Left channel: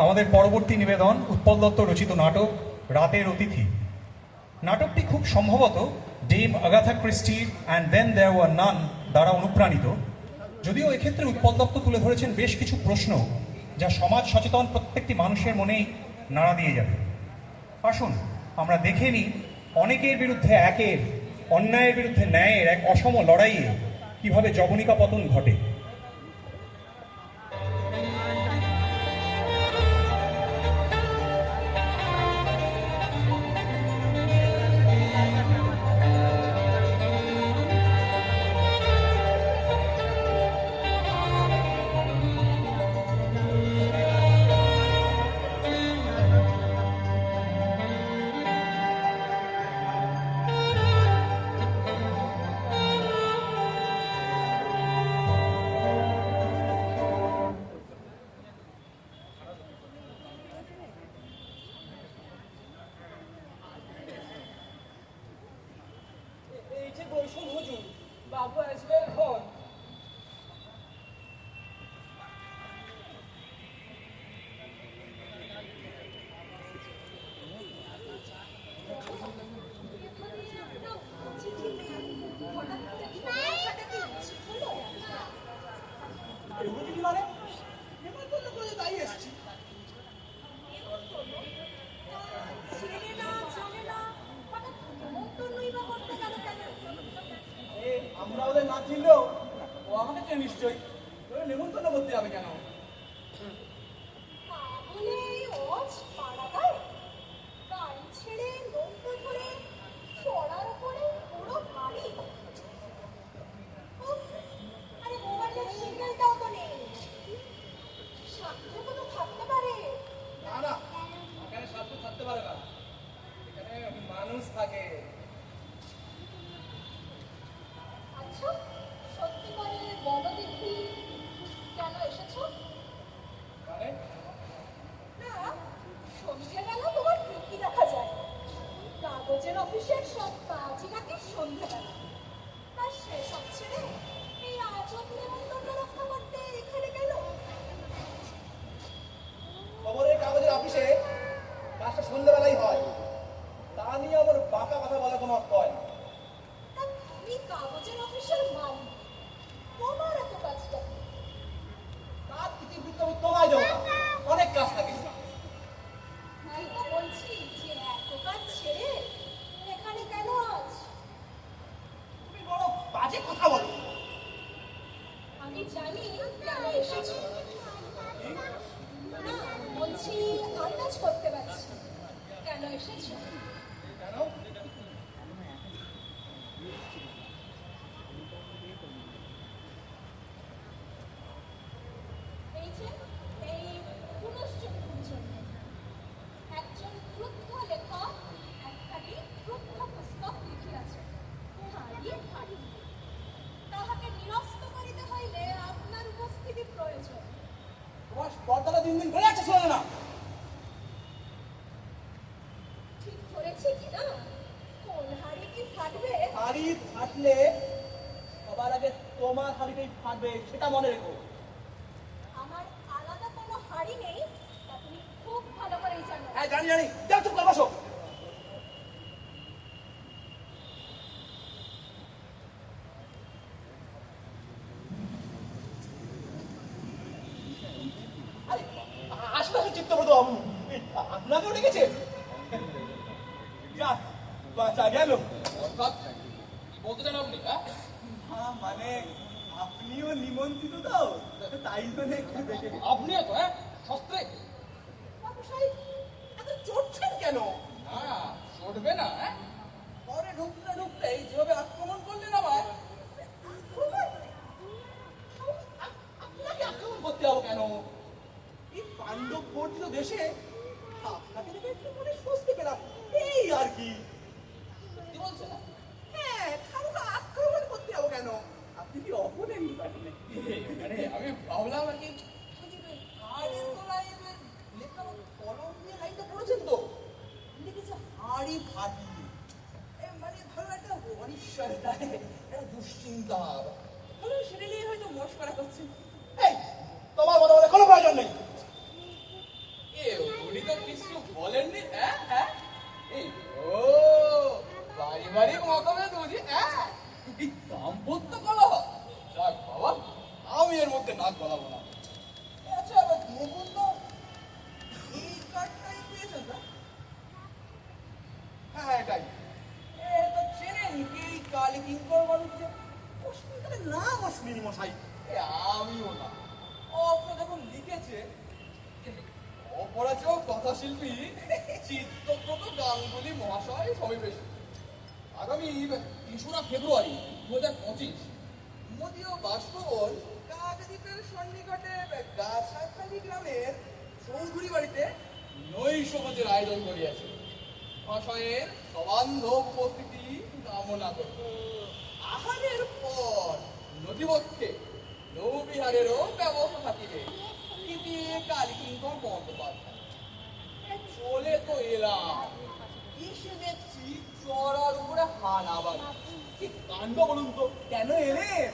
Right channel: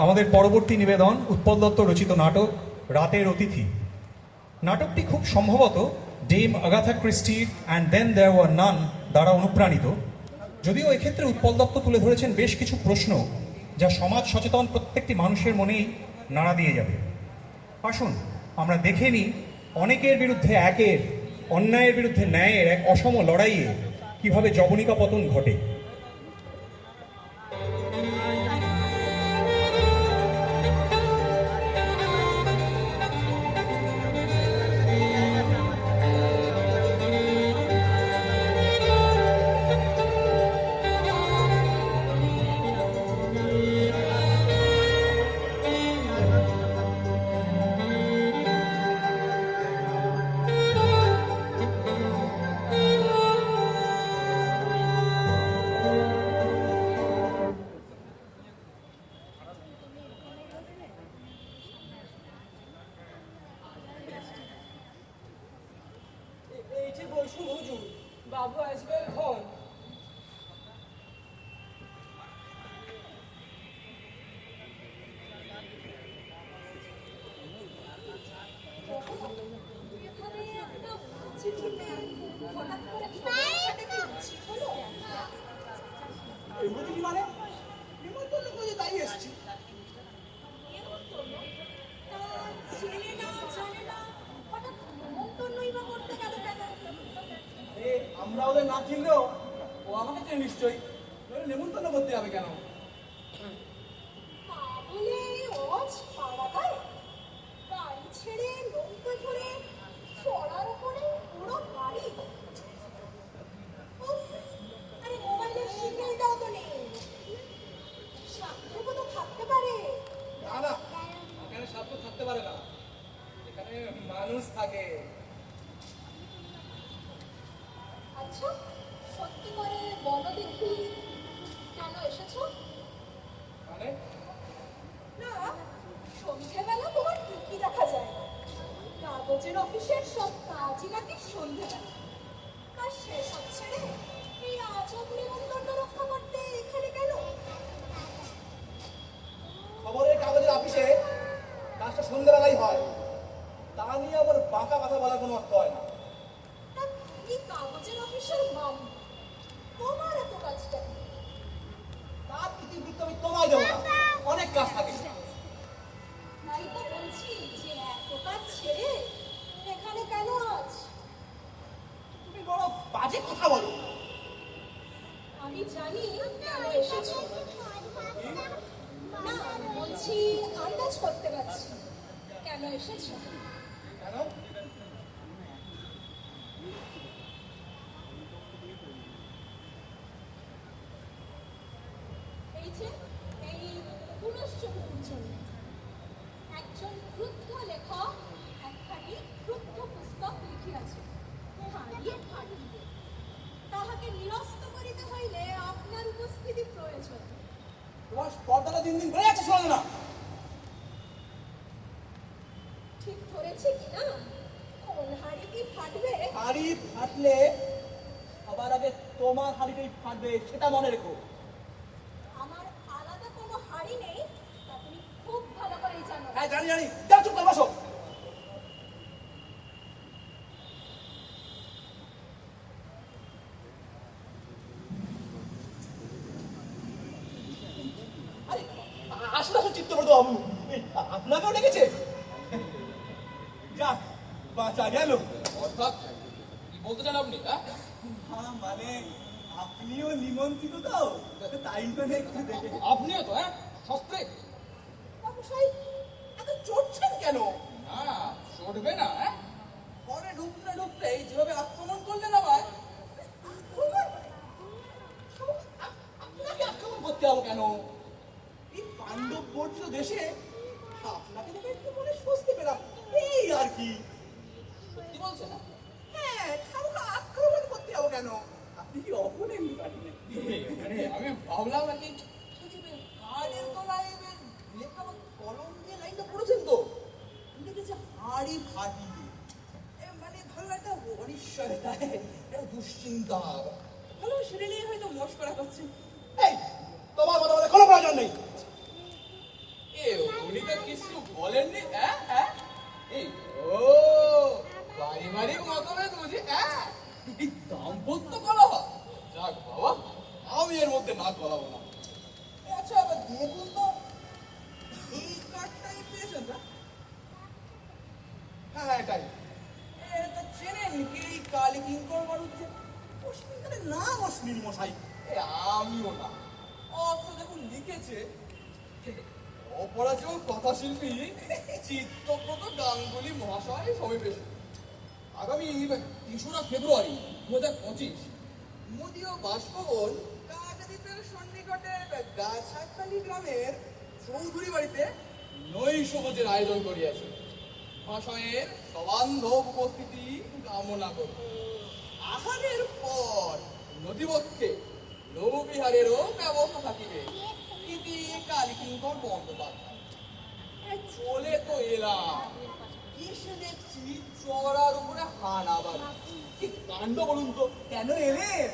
আমাদের পরবর্তী নিবেদন উৎপল দত্ত রচিত নাটক রাতের অতিথি। নাটকটি খুব সম্ভবত ডেম আগাথা ক্রিস্টির and then there were none দ্বারা অনুপ্রাণিত, যদিও এক্ষেত্রে উৎপল দত্ত তুলে ধরেছেন বেশ কিছু প্রশ্ন যা সমাজ সচেতন প্রত্যেকটি মানুষের মনেই নাড়া দিয়ে যাবে। আসুন আমরা দেখে নিই অনেকের বিরুদ্ধে একের, অন্যায়ের বিরুদ্ধে ন্যায়ের এক অসম লড়াইয়ে কিভাবে জবনিকা পতন ঘটে। বসুন হুজুর, বাবু আসবে এখন। আমরা ওদের না চিনলেও ও আমাকে চেনে নিশ্চয়ই, নেমন্তন্ন করতে হবে কেন? না না, এখানে সাধ্য থাকতে পারে না, এখানে মানুষ থাকে। আচ্ছা, সত্যি করে বলো দেখি, কেন এসেছো? মানে না, সন্ধ্যেবেলা তোমার ঠিকই দেখা যায়। কাগজের অফিসের সব কাজই নাকি সন্ধ্যেবেলা, আর সেসব ছেড়ে এই আজব নেমন্তন্ন রক্ষা করতে এখানে কেন? খবরের কাগজের অফিসে কাজটা সন্ধ্যাবেলাই হয়, তা নিয়ে আবার বাঁকা কথা বলার কোনো অর্থ হয় না। এই কাগজের অফিসের মালিক, তোমার এত কাজটা কি? তার ইতিবৃত্ত আমি তোমায় দেবো না, অনেক কাজ থাকে। তাই তো বলছি যে এত কাজ ছেড়ে এখানে কেন আজ? তুমি বড় বাজে কথা বলো। আমি জানি কেন এসেছো। না, বলছি আন্দাজ করতে পারছি কেন এসেছো। কেন? এই যে এই পুনশ্চরিতের জন্য একজন ক্রুদ্ধ লেখক একখানি ক্রুদ্ধ পুস্তক লিখিয়াছে, হারিয়ে ফাড়িয়ে। তাহাকে নিরস্ত করিতে হইলে আপনার উপস্থিতি প্রয়োজন। তোমার স্পর্ধাটা দিন দিন বেড়ে যাচ্ছে, শোনো না? ঠিক ধরেছি কিনা? কোন হাড়ি কি ফাটবে? হাড়ি ফাটলে সবার আগে তোমার হাড়িটাই ফাটবে, সেটা মনে রেখো। আমার আলাদা কোনো হাড়ি নেই, তা তুমি খুব ভালো করেই জানো। হ্যাঁ জানি জানি, যাও চুপ করে বসো। আসলে আসলে চিত্তব্রত বাবু আপনাকেও ডেকেছে? যাক, বাঁচা গেল। অর্থাৎ কি বলতে চান আপনি? মানে আপনিও নিমন্ত্রিত তো, তাই জন্য একটু দেখে। আপনিও তো সস্ত্রে। বাবু সাহেব এত চড়ছেন কেন? না, চড়বে না। ঘরে ঢুকতে ঢুকতেই যেভাবে আক্রমণ করলেন আবার। আক্রমণ? আপনাকে আক্রমণ করতে হবে কেন? এই পাণ্ডব বর্জিত দেশে আপনাকে দেখে একটু মনে স্বস্তি পেলাম, এই আর কি। সত্যি বলছেন? হ্যাঁ, খামোখা আক্রমণ করতে হবে কেন? আপনি কি অপোনেন্ট পার্টি নাকি? মানে আমি ভাবলাম আর কি। কার্ডের তলায় লেখা কলম দিয়ে লাইনটা পড়েছেন তো? লিখেছে হাড়ি ফাটি। মানে ধরো একটা অনিশ্চয়তা, একটা দুশ্চিন্তা, ধরো সেটা নিয়ে হয়তো মশকরা করছেন। এই তোমার বলা কোনো প্রয়োজন নেই। উনি তো কিছু বলেননি, হ্যাঁ হ্যাঁ? এই ও পারিবারিক মতভেদ বুঝি, হ্যাঁ? এই দাম্পত্য কলহ, যাক বাবা, আমি এর মধ্যে নাক গলাবো না। আচ্ছা আবার দেখুন তো, এই কার্ডটাই পেয়েছেন তো? হ্যাঁ হ্যাঁ, এটাই। এটা চেনেন কি এই কালী কিঙ্কর বাড়িতে অশ্বিনী নাম অশ্বিনী মশাই? এ আমিও না। অত দেখুন লিখেছে, অপরাজেয় কথাশিল্পী চিত্তব্রত গাঙ্গুলি মহাশয় সমাবেশ আগামী 3রা ফেব্রুয়ারি 2025 মোদীয় বাসভবন কাকদ্বীপের সন্নিকটে গাছাখালী গ্রামের চৌধুরী বাড়িতে নৈশভোজের আয়োজন করিয়াছে। মহাশয়ের সবান্ধব উপস্থিতি কামনা করি। আহারের পর নদীবক্ষে নৌবিহারেরও ব্যবস্থা থাকিবে। ইতি কালীকিঙ্কর বন্দ্যোপাধ্যায়। চলে তো এলাম, এসে দেখছি চড়ার উপরে হানাবার। কি কাণ্ড বলুন তো! কেন এলেন?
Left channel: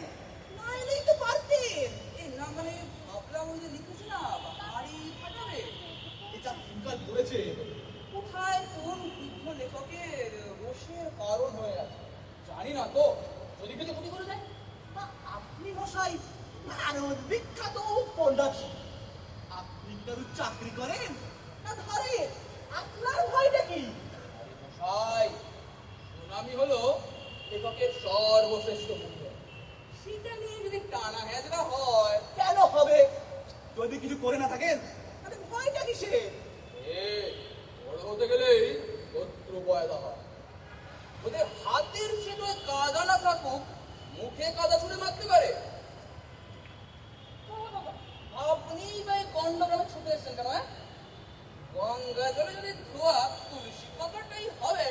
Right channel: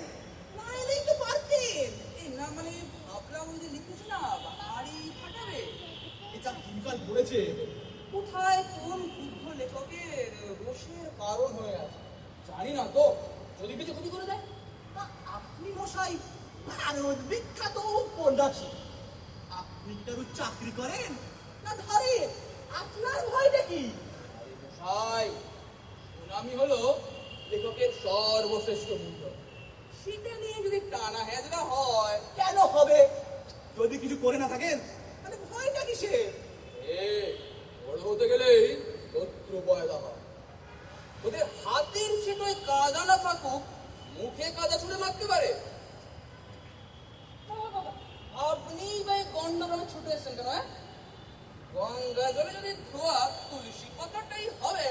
না এলেই তো পারতেন। এই না মানে ভাবলাম ওই যে লিখেছি না হাড়ি ফাটাবে, এটা দিনকাল পড়েছে, কোথায় কোন বৃদ্ধ লেখকের রোষের কারণ হয়ে আছে। জানি না তো, যদি কিছু ক্ষতি করে দেয়। আপনি মশাই ভারত বিখ্যাত উপন্যাসী, আপনি কারো চাকরি করেন না ধরেন? আপনার ভয়টা কি? মশাই, সুনামি হলো লেখকের সর্বশ্রেষ্ঠ মূল্য। সেটা নিয়ে যদি টানা হেজরা হয়, কেন হবে? যদি কিছু করে না থাকেন তাহলে ভয়টা কিসে? এ বড় হতে গেলেই শত্রু পয়দা হয়। ওদের হাতের ছিটোয় কাদা না থাকুক, মুখে কাদা ছুড়ে মারতে পারে। আপনি বা এই গন্ডগ্রামে ছুটে এসছেন কেন? হ্যাঁ, গঙ্গা জলে যদি ধোয়া তুলসী পাতাটাই হবে,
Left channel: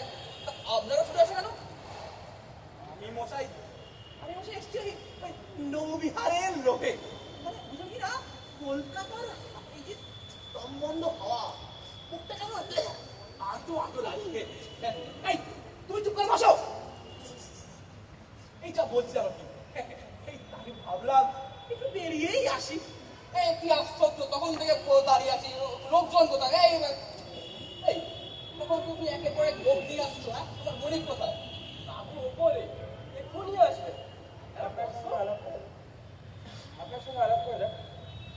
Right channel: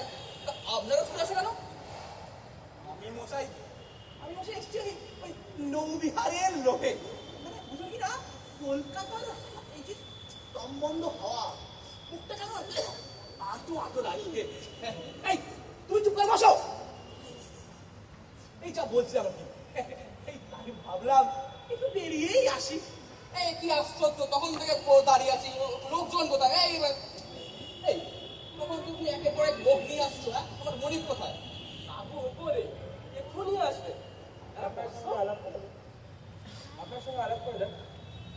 তা আপনারা ছুটে আসেন কেন? আমি মশাই এসছি ওই নৌবিহারের লোভে। মানে বুঝলেন কি না, কলকাতার এই যে সম্বন্ধ হওয়া মুখটা কেন আটো আটো লাগছে। এই তুমি চুপ করে বসো। এই যা বলছিলাম আর কি, এই তাকে ভাবলাম একটু বেরিয়েই আসি। এই কি আশ্চর্য, তখন থেকে দাঁড়িয়ে আছি, লোকজন কোথায়? এই তখন তুমি একের পর এক লোক নিয়ে আসছো, হ্যাঁ? আমার মনিক কোথায়? বাবু ওপরে এক্ষুনি আসবে। আপনার সঙ্গে আলাপ করা যাক।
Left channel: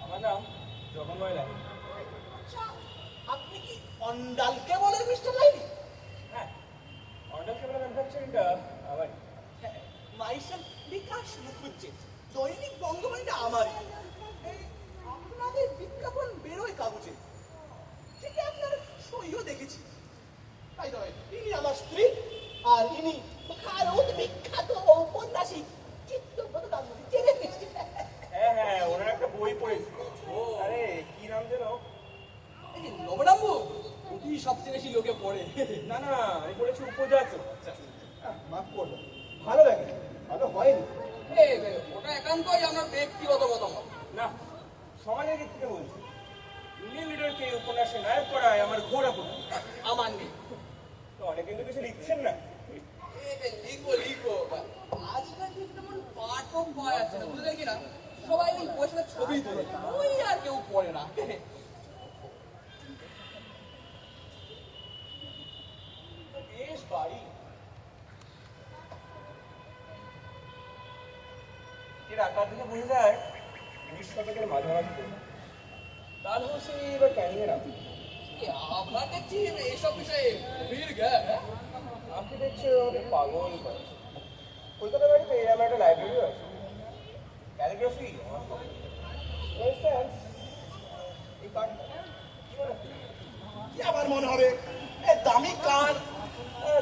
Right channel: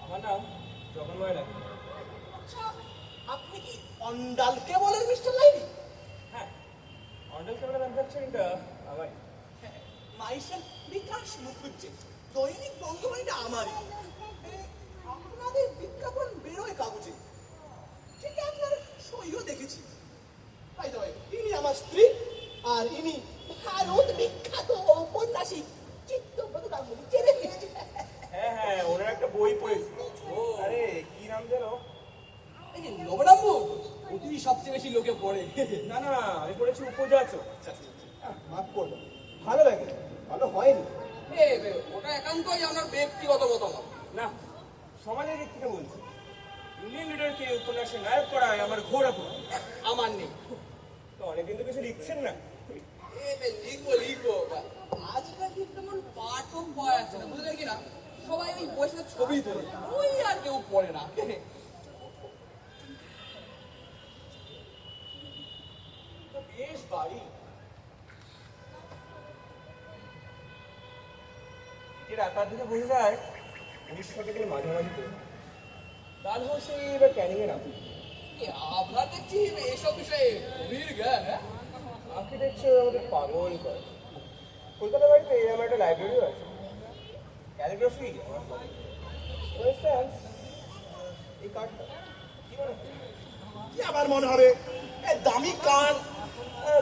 আমার নাম জগন্ময় লাইনি। আচ্ছা, আপনি কি অন্ডালকে বলেন মিস্টার লাইনি? হ্যাঁ, অন্ডাল কেবল ম্যানুফ্যাকচারিংটা আমারই। মাইসেল বিকাশ মুখুজ্জে, দৈনিক বঙ্গবাণীটা আমারই। এই আপনাদের বিজ্ঞাপন বেরোয় কাগজে, ঠিক আপনার সইও দেখেছি। তাই তবে ইনি আমার স্ত্রী, আর ইনি ভারত বিখ্যাত ঔপন্যাসিক চিত্তব্রত গাঙ্গুলি। চেনে নিশ্চয়? হ্যাঁ হ্যাঁ, ওনার একটা বই পড়েছি। আরে কি নাম যেন? এই যে নবরাম্বু, ওটি সবচেয়ে বেশি লোকে পড়ে। না না, আমি পড়েছি উপজাচক। আচ্ছা, মাফ করবো, ভালো লাগে, ভালো হয়নি। ওটা একান্তই আমার ব্যক্তিগত মতামত। না, সমাজের দিক থেকে বলছি। ইন্ডিয়ান লিডারকে উপন্যাসে নায়ক করায় আমার ঘোর আপত্তি। আমার নেই। তো অনেকদিন তো কিছু লিখছেন না। লিখবো আজকাল ঠিক তেমন পাঠক পাওয়া যাচ্ছে না, বুঝলেন কি না? সবাই ওই বসে ছবি তোলে, ওই আর কেউ পড়ে না। বেশ বাড়ি এর আকার থেকে বোঝা যায় 19 শতকের মাঝামাঝি করে ডালহৌসি বা ক্যানিং এর আপনি আপনার দেখছি এইসব বিষয়ে গভীর জ্ঞান। হ্যাঁ, আপনি দেখছি আমাদের পাগল করে। কলকাতা বাড়িতে আমার একটা লাইব্রেরিও আছে, ক্যালিগ্রাফি আমার পড়ে। ফর ইনস্ট্যান্স এই কার্ডটা কি মনে হয়? কি আবার মনে হবে? এ দামি কার।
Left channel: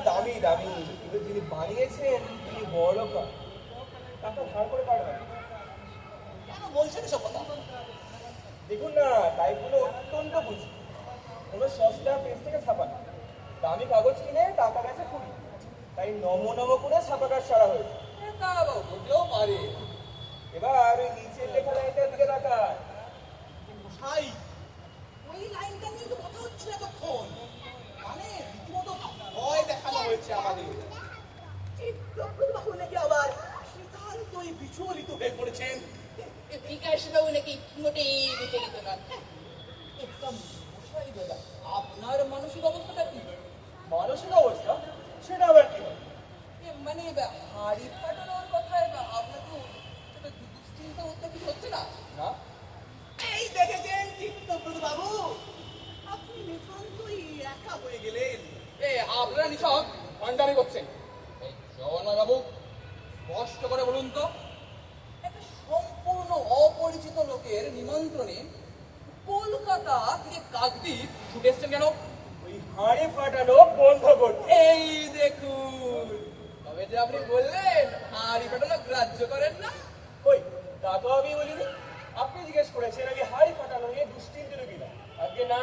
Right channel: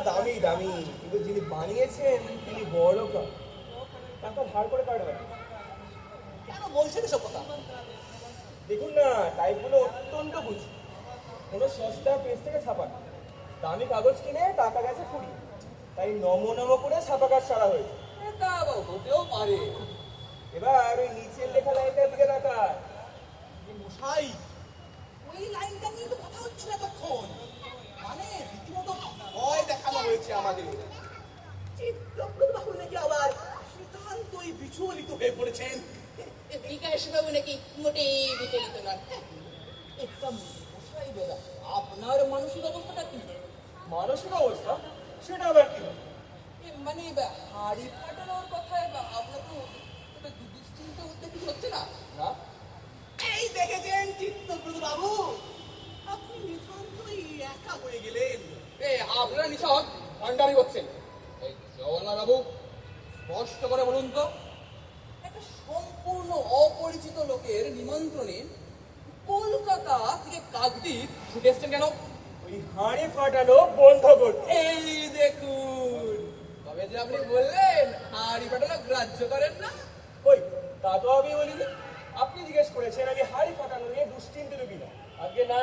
দামি দামি, কিন্তু যিনি বানিয়েছেন তিনি বড় কার, টাকা ধার করে কার্ড হয়। কেন বলছেন এসব কথা? দেখুন না, টাইপগুলো অত্যন্ত বুঝি। কোনো সস্তা পেজ থেকে ছাপানো, দামি কাগজ কিনে টাকা গেছে 20, তাই নমো নমো করে ছাপা কাজ সারা হয়েছে। তা হতেও পারে। এবার ওই নিচের লেখা লাইনটার দিকে তাকান। মশাই, ওই লাইনটা নিয়ে তো কথা হচ্ছে এতক্ষণ। মানে রীতিমতো ভয় দেখানো হয়েছে আমাদের। চিত্তব্রত বাবু নাকি আবার নিতান্তই বিচলিত হয়ে পড়েছেন। বিকাশ বাবু নাকি মোটেই বিচলিত নন। একটা মশাই দাদা, মানসিক অবস্থাটা কি? মানসিক অবস্থা সেটা আবার কি হয়? মানে হাড়ি ফাটানোর কথায় আপনাকে দুশ্চিন্তা করতে কিছু হচ্ছে না? না, এই দেখেছেন চিত্তব্রত বাবু, আপনি নিতান্তই একা হয়ে গেলেন। আপনারা নিছক ভান্ডারি করছেন। এই জগন্নাথ বাবু স্পষ্ট করে বলুন তো, একটা সম্পূর্ণ অপরিচিত লোকের নিমন্ত্রণে কলকাতা থেকে কাকদ্বীপ ছুটে এসছেন কেন? ওই হাঁড়ি ফাটানো বন্ধ করতে। এই দেখুন, তবে যে আপনি বললেন হাঁড়ি ফাটানো গ্রাহ্য করেন না। ওই তা তো আমি বলিনি। আপনি জিজ্ঞেস করেছেন আগে হাঁড়ি ফাটানো নিয়ে দুশ্চিন্তিত কিনা। আগে না,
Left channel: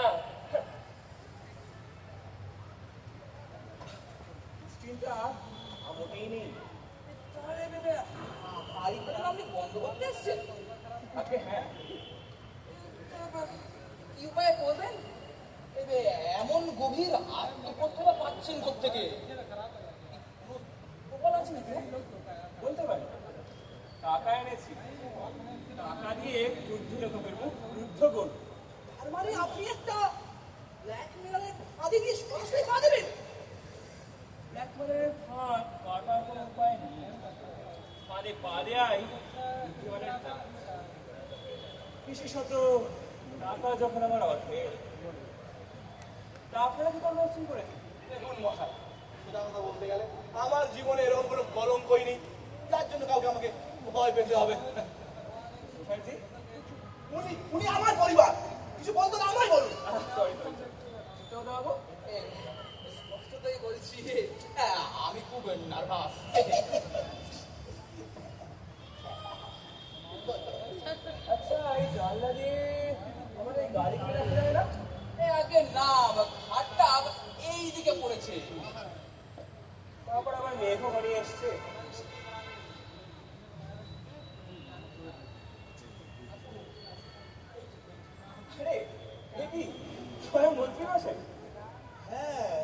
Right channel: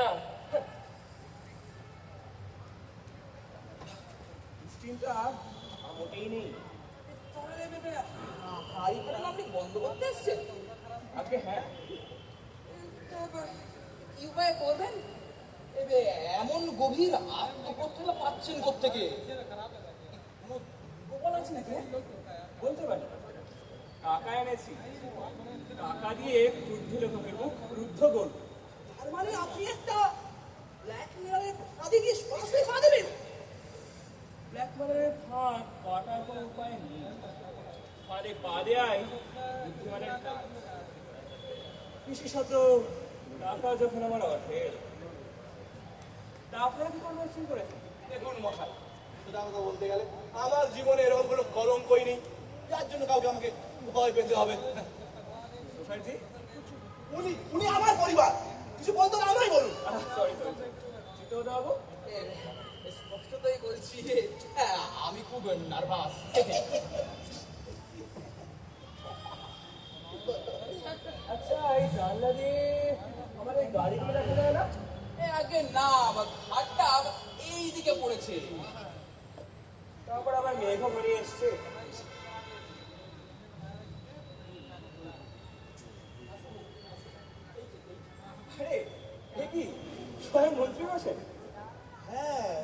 দুশ্চিন্তা মোটেই নেই। তাহলে হাড়ি ফাটানো আপনি বন্ধ করতে এসছেন? আগে হ্যাঁ, কি উপায় করবেন? এমন গভীর আত্মকথা পাচ্ছেন কোত্থেকে? প্রবল আছে নাকি? বলতে পারি। টাকা এনেছি, টাকা দিয়ে যুদ্ধ লেখকের মুখ রুদ্ধ করব। তার মানে আপনি একটা ব্ল্যাকমেলারের ফাঁদে গিয়ে সরাসরি পা দেবেন? ব্ল্যাকমেলের ফাঁদ কাটার কোনো উপায় নেই। ফাঁদে পা দেয়াই বুদ্ধিমানের কাজ। বিশেষত টাকা যখন আমার অর্ধেক। তা আপনারা কি কর্মসূচি করেছেন? দেখুন মশাই, সেটা কথা বলতে গেলে আমার জীবনে এরকম কোনো কলঙ্কই নেই যার জন্য কাউকে আমাকে ভয় পেতে হবে। তুষারজি, উনি আমার পরিবার, কিছু বলতো না আমায় বলুন। সরি চিত্তবাবু বাবু, স্পষ্টতই বলছি, আমি খুব নার্ভাস। আচ্ছা এই জানলা দিয়ে আমাদের গাড়ি কি রাখা যায় না? আগে না, ঘাটটা এই দিকে পড়েছে। তারপর আবার মেঘও ঘরে এসছে। আরে এ কি স্বয়ং মন্ত্রী মশাই? হ্যাঁ,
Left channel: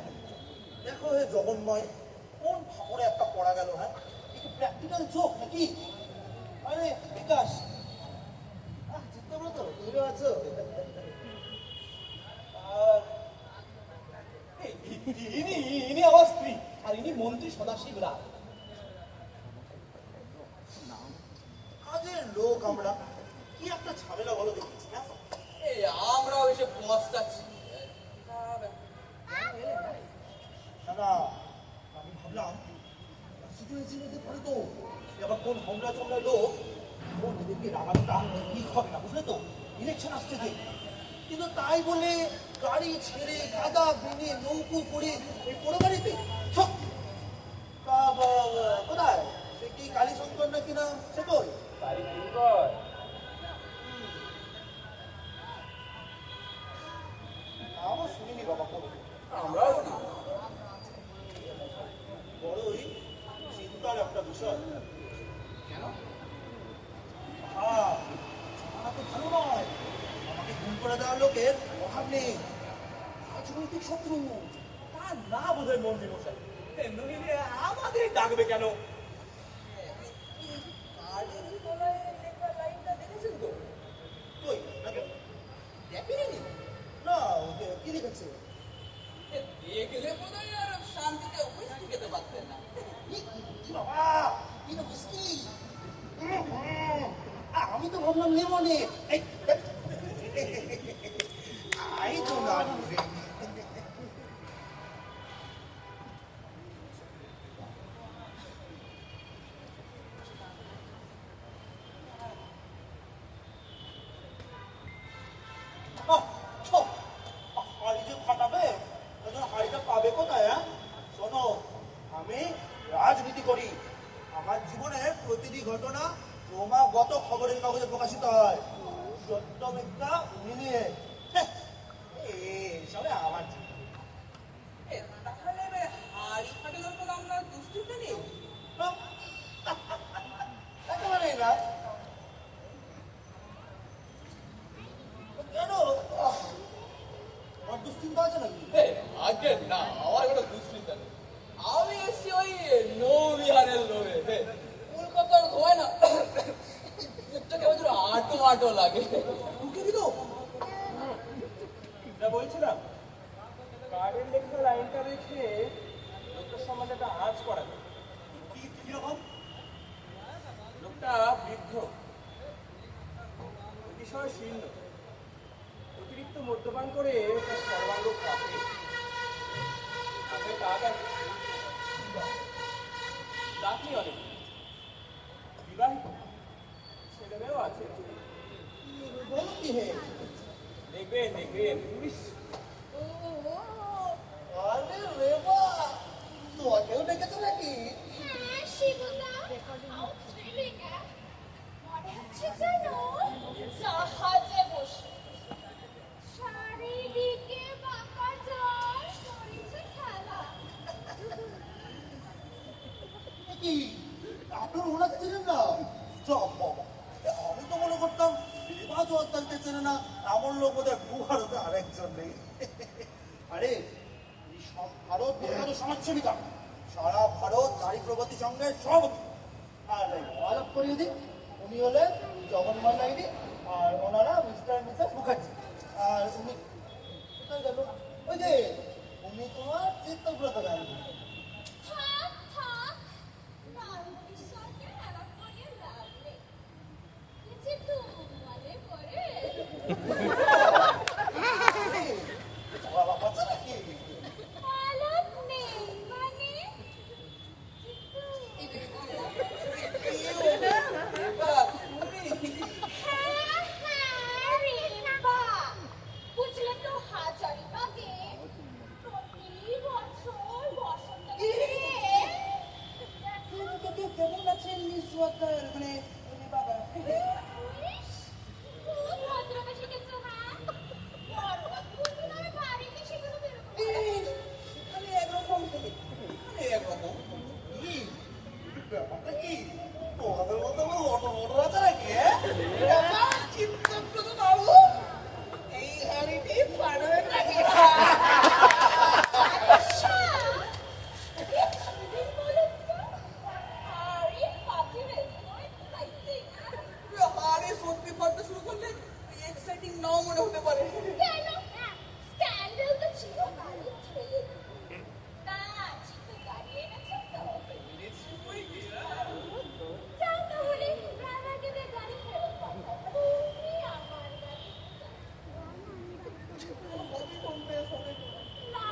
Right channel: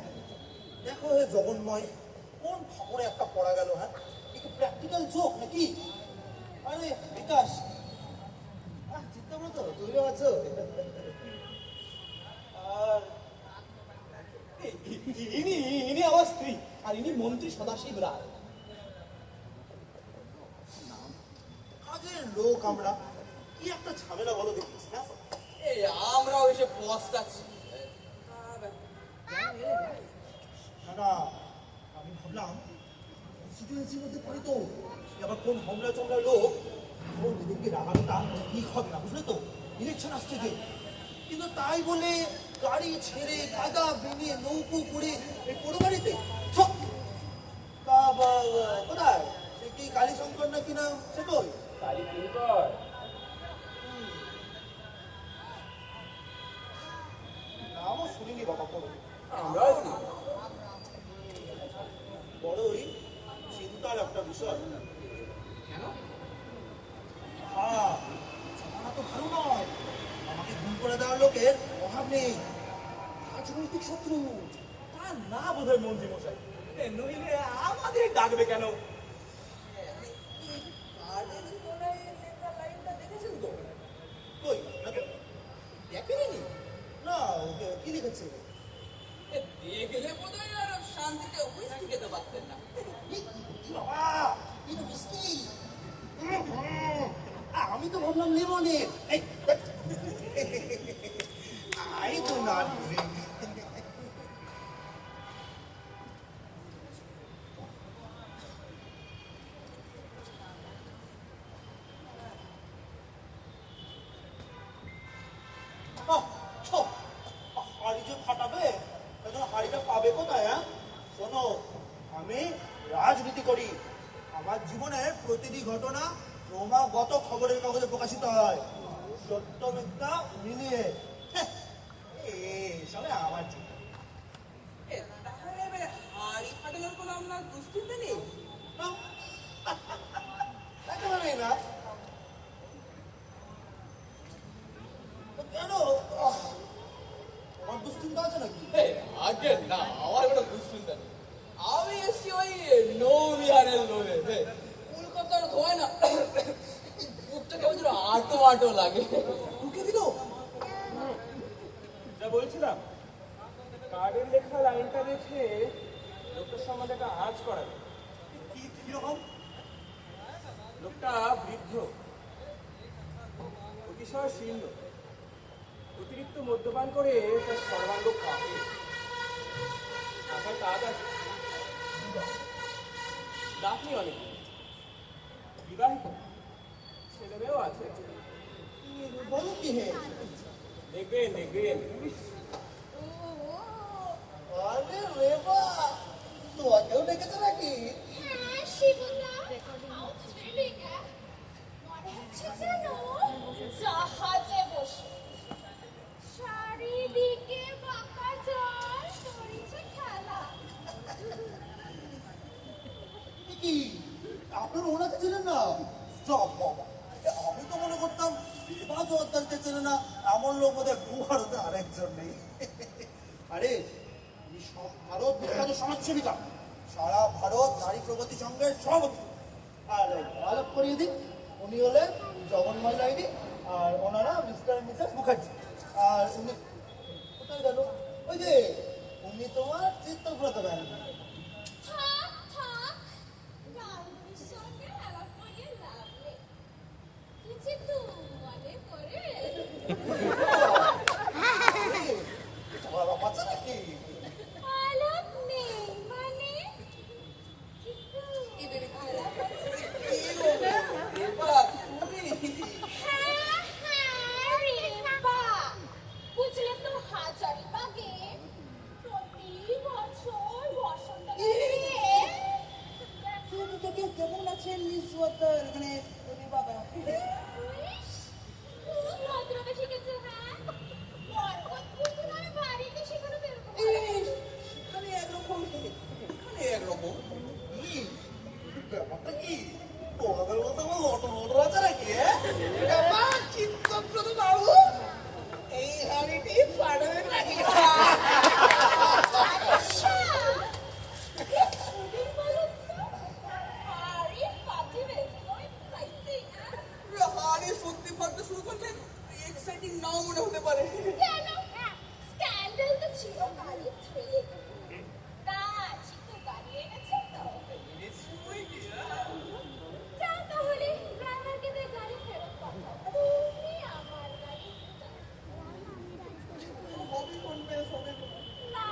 দেখো হে জগন্ময়, কোন খবরে একটা পড়া গেল। হ্যাঁ, একটু প্র্যাকটিক্যাল জোক নাকি? আরে বিকাশ, চিত্তব্রত তুমিও আছো? আর ইনি আমার স্ত্রী, আর ইনি মন্ত্রী সদাশিব রায়। কাজের লোক আমরা, কি একটা ঝামেলা বলো দেখিস। হ্যাঁ, আমরাও এসে পস্তাচ্ছি। না না, আমি ভাবলাম সিচুয়েশনের মধ্যে পড়ে তো আবার কোন হোমরা চোমরা লোক কোন এদেরকে রাগানোটা ঠিক হবে না, বুঝলে তো? ইলেকশন আসছে যে, কিন্তু তাই বলে গাড়ি ছেড়ে কাদা ভেঙে নৌকো করে এই পোড়ো বাড়িতে ছক। তা কোথায় সে কি কালীশঙ্কর নাকি নাম, সে কই? গাড়ি ফিল কর। নামও শুনিনি বাবা কোনো। আমরাও না। বড়ই চিন্তার একটা বিষয়। কেন? হ্যাঁ, আমার তো ভালো নয়। আমাকে ঘুম করে দেওয়ার লোকের অভাব নেই। রাজনৈতিক শত্রু, তার না বোধহয় মন্ত্রী মশাই। নইলে আমাদের ডাকবে কেন? কার্ডের তলায় লেখা লাইনটা দেখেছেন তো? কই নাকি? দেখেনি? না, কি লিখেছে? দেখলে বোধ হয় আর শান্তিতে হুইস্কি খেতে পারতেন না। কি বাবা, কি না বুঝকি? আমি তো ভাবলাম লেমনের। আই তো না হাড়ি যে ফাটাবে, হাড়িটা পাবে কোথায়? হ্যাঁ, শোনো, আমি রাজনীতি করি। আমার জীবনের প্রতিটি ঘটনা ক্রমাগত খবরের কাগজে প্রকাশিত হয়, সত্য মিথ্যা মিলিয়ে। এসবে আমার চিন্তা নেই। তাহলে হাড়ি ফাটানোর কোনো আপনার দুশ্চিন্তা নেই? হ্যাঁ? একেবারে না। কেন, আমার দুশ্চিন্তা আছে নাকি? আগে না, আমার কোনো দুশ্চিন্তা নেই। আমি এসছি ওই নৌবিহারের লোভে। কলকাতার ধোয় না, বুকটা কেমন যেন আটো আটো লাগে। ঢুকে দিল। যা বলছিলাম, কার্ডের লেখা লাইনটা দেখে লোকটার সম্বন্ধে একটা আঁচ করা যায়। কিরকম? লোকটা বৃদ্ধ, অতিশয় শীর্ণ, অতিরিক্ত মদ্যপান করে তার সর্বাঙ্গ কাঁপে। মাথায় কাজ আছে, দাঁতনি অনেক, বিবাহিত, ছেলে মেয়েও আছে। বলো কি হে? দেখবেন দেখবেন। আরে রেবা, তোমাকেও ডেকেছে নাকি? হ্যাঁ শিবুদা, অস্ট্রেলিয়া মনে হচ্ছে যেন জাহাজে বসে চারিদিকে বাঁকা জল করেছে খেলা। কি আপনার ওনাকে চেনেন না? সব বাবা, আমি তো মনে করতাম রেবা জোয়ারদারকে চেনে না, এমন লোক বোধহয় ভারতে আরেকজন নেই। আরে উনি সব ভারত বিখ্যাত সমাজসেবিকা, সারা ভারত নারী প্রগতি সংঘের সভাপতি। আর আলাপ করিয়ে দিন, উনি হলেন জগন্ময় লাইনি, আর ওনারা মিস্টার মিসেস মুখার্জি। আর উনি কোথায় গেল? ওই যে উনি তোমার চিত্তব্রত গান্ধী। থাক থাক, গান্ধীর সঙ্গে আলাপ করিয়ে লাভ নেই। কিছু তো মনে করে বাবা বাচ্চা নাকি? আলাপ নেই মানে আলাপ রেবা, তুমি হ্যাঁ হ্যাঁ রেবা, বুঝলে তো হাজারিবাগে প্রতি বছর বসন্তকালে কেমন আছেন মিস ওয়াটার, মানে বাবা? ইস, খুব ভদ্রতা শিখেছো। হ্যাঁ পর্বত কুকুরের বাড়িতে সেগুলো বেরোবো সেখানে একরকম, এখানে একরকম। কি ব্যাপারটা কি? তোমাদের মতো অটো আছে নাকি? চিত্তব্রত বাবু, এই হাড়িটি ফাড়বে নাকি? আচ্ছা, কি ছুরি বলুন তো? আরে পাটি বেসবল খাইছে না? হাড়ি সত্যি ফাটতে শুরু করলে এক্সাইটিং নাও মনে হতে পারে। কেন? স্ক্যান্ডাল তো চিরকালই থেকে গেছে। তা চিকু গাড়ি এনেছে তো? যাও তাহলে ড্রাইভারকে দিয়ে গাড়ি ফেরত পাঠাও। তুমি আমার গাড়ি হবি কোনটা সবে? না,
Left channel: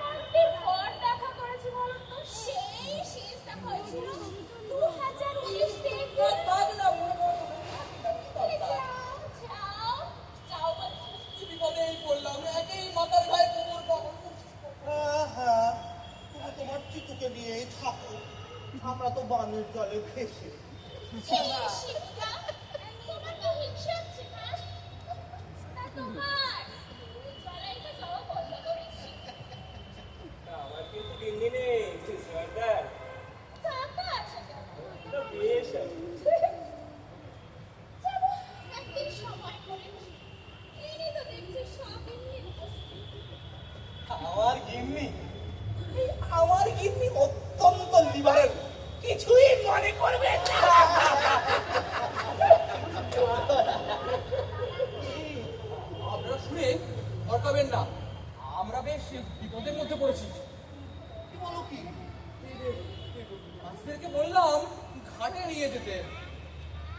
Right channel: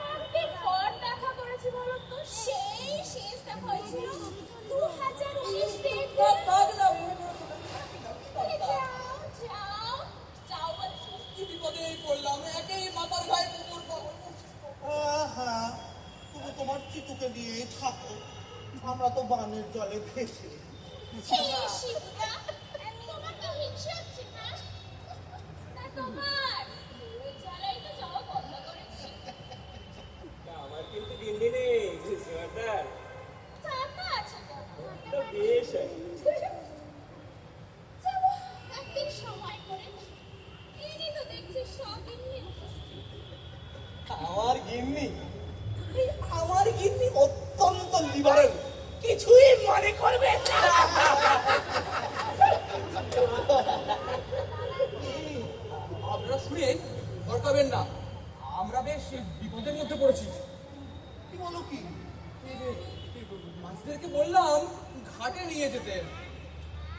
কবে ঘর দেখা করেছি বলো তো? সেই শেষ দেখা হয়েছিল 2019 থেকে। থাক না, মনে করো যাও যাও যাও বলছি। কি বিপদেই পড়লাম, একেই মাথার গায়ে কুকুর পাগল। হ্যাঁ, তুমি তোমার চিতুকে নিয়েই থাকো, আমরা তো বানের জলে ভেসে। শিবদা, তোমার কি হিংসা হচ্ছে না? তা তোমার জ্বালাই তো যাওয়া বন্ধ করেছি। আমার কিন্তু দিন দিনে সর্দার টাকা আছে তো? তো বেশ আছে। যাবো একদিন সময় করে। এরই তো দেখছি শপিং নিয়ে আমার গিন্নি, আমার গিন্নি অত্যন্ত লিবারেল, কিছুই মনে করবে না। আপনারা শুনে ভরকাবেন না, আমরা বেশ বিপদের মধ্যে পড়েছি। কি বলো কি? মাঝিদেরকে বললাম ঘাটে নিয়ে যেতে,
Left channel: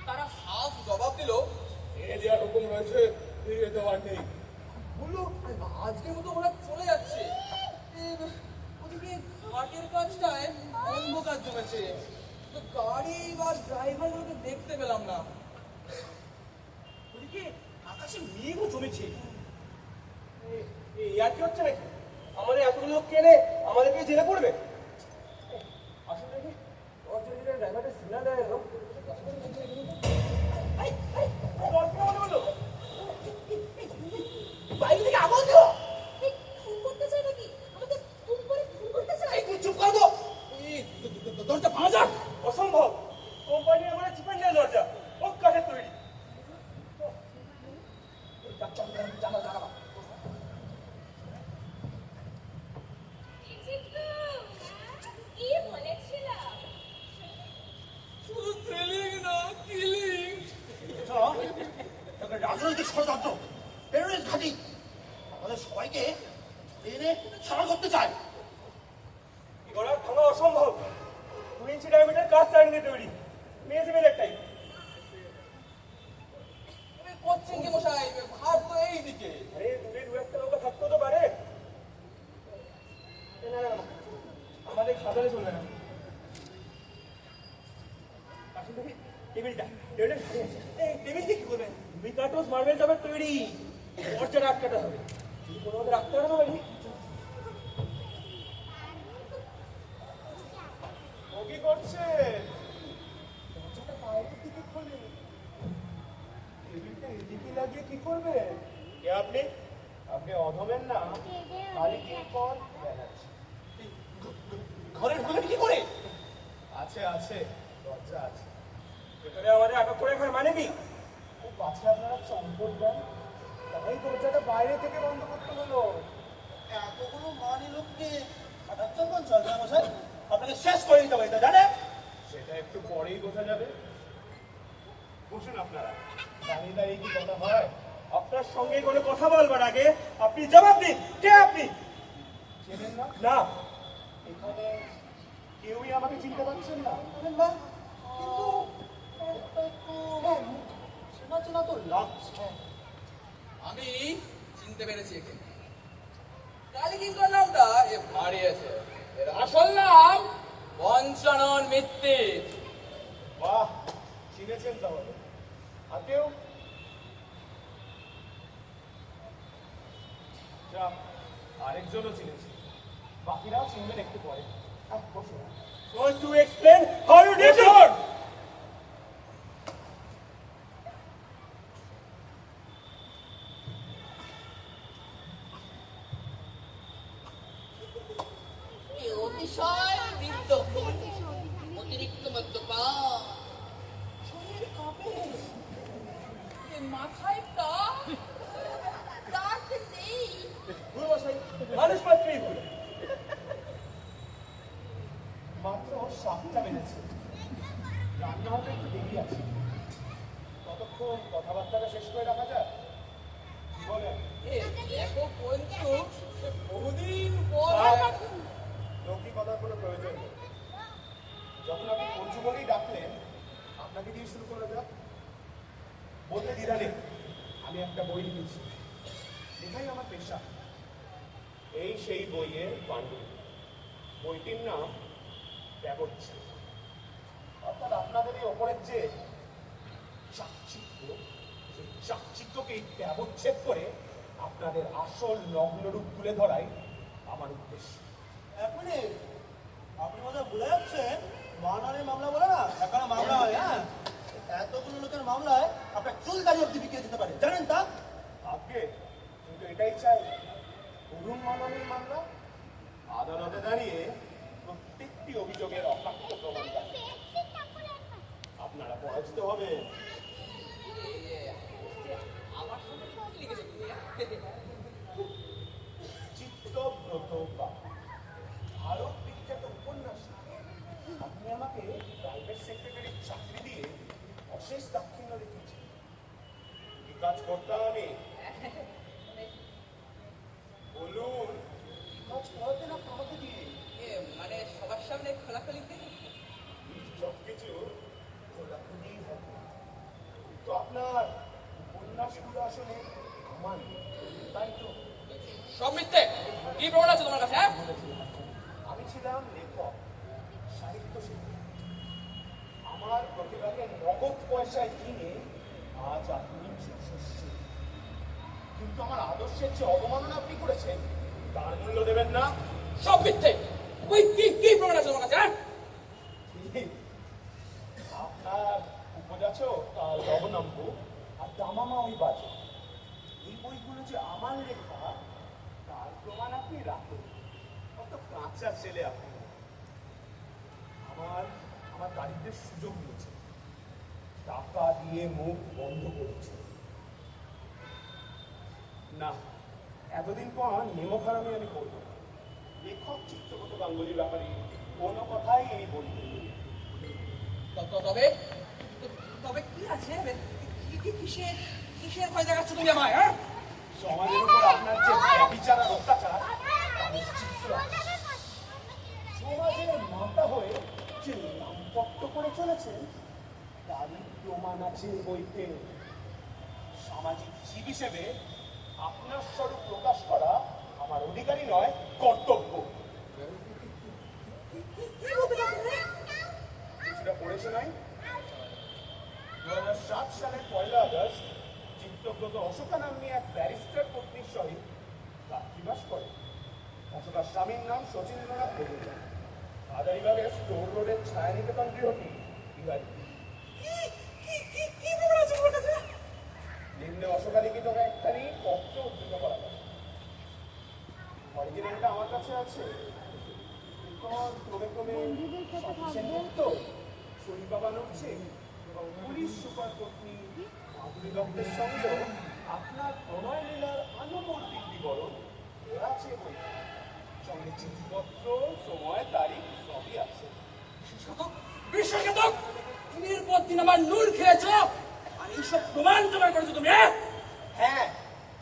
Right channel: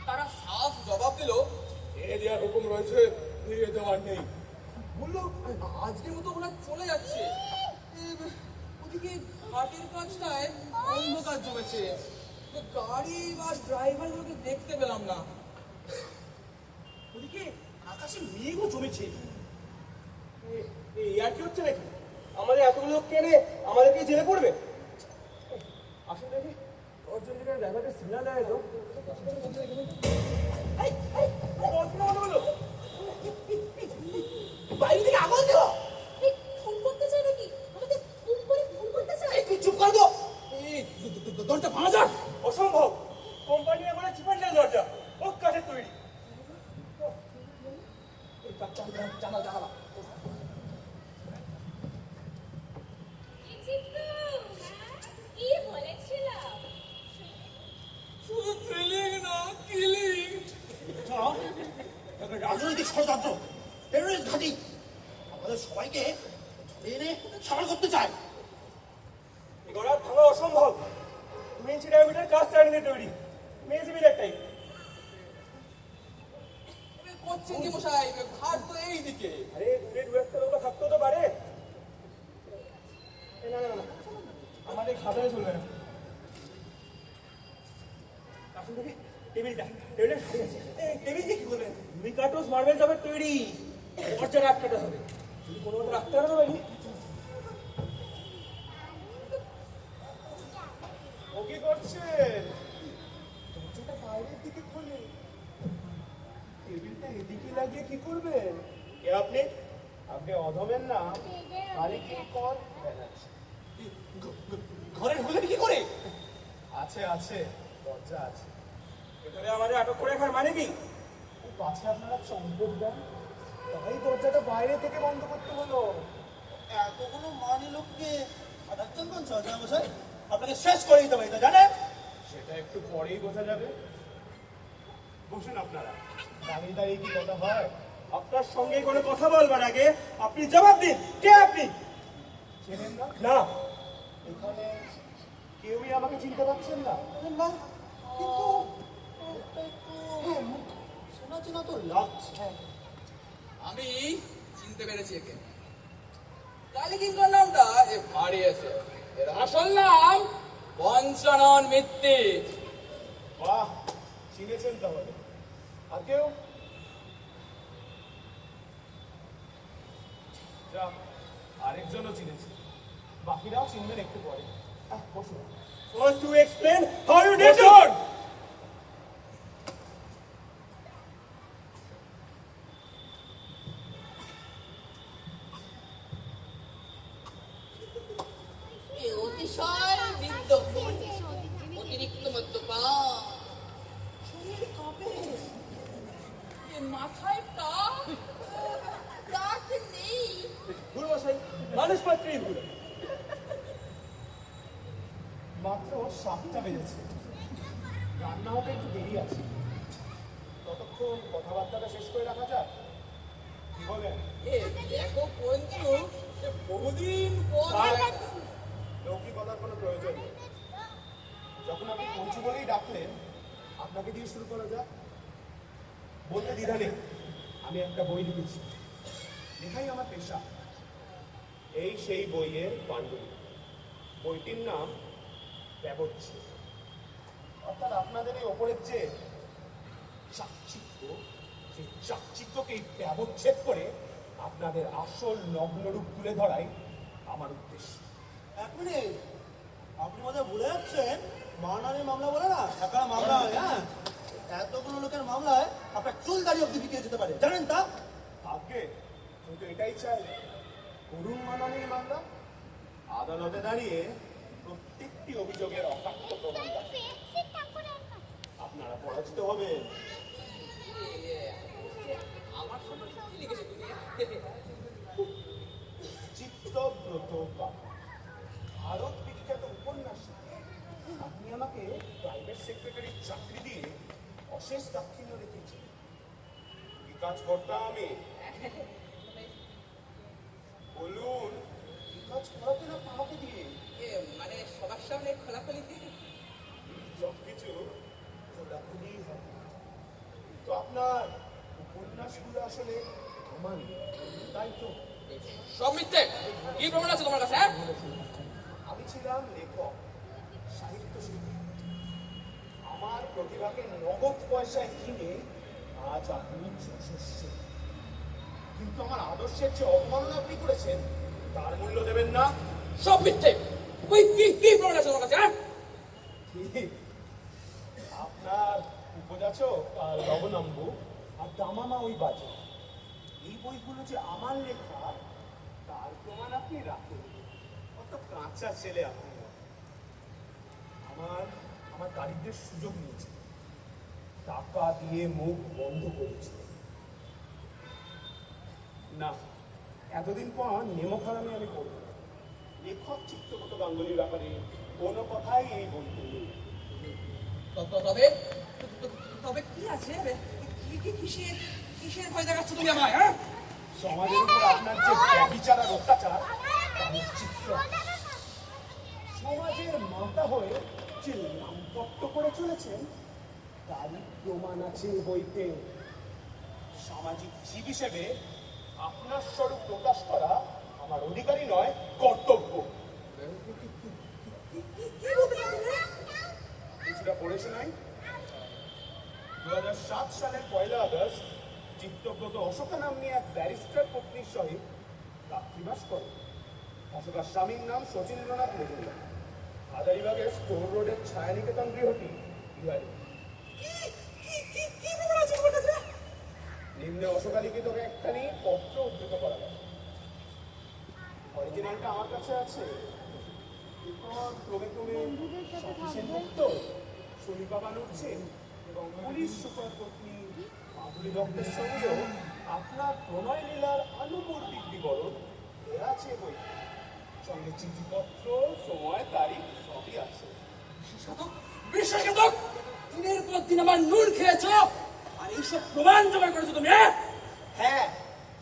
তারা সাফ জবাব দিল এ দেওয়ার হুকুম রয়েছে, ফিরিয়ে দেওয়ার নেই। বললো আজকের মতো ওরা চলে যাচ্ছে। ওদিকে ঘাটের কাজটায় অন্ধকার জমেছে, তো গাড়ি বা ড্রাইভারগুলোকে দেখতে পেলাম না। ওদিকে আকাশে মেঘও জমেছে। ইয়ার কি হচ্ছে নাকি? আমাদের এতগুলো লোক কেনে আমাদেরকে জেলে পড়বে? আসলে দেখি অর্জুনের ড্রাইভারের সিগন্যাল দেয় তো। বাইরে থেকে আগুন দিও। ফোন করতে চাই নাকি? আমাদের খুব করে ফোন করতে চাই। এই তুই চুপ কর গো। দরজা ভাঙা যাক। অসম্ভব, কোম্পানি আমাদের চিপেন দেয় দরজা, ও কাঠের তৈরি। জানা জানা চিকু, কি বলেছিলাম? শুধু থ্রিলিং না, কিলিং। রাজনৈতিক ষড়যন্ত্র, টেরোরিস্ট ঘাঁটি, আমাদের সবাইকে এনে সারা করতে চায়। গোড়া ভাঙা অসম্ভব। 2 ইঞ্চি ডায়ামিটার কাজ চাইলে তৈরি, মেয়েছিলেন একটাই। করছেন কি মশাই? ভাত তো এই দিকে। আরে দূরে দু একটা লোক থাকতেও তো পারে। না না না, আমাদের খাতারে চলবে না। আসুন দেখি টেবিলটা, টেবিলটা সারিয়ে আছে। টেবিল দিয়ে কি করবেন? 2 কার্টুস মার্বেল জবের তৈরি, খরচা রাখতে হবে। যদি কোনো মতে রাখতে পারবে না, ও কি করছেন? দরজাটা বাইরের দিকে খোলে, টেবিলটা এদিকে লাগিয়ে কি করবেন? কে আপনি? আপনি অধমেন না, মালিক পর বেড়াচ্ছে। ঘরের ঢুকে কি করে? আছে আছে, দরজা আছে। ভেতরে আমাদের আটক করে রাখার মানে কি? ও পাছে আপনারা চম্পট দেন, তাই দরজাটা বাইরে থেকে বন্ধ করতে হলো। এতগুলো মানি লোককে হাঁটাচ্ছেন কোন চলবে না মশাই? আপনাকে শেষ করে দিতে হবে, এটা জানেন? সেটা একটু পরেই বোঝা যাবে। বসুন আপনারা, দাঁড়িয়ে দাঁড়িয়ে কি কথা হয়? আপনার সঙ্গে কোনো কথা বলবার আগে আপনি জবাব দিন, কে আপনি? চেনেন না? না, এখানে কেউই আমাকে চিনতে পারছেন না। না, কিন্তু একটা একটু চেনা চেনা তো লাগছে। আমি চিনতে পেরেছি একে। কালীকিঙ্কর নামটা এ ভারী আছে। এর আসল নাম পঞ্চানন মিত্তির। বাহ, চিনেছেন তাহলে। আর কেউ? যা, আরেকজনও চিনেছে, বাকিরাও চিনবেন একটু পরে। বসুন। First to explain how you did it. এ অতিশয় বৃদ্ধ, অতিরিক্ত মদ্যপান, শরীর কাঁপে, এ মাথায় টাক, দাঁত নেই। ভুল বসাই, মানুষ মাত্রই ভুল। মাত্র 7টা বেজেছে, রান্না হতে একটু দেরি আছে। ততক্ষণ কথাবার্তাটা শেষ করে রাখা যাক, কি বলেন? এ দেখো পঞ্চু, সে বহুদিন পর লৌকিকতার কোনো প্রয়োজন নেই। যখন আপনি পঞ্চু বলেই ডাকলেন, আপনাকে দিয়ে শুরু করা যাক। বলতে দ্বিধা নেই, আমি একটা বই লিখেছি, লেখাই আমার পেশা। এই সেই বইয়ের পাণ্ডুলিপি। বইটির নাম ব্যবচ্ছেদ। অর্থাৎ আপনাদের এই ওপরের যে চাকচিক্য, সেই চাকচিক্যকে ব্যবচ্ছেদ করে আপনাদের আসল নগ্নরূপ তুলে ধরাই আমার উদ্দেশ্য। এক মিনিট, আপনি বোধহয় ভুলে যাচ্ছেন, মানহানির মামলা বলে না এখানে মামলা হয়। হ্যাঁ, এতগুলো লোকের মামলায় আপনার চুল দাড়ি অব্দি বিকিয়ে যেতে পারে, জানেন তা? আগে কিন্তু এটাই চাই, করুণ মানহানির মামলা আদালতে দাঁড়িয়ে প্রত্যেকটি অভিযোগের অকাট্য প্রমাণ থাকে। আপনারা পরাজিত হবেন। আমার সম্পর্কে কি লিখেছো তুমি? চিত্তব্রত পাল, ভারত বিখ্যাত উপন্যাসিক। আপনি আমাকে প্রাইভেট সেক্রেটারির চাকরি দিয়ে অশেষ দাক্ষিণ্য রেখেছেন। কি কাজ করতাম আমি? বলুন, কি কাজ করাতেন আপনি আমাকে দিয়ে? এ মানে সবার সামনে খোলাখুলিতে সবকিছু খোলাখুলি হবে, কিন্তু আপনার উপন্যাসগুলো আসলে আমার, তাই তো? সব মিথ্যে। কি প্রমাণ আছে তোমার কাছে? হ্যাঁ, আমি ছিলাম লেখক, সাহিত্য শিল্পী। আমার প্রতিভাকে নগদ পয়সায় কিনে আজ আপনি যশস্বী, কিন্তু আমার আদর্শের যে অবমাননা আপনি করেছেন তার মূল্য দেবেন না। সব মিথ্যে। ওই কি প্রমাণ আছে তোমার কাছে? হ্যাঁ, ঠিক, আপনার উপযাচক আর লবণাম্বু আর দামামা ওই বাজে, এই বইগুলো যে আমার লেখা তার প্রমাণ আপনি রাখুন। কত কাঁচা ছেলে আপনি। আমার দারিদ্রের সুযোগ নিয়েছে, টাকা দিয়ে মুখ বন্ধ করেছে। না, এতদিন তো আমার নেমখারামি আমি করবো না। লেখক চিত্তগত গাঙ্গুলির ব্যাপারে কোনো কথাই এই বলতে নেই। তবে তবে কি আছে? কিসের ভয় দেখাচ্ছ তুমি আমায়? হ্যাঁ, সমাজের উপর আপনার যে ব্যভিচার আর অত্যাচার করেছেন তারই প্রমাণ আছে এ বইতে। সামাজিক জীব হিসেবে আপনার স্বরূপ প্রকাশ করা আমার অধিকারই নয়, কর্তব্য। কি বলতে চাচ্ছেন রে? কিছুটা পড়েছে নাই? 2007 সালের 1 আগস্ট চিত্তব্রত অশোকা নাম্নী এক ব্যারিস্টার পত্নীর সহিত রাত্রিবাস করে। অশোকার স্বামীর নাম শচীন্দ্রনাথ মজুমদার। হাজারিবাগের স্টোর রোডের ছায়ানিকেতন গৃহটি বিহারি। কি খবর আছে তোমার কাছে? নিম্নে অশোকা লিখিত একখানি পত্র উদ্ধৃত করা যায়। অরিজিনালটা আমার কাছে আছে। এরপর ক্রমে ক্রমে সেনগুপ্ত, শরীফা বানুচ্ছে এবং পুলিশ সুপার পত্নী মাধুরী দত্তের সঙ্গে আপনার প্রণয় লীলার আনুমর্দিক বিবরণ এরা চেয়ে বই। সঙ্গে চিঠিপত্র, সময়, তারিখ সবই আছে। বিশ্বশতক দিনের পর দিন আমার নুন খেয়েছ আর এইসব প্রমাণ জোগাড় করেছো তুমি। হ্যাঁ,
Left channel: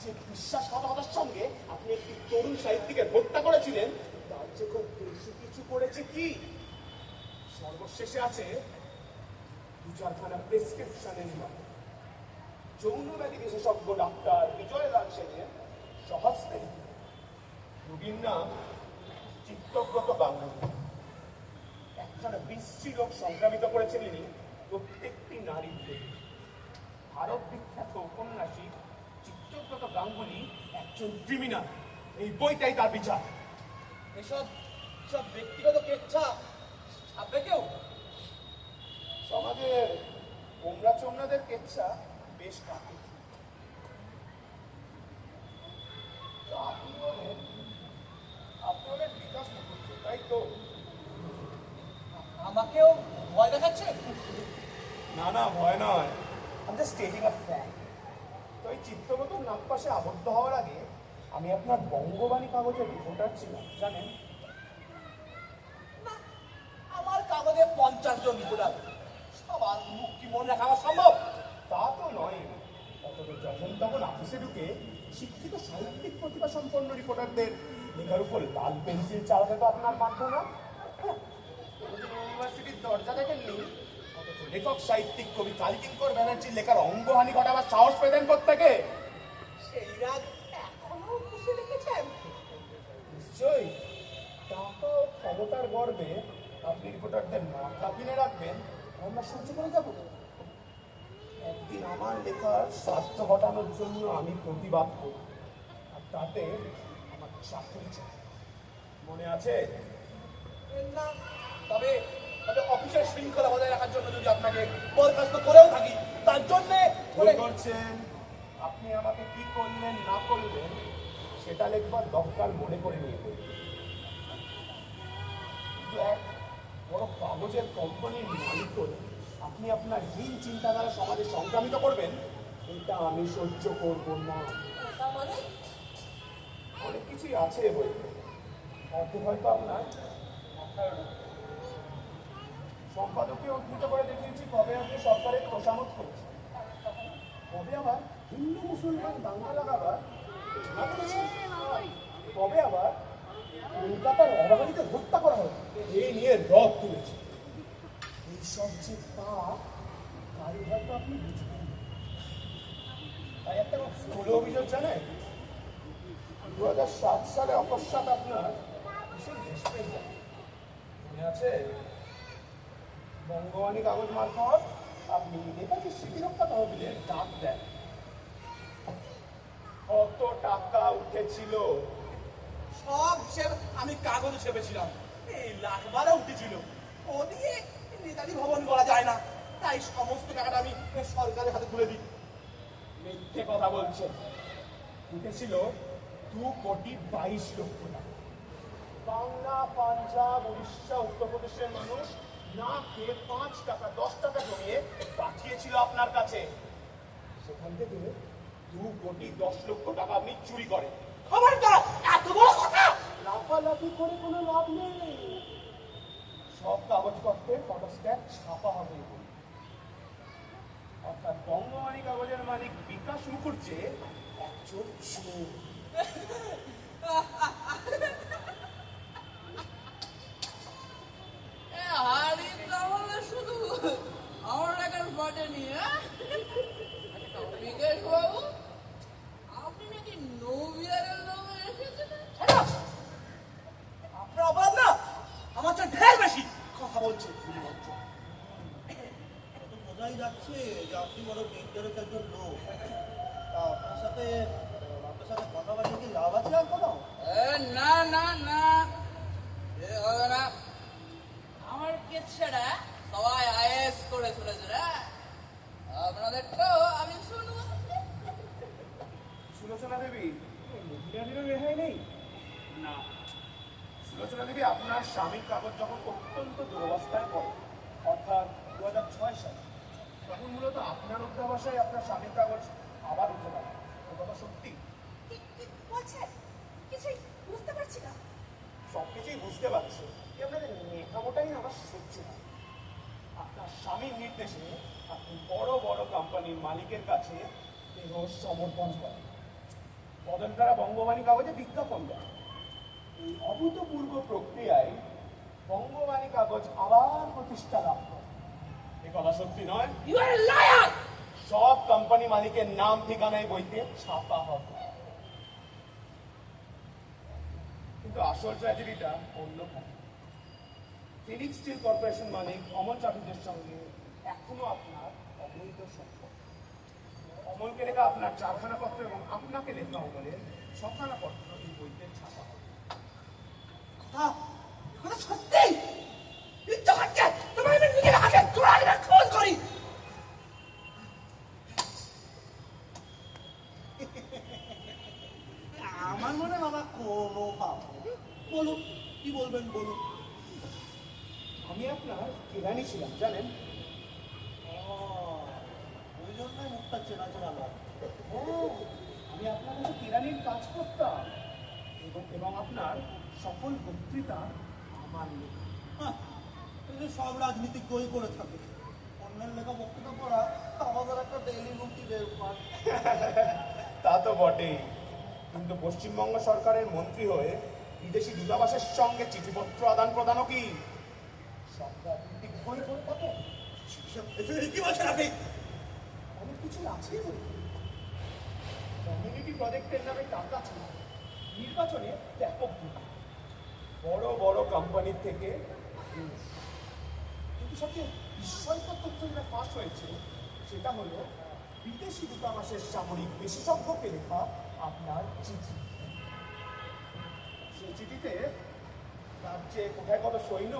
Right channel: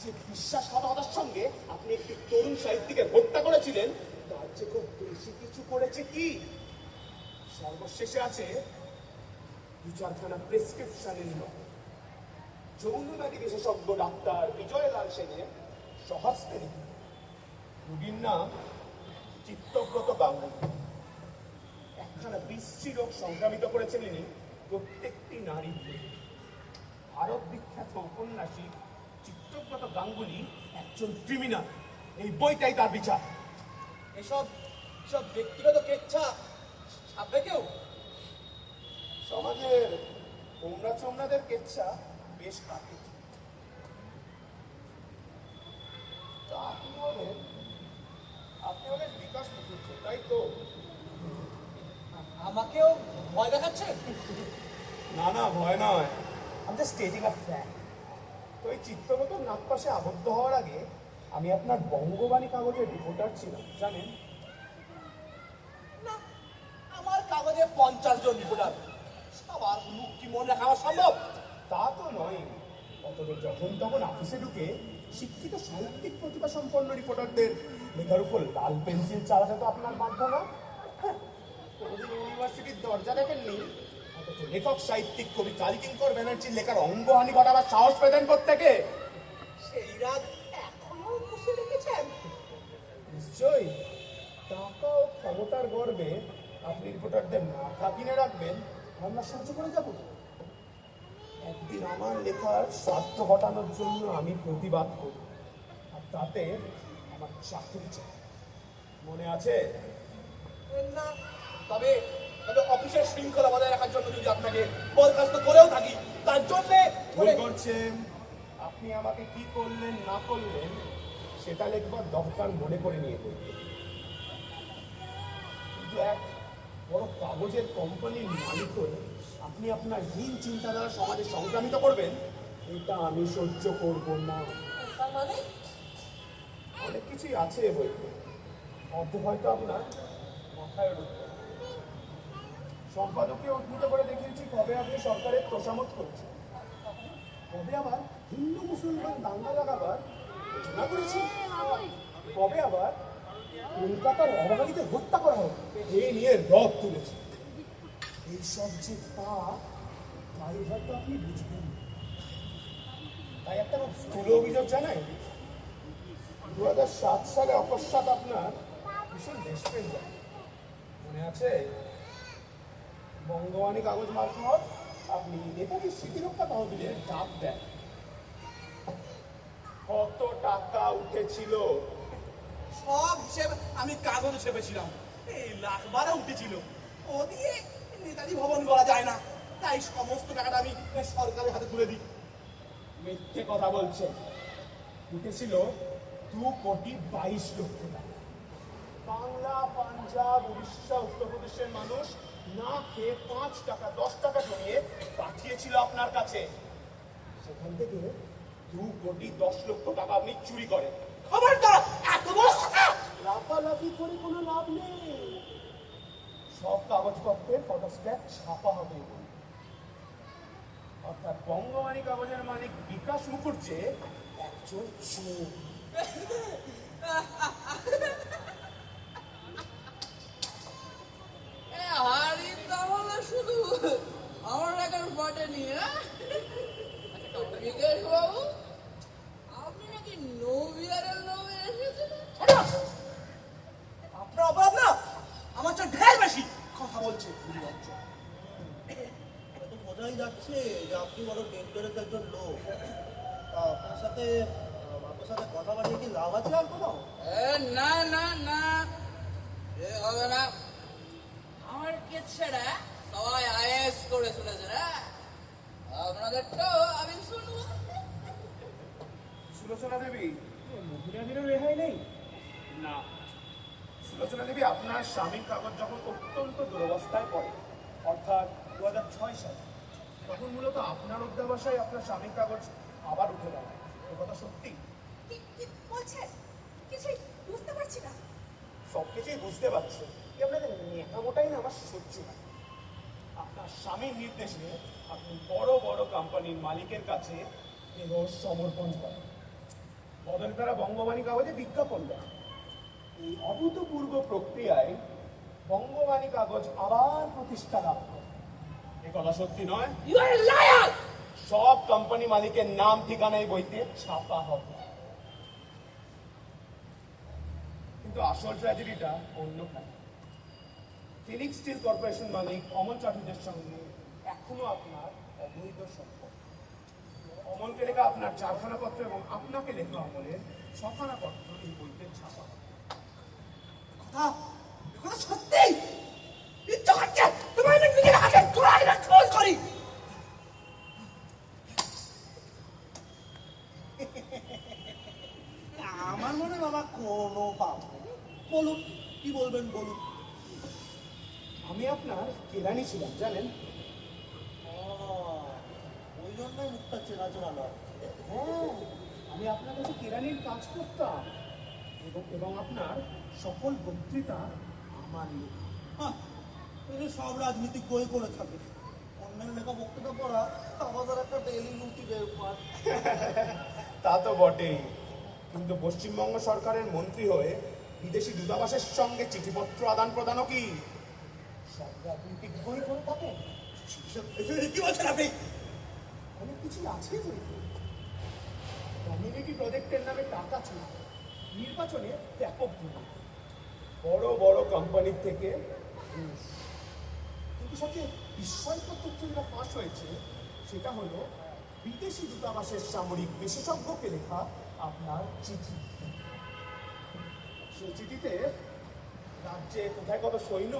যে বিশ্বাসঘাতকতার সঙ্গে আপনি একটি তরুণ সাহিত্যিকে হত্যা করেছিলেন তার যে খুব বেশি কিছু করেছে কি। সর্বশেষে আছে 2-4খানা প্রেসক্রিপশনের নাম। যৌনব্যাধি বিশেষজ্ঞ ডাক্তার বিজয়লাল সেনের সহস্তে রোগীর নাম চিত্তব্রত গাঙ্গুলি। একখানা বিশ্রী রোগ সংক্রামিত করেছেন ইনি প্রত্যেকটি নারীর দেহে। ভারত বিখ্যাত ঔপন্যাসিক চিত্তব্রত গাঙ্গুলি একজন ক্রিমিনাল। এই বইটাই তার বিচার। এসব সব ব্যক্তিগত কেচ্ছা ছাপবে কেউ? সমাজের কোমরা চোমরাদের কেচ্ছা বেশ কাটে। আপনি ওদের বিকাশ মুখুজ্জ, তাই তো? আমাকেও ভয় দেখাচ্ছে? না না, ভয় নয়। আমি জাস্ট স্টেটিং আ ফ্যাক্ট। তো এই চিত্রগতর নাগপাশে আবদ্ধ হওয়ার আগে আমি আপনার বঙ্গবাণী কাগজের রিপোর্টার ছিলাম, জানেন? না, আমার কাগজে 50 জন রিপোর্টার। সবার মুখ কি মনে রাখা আমার সম্ভব? তা তো নয়। অথচ যখন তখন অফিসে ঢুকে শিক্ষিত সাহিত্যিক প্রতিভা সম্পন্ন রিপোর্টারদের লেখার উপর লাল পেন্সিল চালাতে তো আপনার বাধ্য না। হ্যাঁ, কোনোদিন ইউনিভার্সিটির দরজা দেখেননি, অথচ লেখক সাহিত্যিক কবি কালীকিঙ্কর ব্যানার্জির লেখার অঙ্গহানি ঘটাবার সাহস পেতেন কোত্থেকে? সেই রাগ এখনো পুষে রেখেছেন? নিশ্চয়ই। টাকা ও ক্ষমতার গর্বে আপনি রিপোর্টারদের মাথা কিনে রাখবেন, আমরা সহ্য করে যাব। একদিন আমার লেখার স্বার্থ ঘটানোর জন্য আমি প্রতিবাদ করি, আর তাতে আমার চাকরি চাই। মনে আছে? না, তবে তবে অফিসের শৃঙ্খলা বজায় রাখার জন্য যদি আপনাকে বরখাস্ত করেও থাকি, তার জন্য ভুল করছেন। আপনি আমাকে কি করলেন না করলেন সেটা লেখবার দরকার মনে করে নিয়ে বলবেন। কিন্তু এক বড় কাগজের কোম্পানির মালিক হয়ে আপনি আপনার হীন চিন্তাধারা সমাজে সংক্রামিত করবেন, এটা আমি সহ্য করব না। তার মানে অনেক কিছুই আছে এ বইতে, অর্ধেক হয়তো আপনার মাথায় ঢুকবে। সম্পাদকীয় উদ্ধৃত করে দেখিয়েছি কবে আপনি সরকারের তোষামত করছেন, কবে আবার হিন্দু মুসলমান দাঙ্গা লাগাবার ঘোষণা করেছি, কবে আবার কলকাতার অবাঙালিতে হত্যা করা হবে এই নিয়ে রদ তুলেছে। এইসব যে পাপ, তাই হয়তো আপনি বুঝবেন না। তাই একটা স্থূল অভিযোগ জানায়, 2007 সালে অকস্মাৎ আপনার ভীষণ দেশপ্রেম যায়, মনে আছে? বঙ্গবাণী কাগজ মারফত আপনি নেতাজি স্মৃতিরক্ষা তহবিলে ডাক দেন। কত টাকা উঠেছিল? সব হিসেব আমি কাগজে ছেপেছিলাম। এই লাখ বারো উঠেছিল। ও দিয়ে নেতাজি ভবন করা যায় না, তাই সমস্ত টাকাটা আমি সরকারের হাতে তুলে দিই। মিথ্যে কথা বলছেন। উঠেছিল 2,22,00,000 টাকা। বাংলা, পাঞ্জাব, উড়িষ্যা, উত্তরপ্রদেশের মানুষ না খেয়ে 5 টাকা 10 টাকা জমিয়ে পাঠিয়েছিল আপনার কাছে। সেখান থেকে 2,10,00,000 টাকা আপনি চুরি করেন। খবরদার, এত বড় কথা! লাফালাফি করে কোনো লাভ নেই। সব কাগজপত্রে ফটোস্ট্যাট ছাপা হবে। অর্থাৎ বঙ্গবাণী কাগজের মালিক বিকাশ মুখুজ্জে একজন চোর। হাড়ি তাহলে শুধু যাচ্ছি যে আপনি বড় ডেঞ্জারাস একজন লোক। তা আপনার সাথে কথা বলে কি লাভ আছে আর কোনো? না না না, এ হবে না। আমার কিচ্ছাটা সবাই আইএস করে চলেছে না, আপনাদেরটাও আমি শুনবো। সুলোচনা দেবী, মহিলাদেরও রেহাই নেই না। সুলোচনা দেবী, আপনার স্বামীর কাগজ যখন অত্যন্ত দুরবস্থায় পড়ে, অর্থাৎ 2006 সালে, তখন মূলত আপনার অধ্যাবাসায় আপনার স্বামীর কাগজ আবার উঠে দাঁড়ায়। এ কথা সত্যি? কি বলছেন? কিছুই বুঝতে পারছি না। সবকিছুই বুঝতে পারছি, এই আপনাদের নেকামোটাই না আমার সহ্য হয়। আপনার স্বামীর নির্দেশে আপনি বড় বড় কোম্পানির মালিকের কাছে দেহ সমর্পণ করেন, বদলে তারা বঙ্গবাণী কাগজে বিজ্ঞাপন দেন। এই অভূতপূর্ব প্রক্রিয়ায় বঙ্গবাণী কাগজ আবার প্রতিষ্ঠা লাভ করে। এ কথা সত্যি নয়? You are liar. সব কোম্পানি মালিকের নাম ঠিকানায় বইতে ছাপা হবে, কিন্তু আসল ট্র্যাজেডিটা অন্যখানে। ফিনিক্স স্টিল কর্পোরেশন মালিক অমল চাটুর্যের সঙ্গে এখনো আপনার অবৈধ সম্পর্ক। অমলকে লেখা আপনার 4খানা পত্র এবং আপনাকে লেখা অমলের 6খানা পত্র এই বইতে ছাপা হবে। কথা সত্যি? ইচ্ছা হচ্ছে তোমার আমি নিজের হাতে তোরা ফোন করি। আমার মনে বাবা কোনো কাম নেই। বলুন কি বলবেন বলুন। আমি আপনার কেরানি ছিলাম জানেন। ওই জন্যই মুখটা চেনা চেনা লাগে। হ্যাঁ, আমি আপনার কাছে কেরানির কাজ করতাম এবং আপনার সকল বক্তৃতা আমার লেখা। হ্যাঁ, এই যে সব রাজনীতিক বই করে থাকে, অন্যের লেখা বক্তৃতা পড়া আমাদের একটা ডেইলি রুটি বের করে। তা তো বটেই, কিন্তু পশ্চিমবঙ্গ সরকারের মন্ত্রী হয়ে বিদেশি দূতাবাসের সঙ্গে চিঠিপত্র আদান প্রদানও কি সব রাজনীতিক বই করে থাকে? কি বলছেন আপনি? অনেক কিছুই আছে বই। কমিউনিটি প্রজেক্টের নামে টাকা ছিল, নির্বাচনে ব্যাপক দুর্নীতি, বড় বড় কোম্পানির থেকে ঘুষ। কিন্তু সবচেয়ে বিস্ময়কর তথ্য যেটা ফাঁস হয়েছে সেটা হলো বিদেশি দূতাবাসের সামরিক বিশেষজ্ঞকে লেখা আপনার চিঠি। সেই চিঠিতে রাজ্যে কোথায় কত সৈন্য,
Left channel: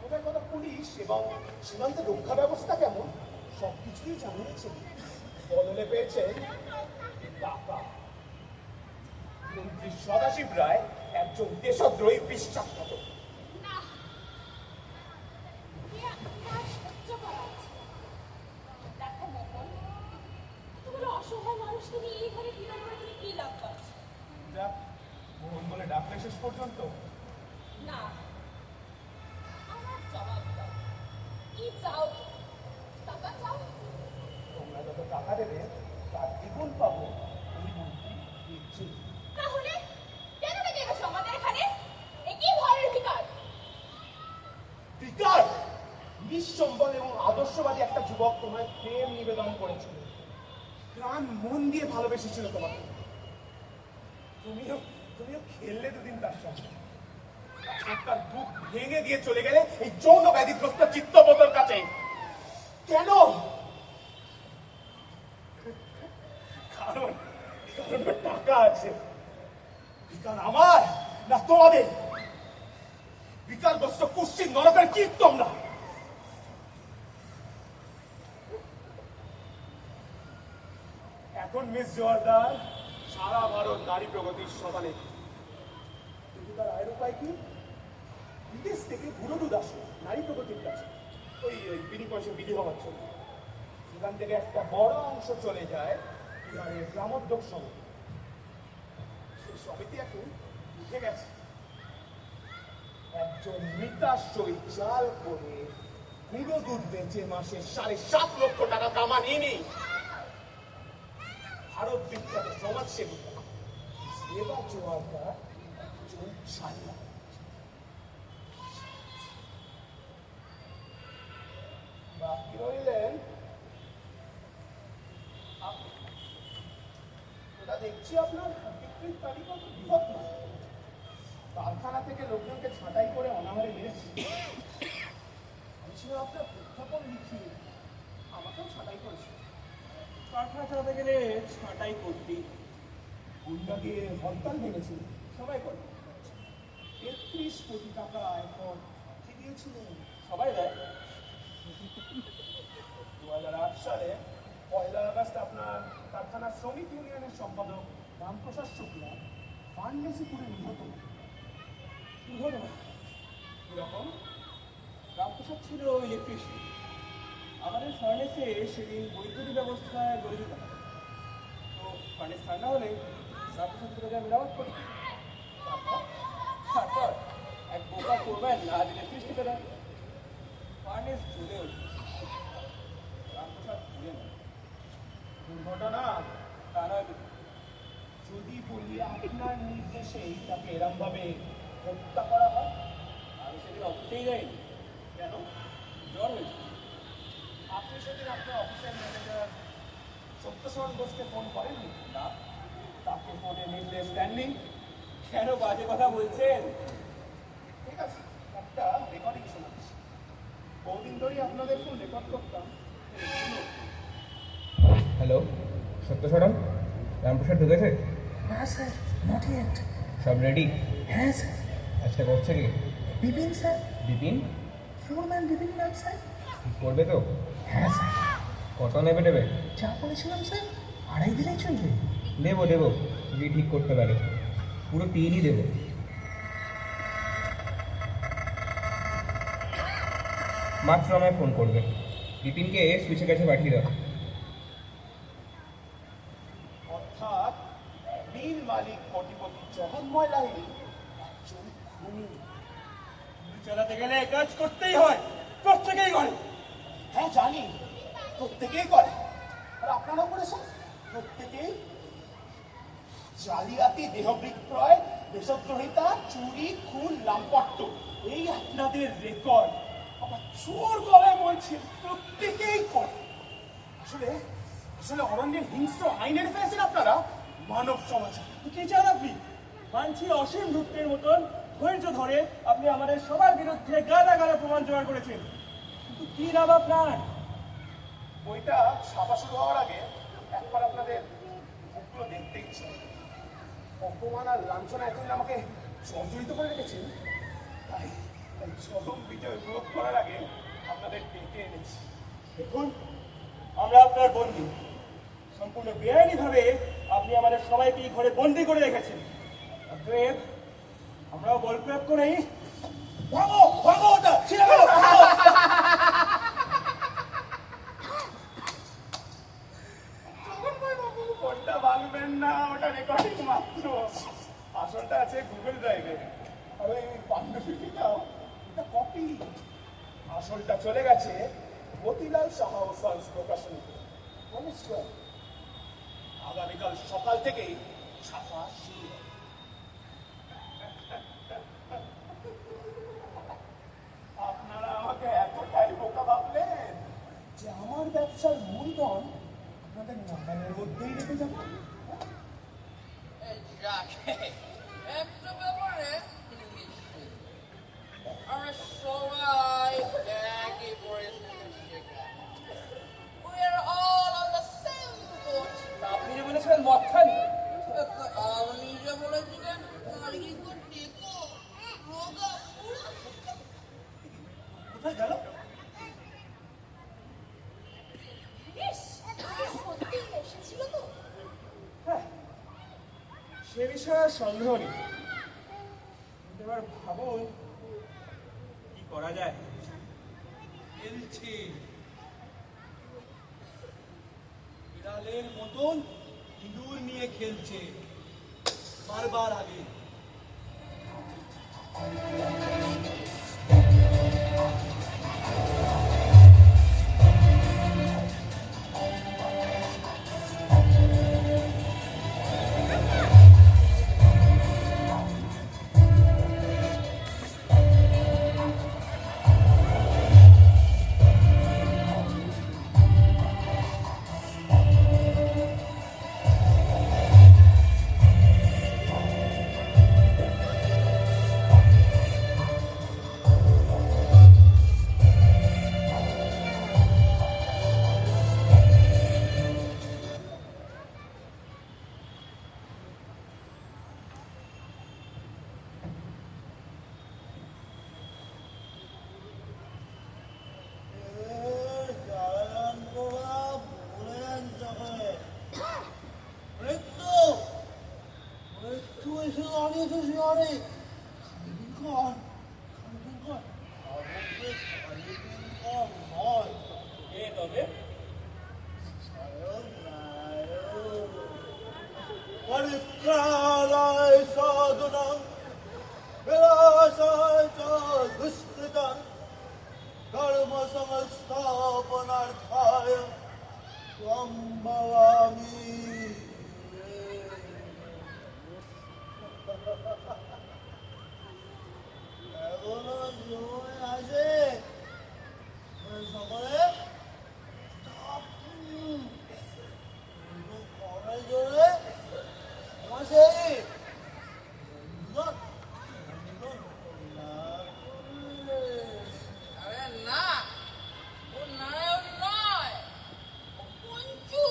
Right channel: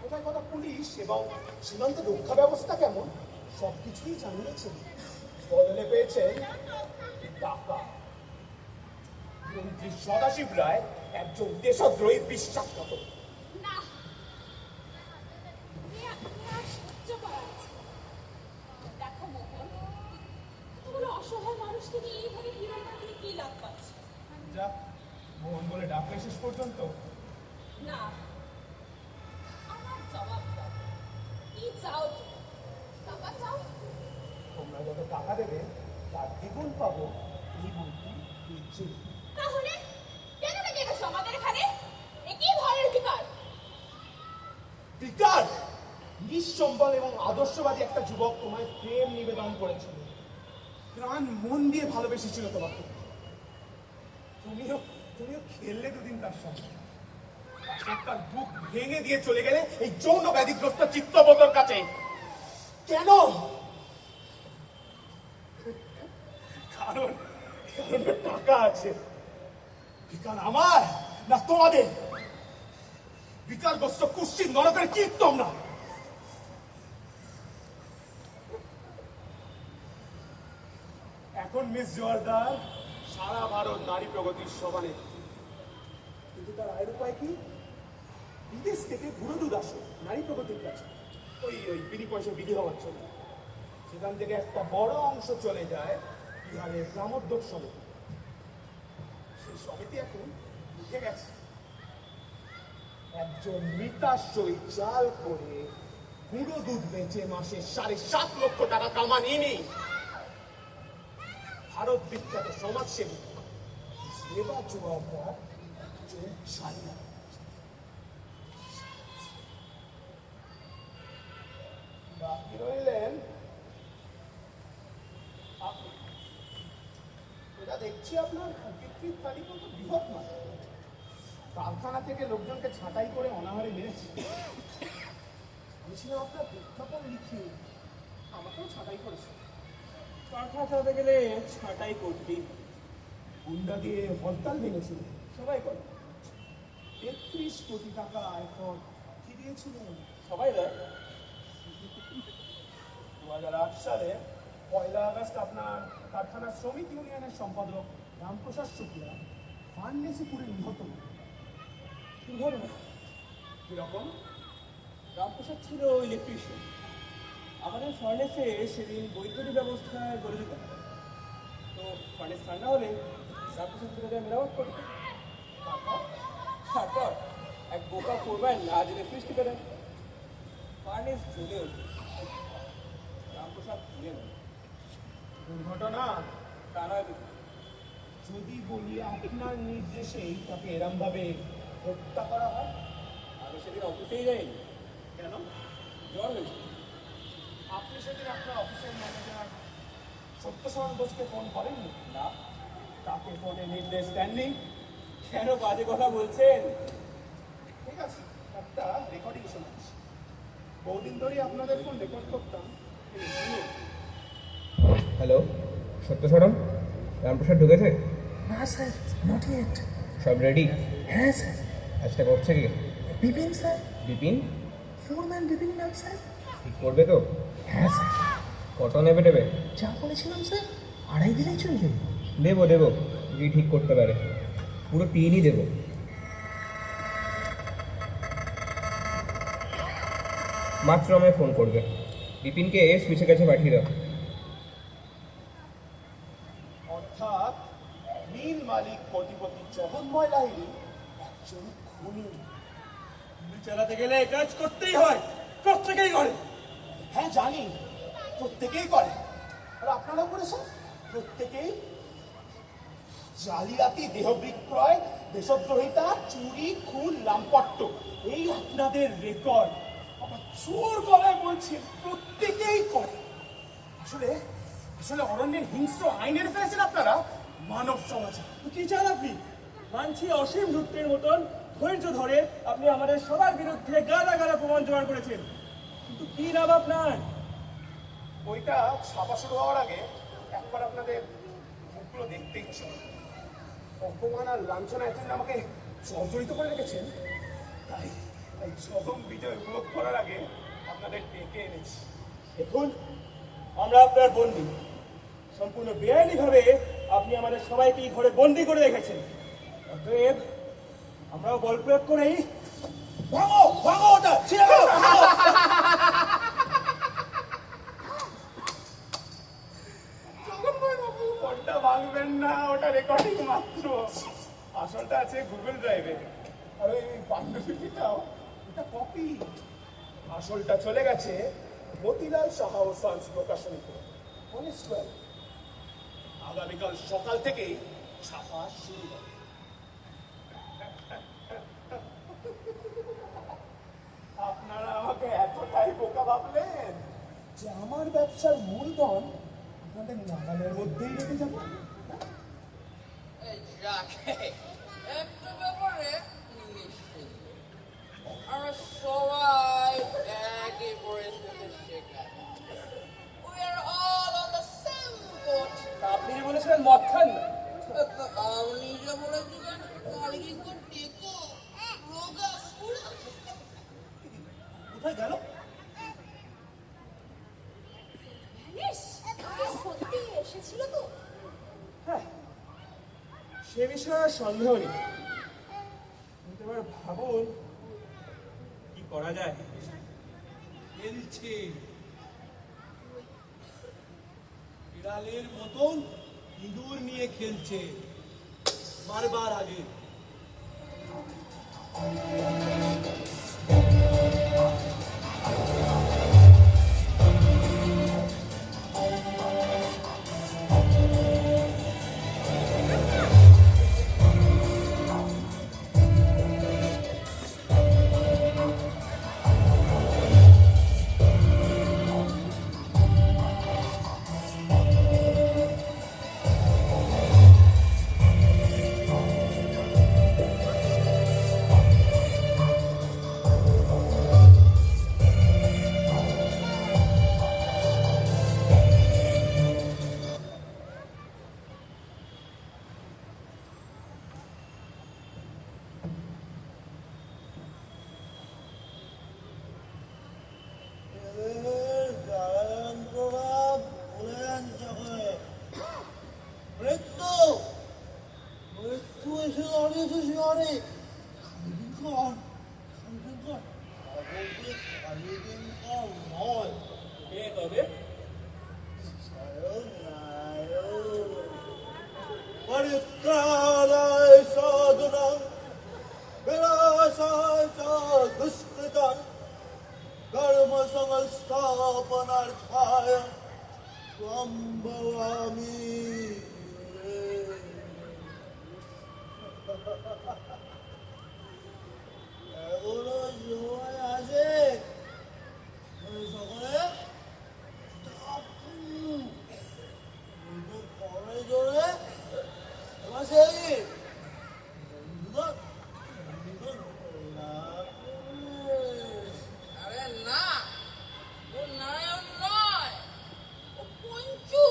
কোথায় কত পুলিশ এবং সীমান্তে রক্ষা ব্যবস্থা কেমন সবকিছুই জানিয়েছেন। বদলে পেয়েছেন টাকা। মন্ত্রী সদাশিব রায় একজন দেশদ্রোহী বিশ্বাসঘাতক। না, আর সহ্য করা যাচ্ছে না। দেখো মোহন, এতগুলো অসহায় মানুষকে নিয়ে এইভাবে বিড়ম্বনা করে কি লাভ পাচ্ছে? যাক, মোহন বলে ডাকলে শেষ পর্যন্ত। না, আমার জবাব দাও। কি চাও তুমি? টাকা চাও? তোমরা যত টাকা দেবে তার দ্বিগুণ পাবো এই মন্ত্রী দিচ্ছে। তাহলে কেন ডেকে গেছো আমাদের এখানে? এ কি ধরনের বিকার? বিকার! নিঃসম্বল এবং আদর্শবাদী একটা যুবক তোমায় প্রেম নিবেদন করেছিল, প্রাণ মন দিয়ে ভালোবেসেছিল তোমাকে। তুমিও খেললে দুদিন তার সঙ্গে, তারপর তার বুক ভেঙে দিয়ে চলে গেলে এই যৌন ব্যাধিগ্রস্ত চিত্তবতর কাছে। কেন? কারণ টাকা আছে। বিকার আমার না তোমাদের? বিকারগ্রস্ত কুশ্চিত নরকের কীট তোমরা। এখন মিস জোয়ারদার সারা ভারত নারী প্রগতির সমানে, কিন্তু তার আয়ের উপায় কি? বিদেশ থেকে বুড়ো দুধ আসে নারী প্রগতির কাছে, ওই বিনি পয়সা বিধি হওয়ার জন্য। সেখান থেকে একটা বড় অংশ চলে যায় বিহারের গ্রামোদ্যোগ সমিতি। সেই সমিতি এখন উঠে গেছে। একজন মৃতাশ্রয়ী চাল করে বুড়ো দুধ বেচে মাসে 7.5 লক্ষ টাকা কামান ইনি। ভারত বিখ্যাত সমাজসেবিকা সেবা জোয়ারদার একজন ছায়া। বাকি রইলেন আপনি। ওটা দেখছি আপনার বিক্রির তালিকা তো বৃহৎ নয়। কারখানা থেকে লোকজনকে ছাঁটাই করে অনাহারে মেরেছে। আমি ছিলাম আপনার প্রেক্ষাপট লিখিয়ে আমাকেও ছাঁটাই করেছে। কারখানা চালাতে গেলে ছাঁটাই করতেই হয়। গুন্ডা দিয়ে হরতাল ভেঙেছিল, সবাই করে। ৩৩ কোটি টাকা এখন কি দিয়েছিলেন? সবাই দেয়। 2008 সালে 1 আগস্ট আপনার কারখানা শ্রমিক ইউনিয়নের সম্পাদক রামপ্রসাদ শুক্লা ফার্মেসিপুরে নিহত। দুর্ঘটনা কিরকম? রামপ্রসাদ ছিল ইলেকট্রিশিয়ান। আমাদের ফার্নেসে সেদিন বৈদ্যুতিক ব্যবস্থায় গড়ে দিতে হবে। তো ফার্নেস ঠান্ডা হলে রামপ্রসাদ চলে যায় মেরামত করতে। তারপর এক বোকা করবেন না দিলে ফিস টিকে দেয়। ফার্নেস জ্বলে ওঠে। রামপ্রসাদ ভুলে নেয়। দুর্ঘটনা তা নয়। যদি বলি আপনার নির্দেশেই তাকে এরমভাবে হত্যা করা হয়। আমি সেদিন অফিসেই যাইনি। কেন? জ্বর হয়েছে। আপনি সেদিন আপনার অফিসের ম্যানেজার সত্যশরণ ঘোষকে ফোন করেননি? না, তাকে ফোনে নির্দেশ দেননি। কেন বাজে কথা বলছেন? ঠিক আছে, একটা রেকর্ডিং শোনাচ্ছি। বহুদিন ধরেই আপনাদের ফোন রেকর্ড করতাম। হ্যালো, সত্যস্বরম, রামপ্রসাদ ঢুকেছে? না স্যার, নট ইয়েট। সব রেডি? হ্যাঁ স্যার। আজকে করছে কি? বিপিন স্যার, বিপিন ফোরম্যান বিপিন নাম স্যার। ঠিক করবে তো? হ্যাঁ স্যার। কত নেবে দেবে? যা বলেছিলাম স্যার, 2.5 দিলেই চলবে। দেবো যদি ঠিক করতে পারে। পুরো 3ই দেবো। মাত্র আমায় ফোন করবে। বিপিনকে সুইচের কাছে পাঠিয়ে দাও। অর্থাৎ মিল মালিক কোটিপতি জগন্ময় লাহিড়ী একজন খুনি। গুলি চালাতে গেলে কাজ করতেই হয়, প্রত্যেকেই করে। হ্যাঁ জানি, প্রত্যেকেই করে। আর আপনারা করেছেন? প্রত্যেকেই। জালিয়াতি, দেহ বিক্রয়, দেশদ্রোহিতা, চুরি, খুন, লাম্পট্য, এই আপনাদের রেকর্ড। আবার চোর গলায় বলছে প্রত্যেকেই করে। আসলে আসলে অরণ্যের হিংস্র আইনের ফেলেছেন আপনারা মানব সমাজে। কি চান আপনি? মানছি অসীম ধূর্তের মতন ধৈর্য ধরে আপনি আমাদের সবার বিরুদ্ধে গালা গালা প্রমাণ জোগাড় করেছেন, কিন্তু কি লাভ আপনার? বইটা ছাপা শুরু হওয়ার আগে একবার আপনাদের মুখগুলো দেখতে ইচ্ছে। অপমান আর লাঞ্ছনা এখন আমাকে জর্জরিত করে রেখেছেন। তাই তাই চরম বিজয় উপভোগ করার আগে আপনাদের ডেকে এনেছি। দেখুন, আমরা আপনার বন্দী। সম্পূর্ণ বেআইনিভাবে আপনি আমাদের সবাইকে এই ঘরে বন্দি করে রেখেছেন। অতএব আমরাও বল প্রয়োগ করেই ভাঙো ভাঙো ওটা ছিঁড়ে দাও, ভাঙো। ওটা ভাঙবেন না, ওটা রেকর্ডিং মাত্র। আসলটা আছে গুগল ড্রাইভে। আর ওই পাণ্ডুলিপিটাও এটা কপি। আসলটা চলে গেছে মতিলাল সাহা ও সন্স প্রকাশনীতে। আগামীকাল সকাল থেকেই ছাপা শুরু হবে। আপনারা আমাকে এতটাই বোকা ভাবলেন যে আমার ব্যবসার মূলধন আপনাদের নাগালের মধ্যেই রেখে যাবো? এই যাকে একটা ব্যাপারে নিশ্চিত, আমরা সবাই একই পরিস্থিতির শিকার। We are all on the same boat. আপনি যে বলেছিলেন মদ খান না, আপনি যে বলেছিলেন কালকে একটু টেকো রোগা পুরো কোথায় গেল? ইস, সত্যি এসেছিল তো? হ্যাঁ, সে বিষয়ে আর সন্দেহ নেই। কিন্তু এবার ভাবুন কি করা যায়। খেলছে বিড়ালের মতন ইঁদুর নিয়ে খেলছে মারবার আগে। 시간에 간긴걸 아버지 간긴걸 뭘 কে তবে? 사용나요 머리카락의 서두는 베라사자 두스크단 ধর্মসংস্থ স্থাপনার্থায় সম্ভবামি এখনো সময় আছে সকলে ঘরে জোরে আমার সেই আরে না, ও নারায়ণ নয়, ও পঞ্চু।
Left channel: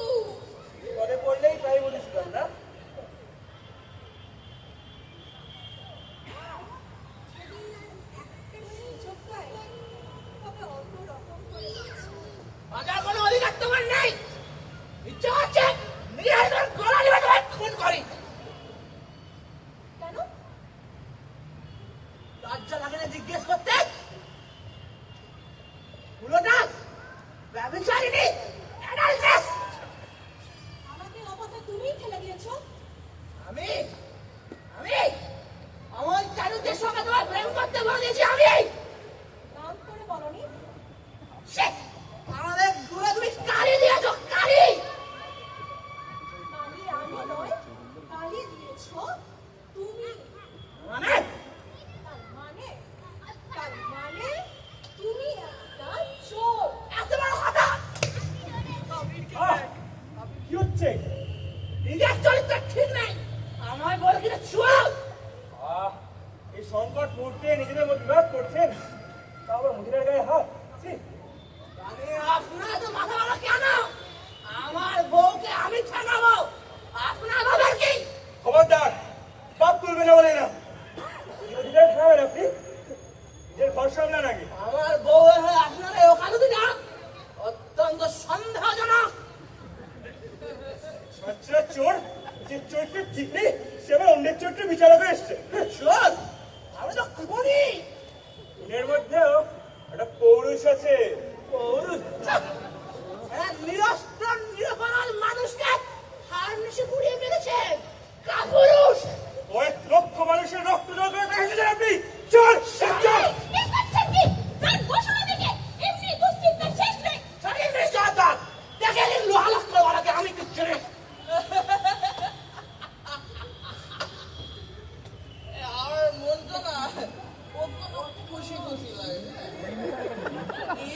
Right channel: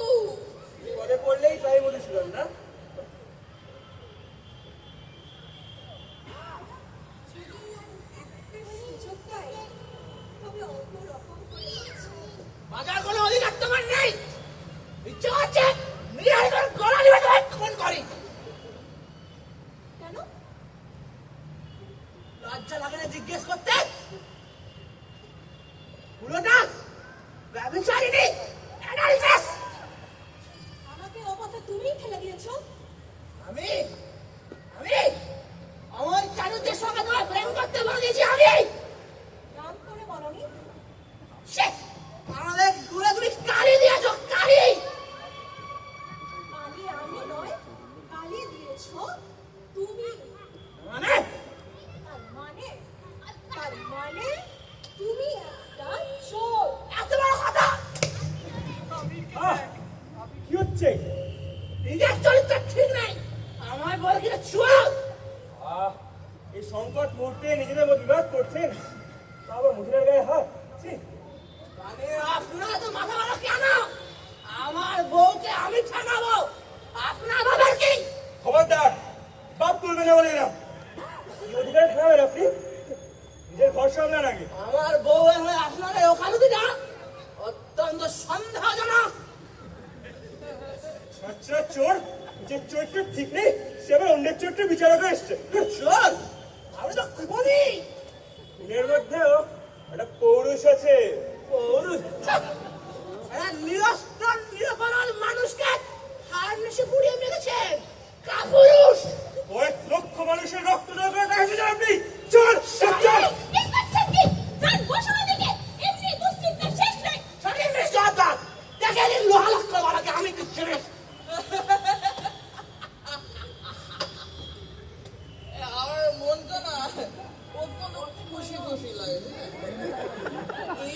পরে পড়লেই তাই বলেছিলাম না? তবে অন্য রকম করে যাচ্ছে। বাজার কোনো অধিকার তোমার নেই। ইচ্ছে হচ্ছে নিজের গলা নিয়ে তোমায় খুন করি। কেন? লজ্জা লাগে না জিজ্ঞেস করতে? পুরোটা ব্যভিচারিণী অ্যানালিসিস। আমাকে ও কথা তুমিই ঠেলে দিয়েছো। আমি আমি আমার চারুদের সঙ্গে তোমায় প্রেম করতে বলে দিয়েছি আমি। নাম করে বলনি। সে আমাদের গুলো তুমি কালি দিয়েছো, কালি। কালি আমি নয়, কালি দিয়েছো তুমি। মানে তার মানে তার মানে তুমি একটা চোর। এত বড় কথা। কি হচ্ছে? নিজের চরিত্র ঠিক নেই, আমায় বলে দিলে চোর। এই সংকট মুহূর্তে নিজেদের মধ্যে বিবাদ করছেন, তারপর মহিলার গায়ে হাত। ছি! আরে আপনারা তো মাথা মারা কেন? আমার বউকে আমি ঠেকাবো, আপনার বাবার কি? খবরদার, বাদ তুলবে না বলে না। কি অধিকার ঠেকাবেন আপনি? নিজের ঘর সামলান আগে। আমার বউ হয়ে আপনারা এই ওকালতি না, অত্যন্ত সন্দেহজনক। আচ্ছা চোর, যে চোরটা ঠিক নেই সে আবার অন্যের চোরটা বিচারকে এসছে। চোর? আমি তো খুবই খুনের মধ্যেও একটা পৌরুষ আছে। পৌরুষ। নিরস্ত্র নিরপরাধ মানুষকে ফার্মেসি পুড়িয়ে মেরেছেন। কাপুরুষ। কয়েক লক্ষ মানুষের রক্ত জল করে টাকা খেয়েছেন আপনি। চোর! চোর! আমি কিচ্ছু নেই। আমার মনটা না কত খুশি খুশি লাগে।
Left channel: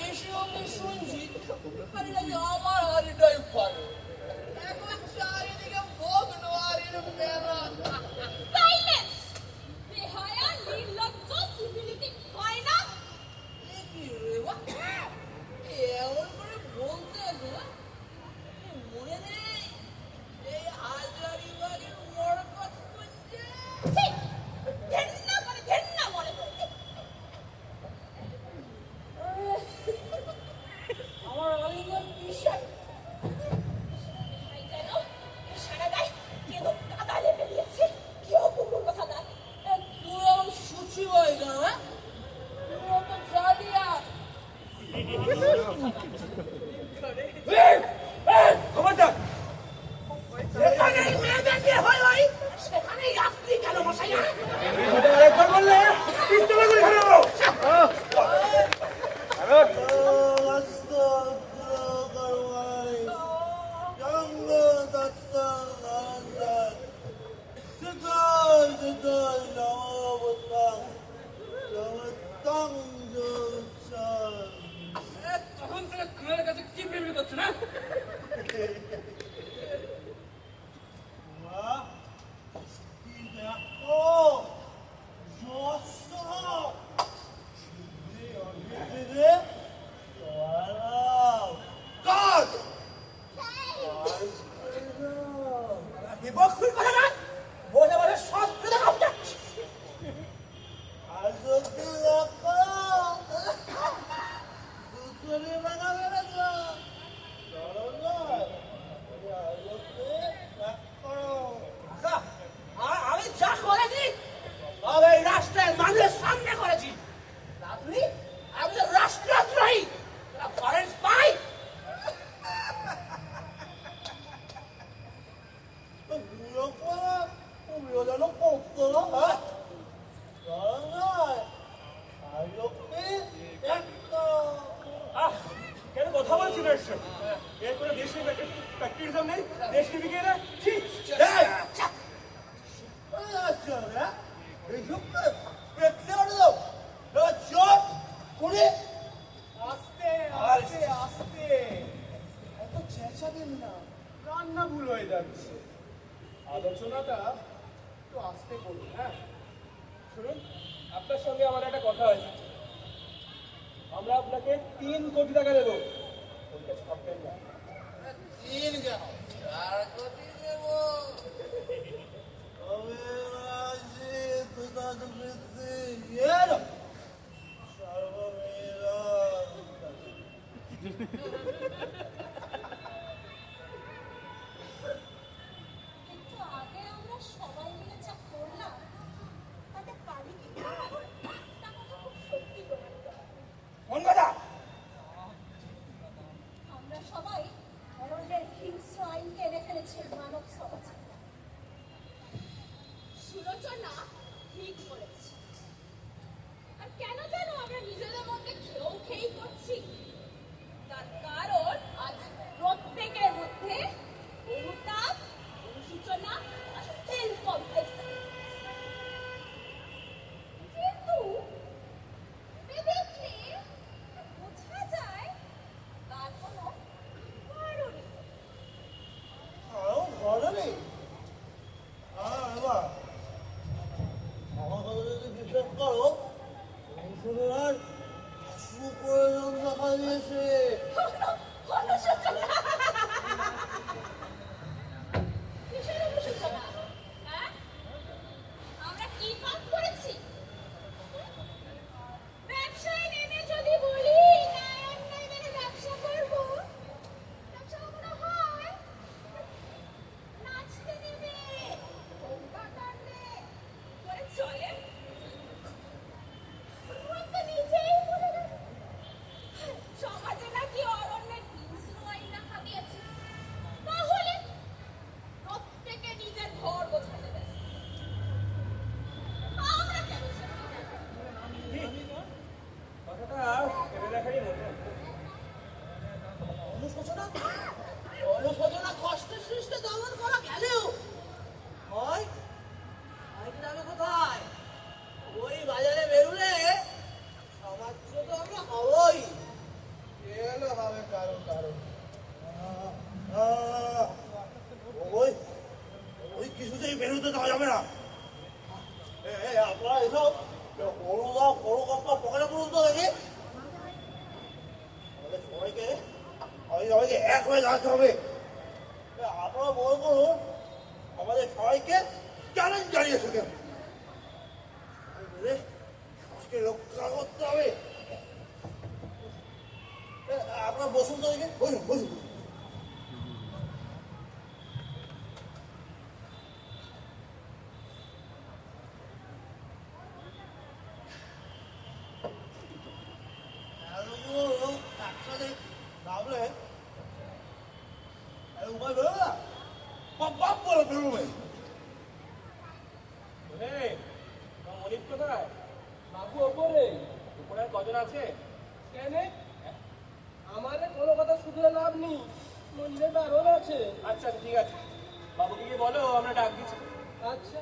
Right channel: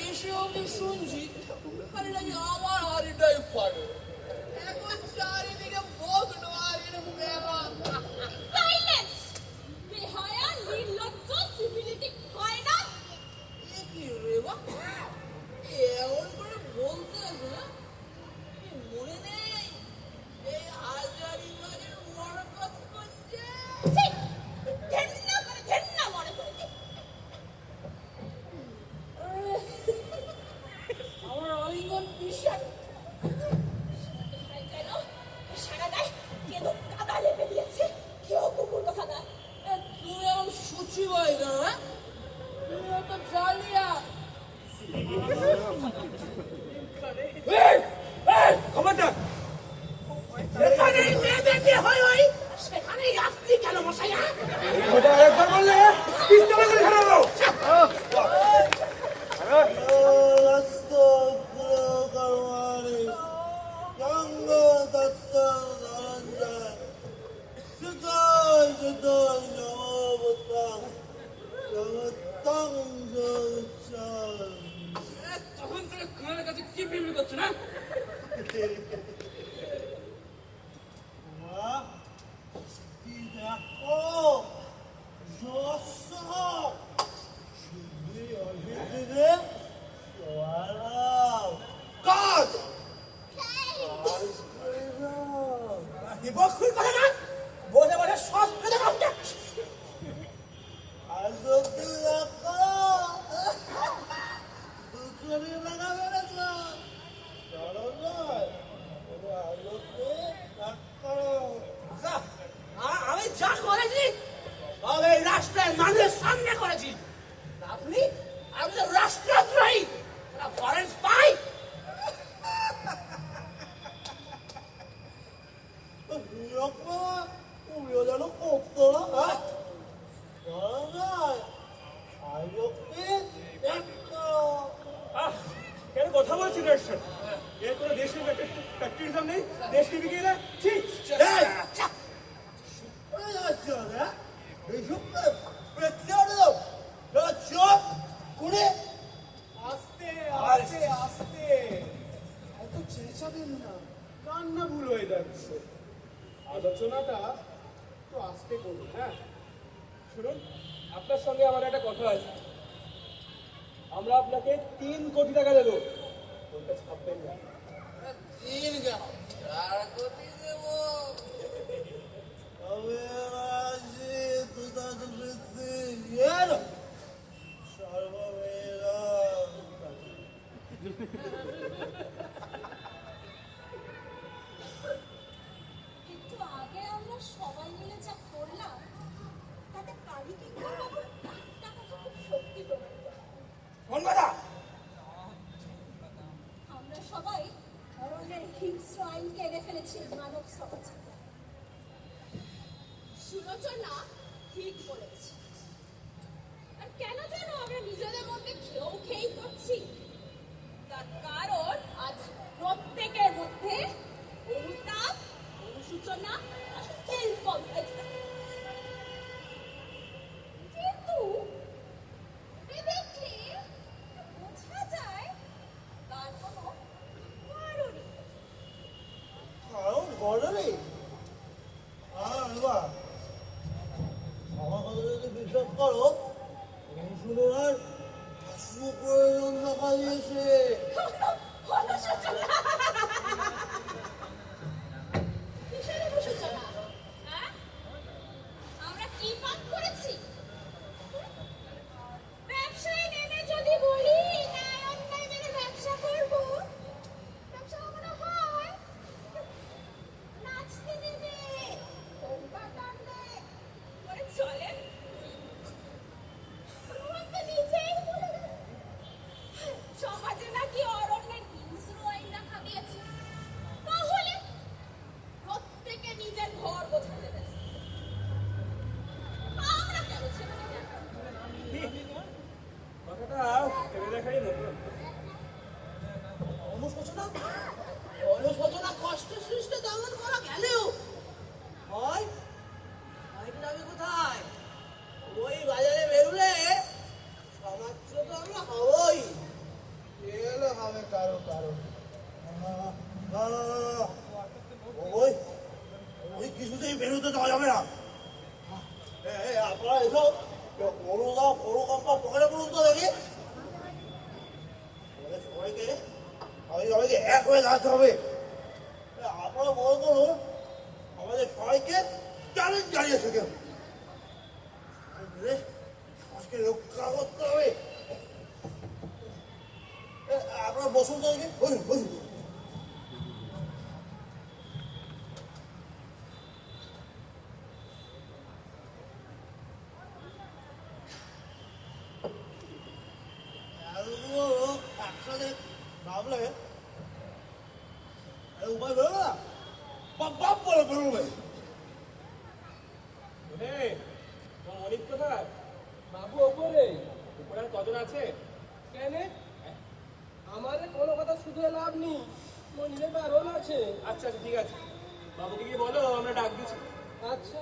এসে আমি শুনছি খালি নাকি আমার হাড়িটাই পারে। এখন চারিদিকে বক নোয়ারির মেলা। সাইলেন্স! বেহায়া, নির্লজ্জ, সিভিলিটি হয় না। এ কি রে বাবা? এমন করে বলতে আছে না? মনে নেই এই হাজারিবাগের মরকত করছে। ছি! ঘেন্না করে ফেলতে। আমার অলিঙ্গন বিশ্বাস যেন সারা গায়ে কেউ কাদা লেপে দিয়েছে। কেউ কুকুর কথা না। তুইও সুচি বই না, তুইও তো জালিয়া। খবরদার! যেখানে মেয়েদের বিয়ে হয় সেখানেই আপনি কেন বসাই না? এটা আরেকবার বললে পিস্তলে করে ধরে দেবো। তখন থেকে কানের কাছে কি বিড়বিড় করছো না? দেখো, মানুষের সামনে করেছি আপনি আমি তো রাষ্ট্রদ্রোহী ফরেন স্পাই উড়িয়ে যেন করতো না কেন কথা বলছি না এর কোনো দেশের প্র্যাকটিসম নেই দেশকে বিকিয়ে না ঠিক আস্তে আস্তে আস্তে এত চেঁচাবেন না কান্না ভুল হয়ে যাচ্ছে আলোচনাটা একটু আস্তে করুন হ্যাঁ শুনুন আপনার সঙ্গে আমার একটা কথা আছে আমরা আপনাকে 3 কোটি টাকা দেবো ওইটা ছাপবেন না দিন কেন 4 কোটি দেবো তবে রাজি দুদাদ বৃদ্ধি এর সর্বমেরা একটু আগে আমরা সবাই মিলে যা করলাম তাতে কারি কি তা কথা খুব সত্যি প্রমাণিত হয়। কোন কথা আমরা সবাই ধরনের হিংস্র আইনকে এনে ফেলেছি মানব সমাজে। সুলোচনা ঠিক বলেছে। আর কেন জানো আমরা নিজেদের মধ্যে খেই করছি? তার কারণ আজ প্রত্যেকের মধ্যে অনুতাপ, অনুশোচনা আর সেলফ কমপ্লেক্স কিন্তু দেখলে বোঝা যায় তার কোনো কারণ নেই। কারণ ঘরে নেই এবার আমার কথা যদি বিশ্বাস করো শুনুন আর সুপ্রয়োজন দেখা দিয়েছে কিসের অনুশোচনা? হ্যাঁ? আমরা কি পাপ করেছি? ব্যবসায় নেমে যদি বলি ন্যায় অন্যায় মেনে ব্যবসা করবো, ব্যবসা কখনো হয়? নাচতে নেবে, হোমকা টানলে করে চলে? ভগবান তো নিজেই বলে দেন, সমাজে নাকি অরণ্যের হিংস্র আইন রাখা দিয়েছে। তাহলে প্রত্যেকে নিজের ঘর গোছাতে ব্যস্ত। আমরা কেন ছেড়ে দেব? কথাটা ভেবে দেখারই মতন অনুশোচনা অনুশোচনা কষ্ট সৃষ্টি দমন করা গেলেও হয় আইটা যাবে কোথায় ওই বাজারে বেরুলে সমাজ তো আমরা হবই গেলে হবে কারো কারো ওই ওই কিছুতেই বেরোতে দেওয়া যাবে না আপনারা এসব বড় কাপড় পকেটে পড়ুন তো দেখি সবাইকে সবাইকে এক হয়ে থাকতে হবে আপনারা বল করুন আমাদের সবাইকে চ্যালেঞ্জ জানিয়েছে কেন আজকে রক্ষা করতে হবে আপনারা বসুন তো দেখি বসুন বসুন একসাথে নামলে উপায় বেরোবে না বাপ বলে বেরোবে মনিপ কোথায় বাবু ওপরে উপরে আর কজন আছে কেন আমাদের কোনো কথা শুধরে লাভ নেই মন্দিরে বারণ আছে আচ্ছা আচ্ছা ঠিক আছে বাবুকে গিয়ে বলো আমরা ডাক দিচ্ছি আচ্ছা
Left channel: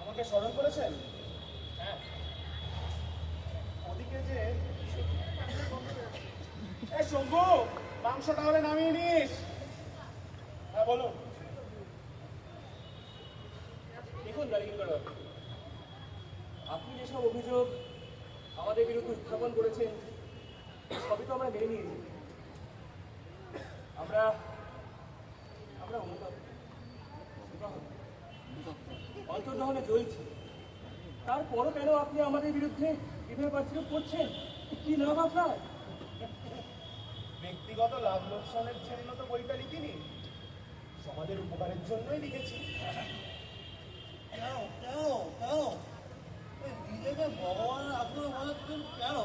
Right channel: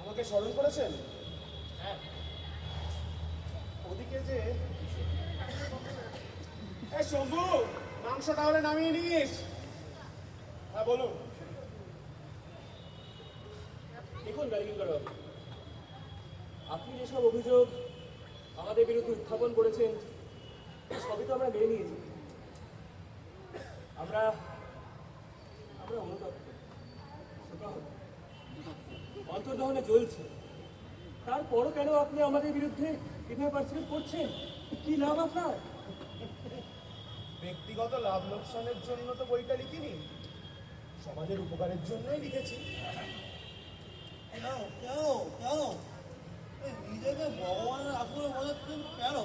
আমাকে স্মরণ করেছেন হ্যাঁ ওদিকে যে এই শম্ভু মাংস তাহলে নামিয়ে নিস হ্যাঁ বলুন দেখুন রাজীন্দ্র আপনি যেসব অভিযোগ আমাদের বিরুদ্ধে উত্থাপন করেছেন সবই তো আমরা মেনে নিয়েছি আমরা অনুতাপ অন্তর্দহনে জ্বলছে তারপরও কেন আপনি আমাদের বিরুদ্ধে এভাবে পার্সিপেট করছেন? কি লাভ আপনার? ব্যক্তিগত লাভ লোকসানের জন্য তো বইটা লিখিনি, সমাজের উপকারের জন্যই লিখেছি। কেন কেন কেন ওই নিজেকে ভগবানের আসলে বোঝাচ্ছেন কেন?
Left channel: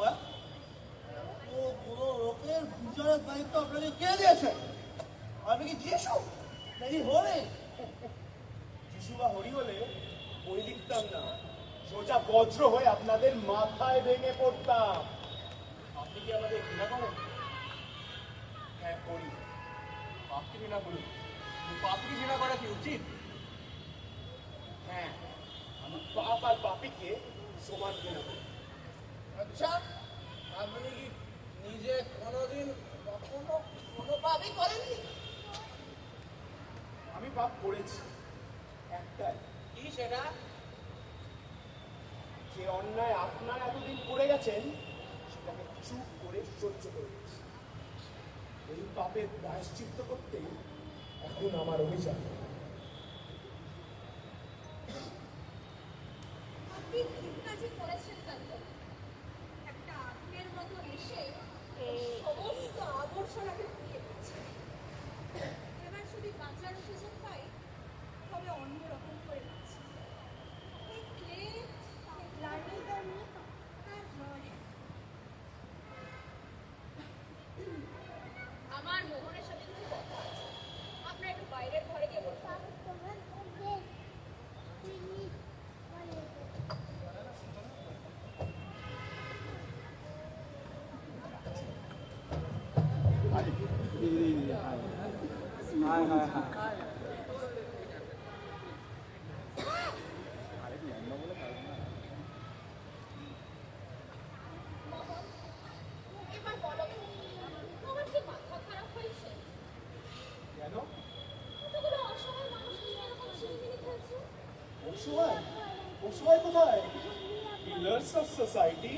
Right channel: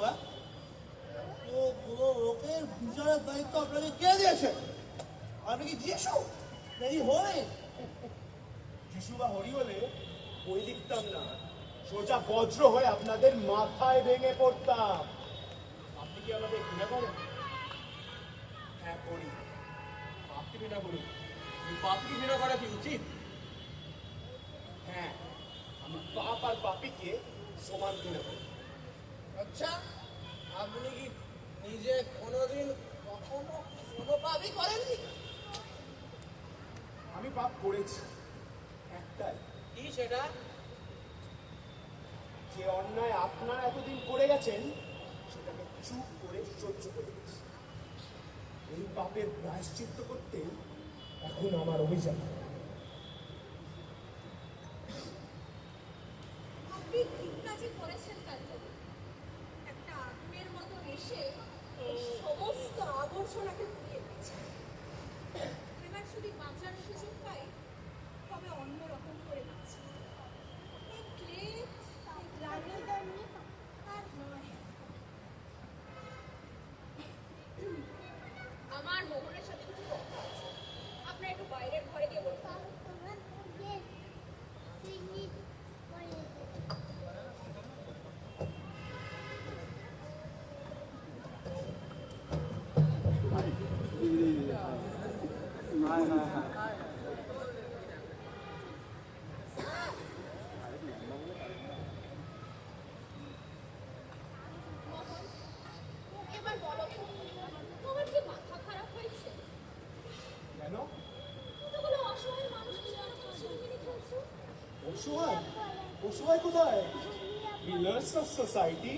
তো কোনো লোকের বিচারের দায়িত্ব আপনাকে কে দিয়েছে? আপনি কি যিশু নাকি হরে? যিশু বা হরি হলে বই লিখতাম না, সোজা বজ্র হয়ে আপনাদের মাথায় ভেঙে পড়তাম। আপনি কি আমাদের ঘৃণা করেন? হ্যাঁ করি। পাপকে ঘৃণা করুন, পাপকে ঘৃণা করা কি উচিত? হ্যাঁ, আমি পাপ আর পাপীকে সমান ঘৃণা করি। আচ্ছা, আপনি কি নিজে কোনোদিন কখনো কোনো পাপই করেননি? আমি পাপ করেছি, একটাই। কি সেটা? যে অন্যায় আপনারা এতদিন করে গেছেন সেটাকে চুপ করে সহ্য করে গেছি। এই পাপের প্রায়শ্চিত্ত করতে এখন আমার অভিযান। আপনি ঠিক কাজই করেছেন কান্ত। একটা আগুনের মতো এসে এই সমস্ত আবর্জনাকে পুড়িয়ে দিয়েছে। এবার যদি বাঁচার সুযোগ পাই তবে অন্যরকম করে বাঁচি। এই ক্লে, এই গ্লানি আর নয়। আমার মোহনের সাথে কিছু কথা আছে, আপনার একটু বাইরের ঘরে গিয়ে বলুন। এবার বলো তো, তোমার কি মাথা খারাপ হয়েছে? কেন? কতগুলো অসহায় মানুষের সাথে এরকম ছিনিমিনি খেলছো? অসহায়? অসহায় কোথায়? পিলার্স অফ সোসাইটি,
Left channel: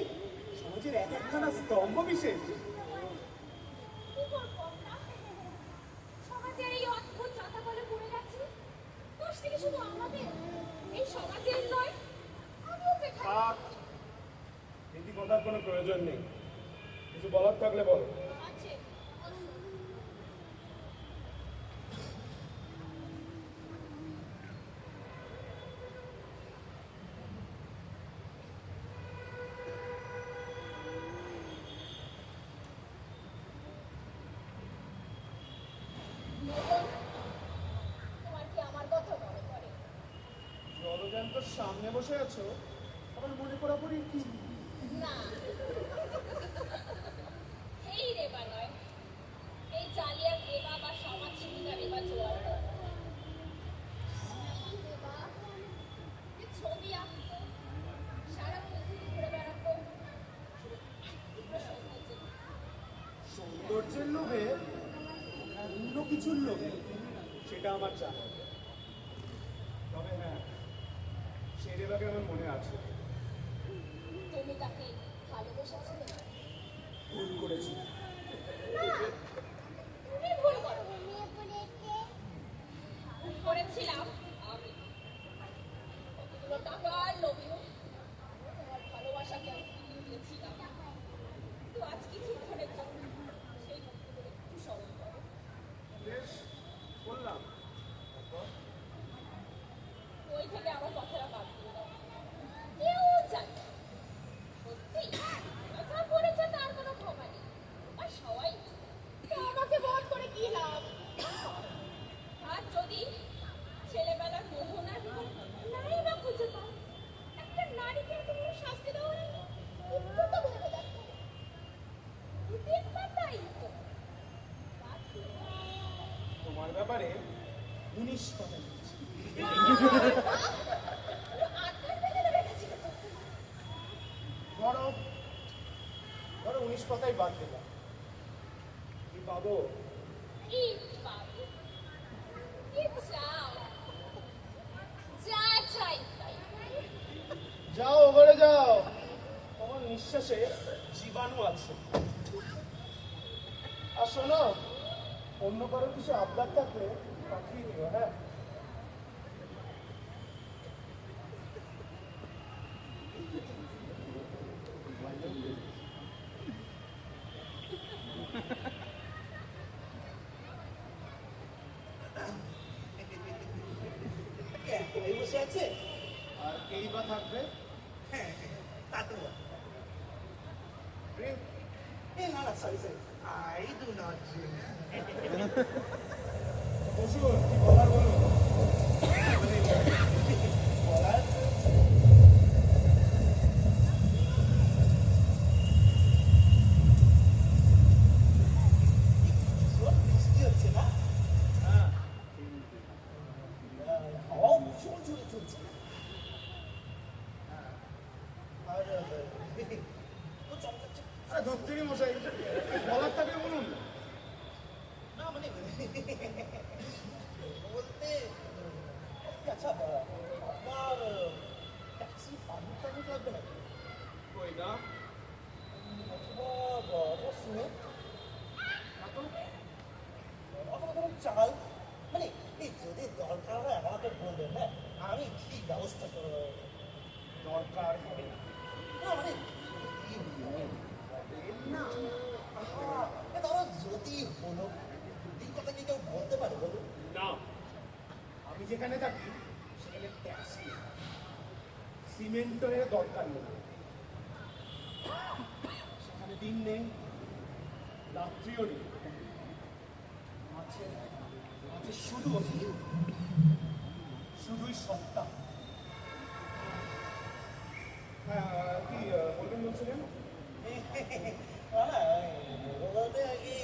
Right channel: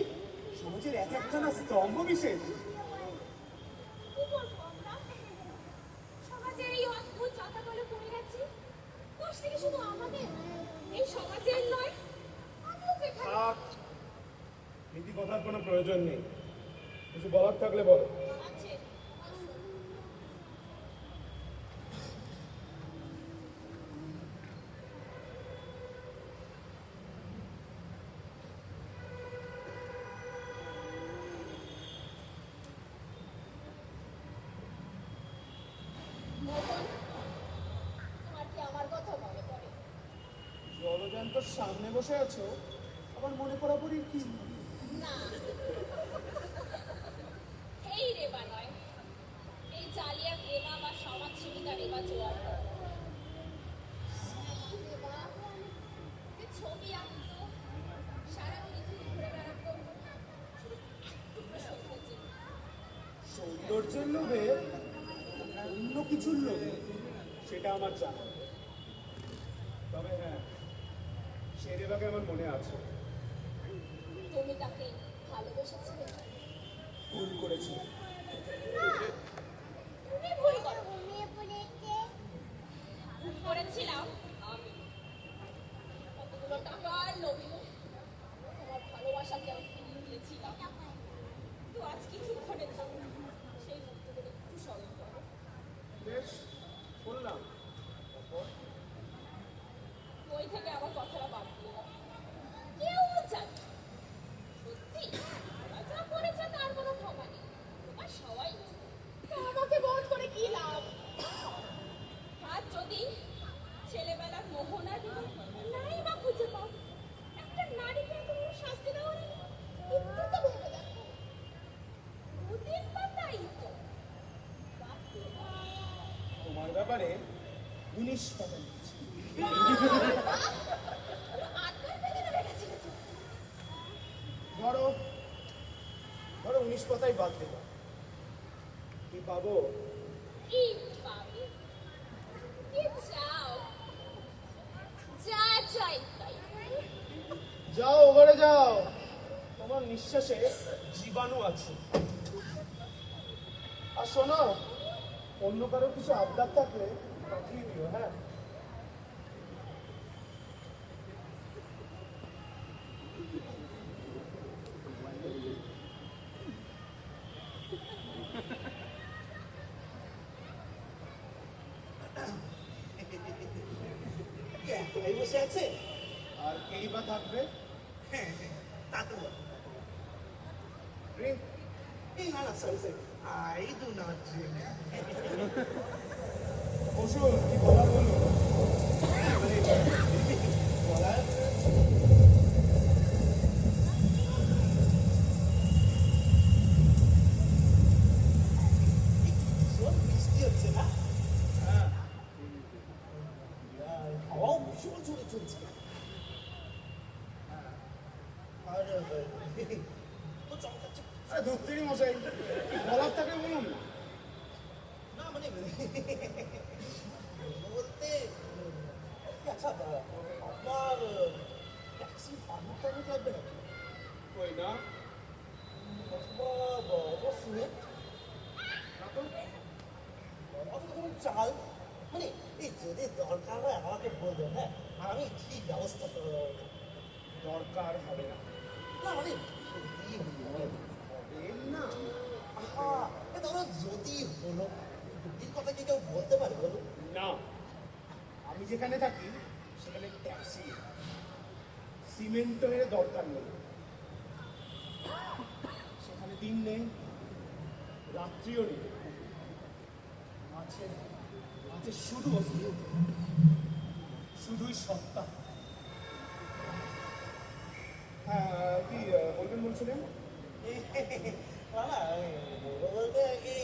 সমাজের এক একখানা স্তম্ভ বিশেষ। কি করবো আমরা? সমাজের এই অদ্ভুত চাতাকলে পড়ে গেছি। দোষ থেকে শুধু আমাদের, এই সমাজের নয়। আমিও যেখানে থাক, নীতি কথার কোনো প্রয়োজন নেই। কিছু বলার থাকলে বলো। আছে, আসুন। মোহন, তোমার কি আমার কথা মনে পড়ে? জলযান্তর সামনে বসে আছো, আবার মনে করা পড়ি কি? না, এই রেবা নয়, এই জালিয়াত রেবা বা সমাজ সুবিধা রেবা জোয়ার নয়। এই রেবা যে ছবি আঁকতো, সারা পৃথিবী ঘুরে বেড়াতো, শুধু এক টুকরো সৌন্দর্য। সৌন্দর্যের লোভে, অন্য কিছুর লোভে, সেটা আমার জানা। তবে হ্যাঁ, সেই রেবাকে আমার মনে আছে। তুমি তাকে ভালোবেসেছিলে? ভুল করেছি। না, তুমি ভুল করো। ভুল করেছিলাম আমি। কতগুলো টাকার লোভে তোমার ভালোবাসাকে আমি ফিরিয়ে দিয়েছিলাম। কিন্তু আজ কিছুক্ষণের জন্য সেই মুহূর্তগুলো একটু স্মরণ করো। বেশ, বললাম। বই থেকে আমার কথাটা বাদ দিয়ে দাও। কেউ জানে না। সত্যি ওরা যা করেছে তার কোনো ক্ষমা নেই। আর সবাই তা আমাকে বধ করে কি লাভ? আর যদি ছেলেবেলার মোহনার নাই বা খুঁজে পাও, একটা নারীকে এত বড় শাস্তি দেওয়া নেই, একটু তো ভেবে দেখো। দুদিন পাতাই তো বাদ দিয়ে দাও। তোমার ব্যাপারে 19 পাতা লিখেছি। আটকার ভেতরে রেখেছিল তো। ধরো 19 পাতাই বাদ দিলাম। কি পাবো? ইট পাবে। কি চাও? যা চাই তাই। যাও ঘরে যাও, তোমার নিঃশ্বাসে জীবাণু আছে। আর শোনো, অন্য কারো কিছু আবদার থাকলে পাঠিয়ে দিও। হ্যাঁ, বসে আছে? আর কেই বা থাকবে? হ্যাঁ, তা তো বটে। ড্রিঙ্ক? না না, sorry sorry, I do not drink. বসুন, কি বলার বলুন। বলার ভীষণ বৃষ্টি হচ্ছে না? হ্যাঁ, হাওয়াও ভীষণ জোরে চলছে। আর তো চমকাচ্ছে। আরে ধরতেই মশাই, বলার থাকে বলুন। না মানে বলতে আচ্ছা, আপনার ট্যাক্সি পারমিট টারমিট লাগবে না? কই না? অথবা সিমেন্ট না তো? অথবা ধরুন চাল, মানে এই যদি দরকার হয় আমাকে বলবেন, হ্যাঁ আমি ঠিক ব্যবস্থা করে দেবো। দরকার হবে না। না মানে যদি হবে না। ধরো যদি হলো, যদির কথা কি কেউ বলতে পারে বলুন? না, আমি যেখানে থাকি সেখানে ট্যাক্সি সিমেন্টের দরকার নেই। সেখানে দিন নেই, রাত্রিও নেই, আছে আছে শুধু শুধুই সত্তা। হ্যাঁ, কি বলবেন বলছিলেন? না না, বলতে কি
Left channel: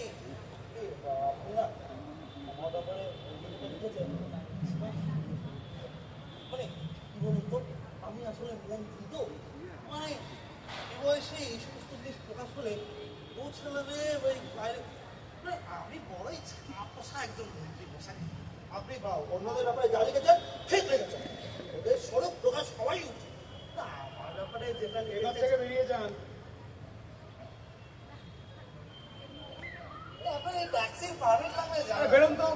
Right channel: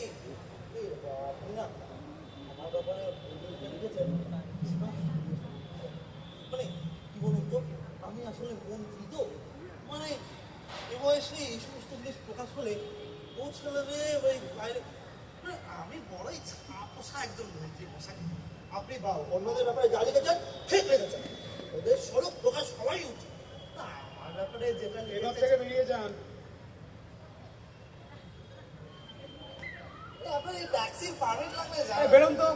আপনি না আমার ব্যাপারে লিখেছেন, মানে কি বলুন তো, আমি আসলে মন্ত্রী তো, মানে এ বয়সে এই সমস্ত জিনিস প্রকাশ হলে ও ছেলেরে ওই বাইরে, মানে আমি বড়ই ছাপোষা একজন মন্ত্রী মশাই। আপনি বা অন্যদের ব্যাপারে যা লিখেছেন ঠিক লিখেছেন, ওদের স্বরূপ প্রকাশ হওয়াই উচিত। না আমার ব্যাপারে যেটা এবার লিখেছেন থেকে বেরিয়ে যান। আপনি ট্যাক্সির পারমিট লাগবে আরে জানেন? বেরোন তো।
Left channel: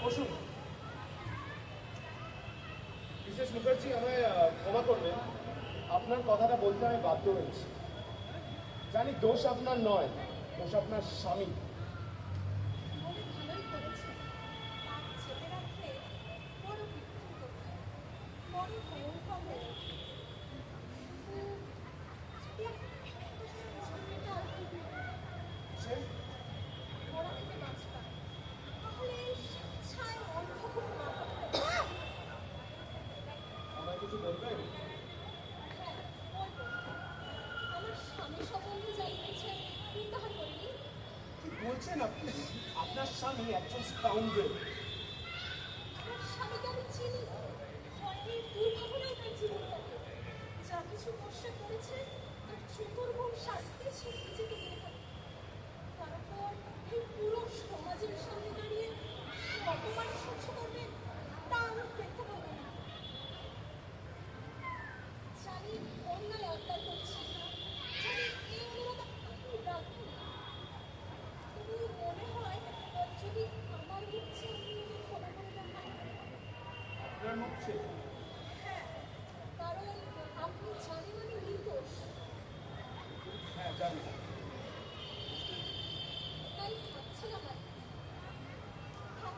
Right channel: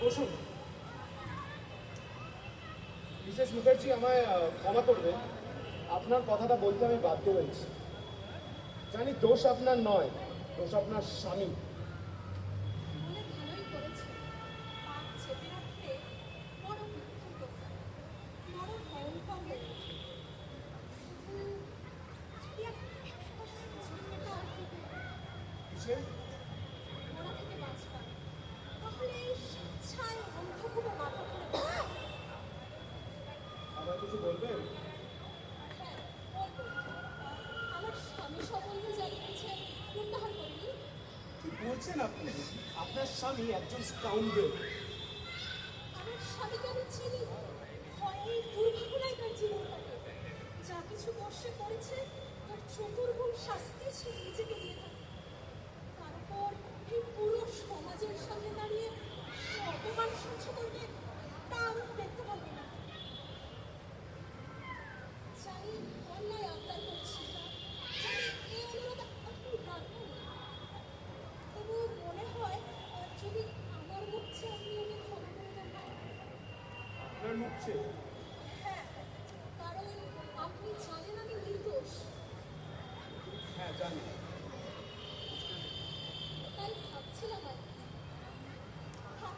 বসুন। মিসেস মুখার্জি, আমায় ক্ষমা করবেন, আপনার কথাটা বলতে আমি বাধ্য হয়েছি। জানি দোষ আপনার নয়, দোষ আপনার স্বামী। বলে ভালোই করেছে। পাপ চেপে রাখতে বড় বিক্ষিপ্ত, বড় ভয়ঙ্কর। সে বড় থেকে বাঁচবা, তাহলে এই স্বেচ্ছায় অন্ধ কোনো মাথা করে আমায় কিছু বলবেন? হ্যাঁ বলবো। আমার স্বামী সম্বন্ধে যা লিখেছেন প্রত্যাহার করিনি। কি বলছেন আপনি? আপনার স্বামী একজন স্কাউন্ডেল। আমার স্বামীকে আমি চিনি, ভয়ে দুর্ভাবনায় তার জীবন কাটে। যা কিছু কষ্টে করেছে তার চতুর্গুণ শাস্তি সে নিজেকে দিয়ে থাকে। তারপর এই পুরো সমাজের সামনে দাঁড়িয়ে সে অপমান সহ্য করবে, তা আমি দেখতে পাবো না। জানি অন্যায় আবদার করছি, জানি এই অনুরোধ আপনি রাখুন না। তবু মনে হয় যদি আমার মুখ চেয়ে আপনি ওকে ক্ষমা করে দেবেন। আপনার মুখ চেয়ে? হ্যাঁ, কারণ আপনি জানেন আমি নির্দোষ। হ্যাঁ, জানি। তাই ভাবছিলাম আর কি। হ্যাঁ,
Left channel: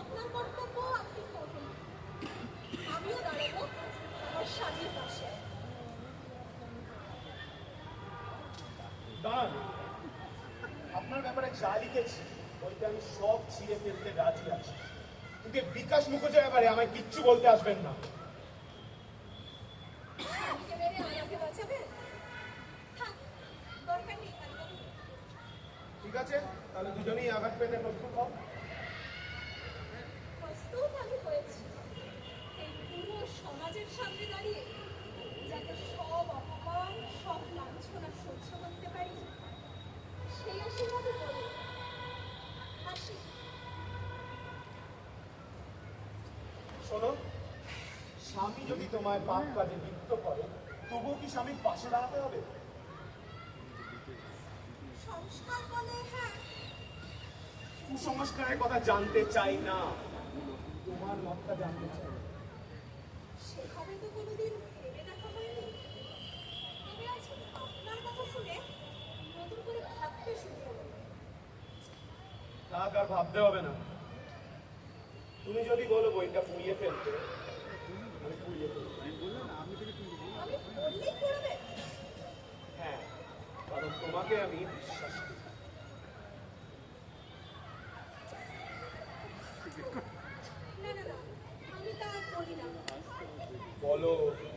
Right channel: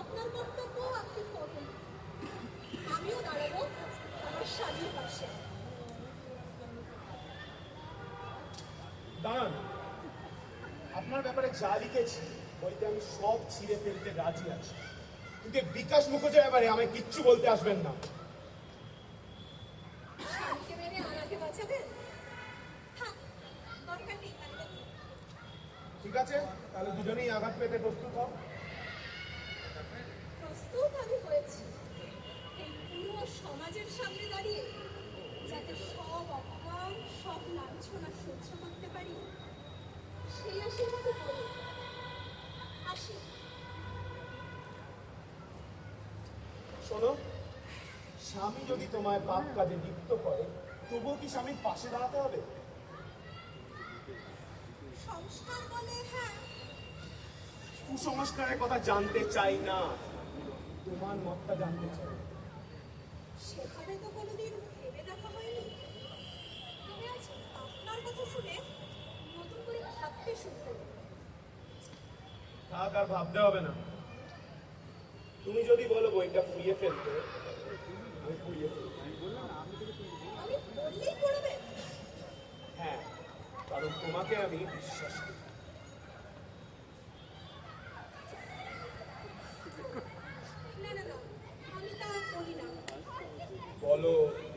আপনার কর্তব্য আপনি করুন, আমিও দাঁড়াবো আমার স্বামীর পাশে। শয়তান, আপনার ব্যাপারে যা লিখেছি বইতে আমি সব ছিঁড়ে ফেলতে রাজি আছি, কিন্তু বিকাশ মুখোর্জের ব্যাপারে আমায় কিচ্ছু বলতে আসবেন না। স্বামীকে মেরে আমাকে বাঁচাবেন? থাক, দরকার নেই কালীবাবু। ঠিক আছে, তাহলে দুজনেই আঘাত পেতে প্রস্তুত হও। প্রস্তুত আমি হয়েছি এই পুরো সমাজের সামনে দাঁড়িয়ে যাতে সব অপমান, সব লাঞ্ছনা সহ্য করতে পারি, সেই আশীর্বাদই করি। আসি। শোনো, স্বামী যদি তোমায় পাপ কাজে লিপ্ত করে তবুও কি স্বামীর পাশে দাঁড়াতে হবে? সংস্কার বলে হ্যাঁ, কুসংস্কারের কথা জানতে চাই না, তোমার মতটা জানতে চাই। সেভাবে তো কোনোদিন ভেবে দেখা হয়নি। তবে আজ আপনার কথা শুনে নতুন করে ভাবতে শুরু করব। থাক, আর ভাবতে হবে না। তুমি যদি বলো বইটা পুড়িয়ে ফেলতে, আমি পুড়িয়ে ফেলবো। আমি বললেই পড়বেন? হ্যাঁ, কারণ তোমাকে আমি বিশ্বাস করি। না না না, আমি তা করি না। বলো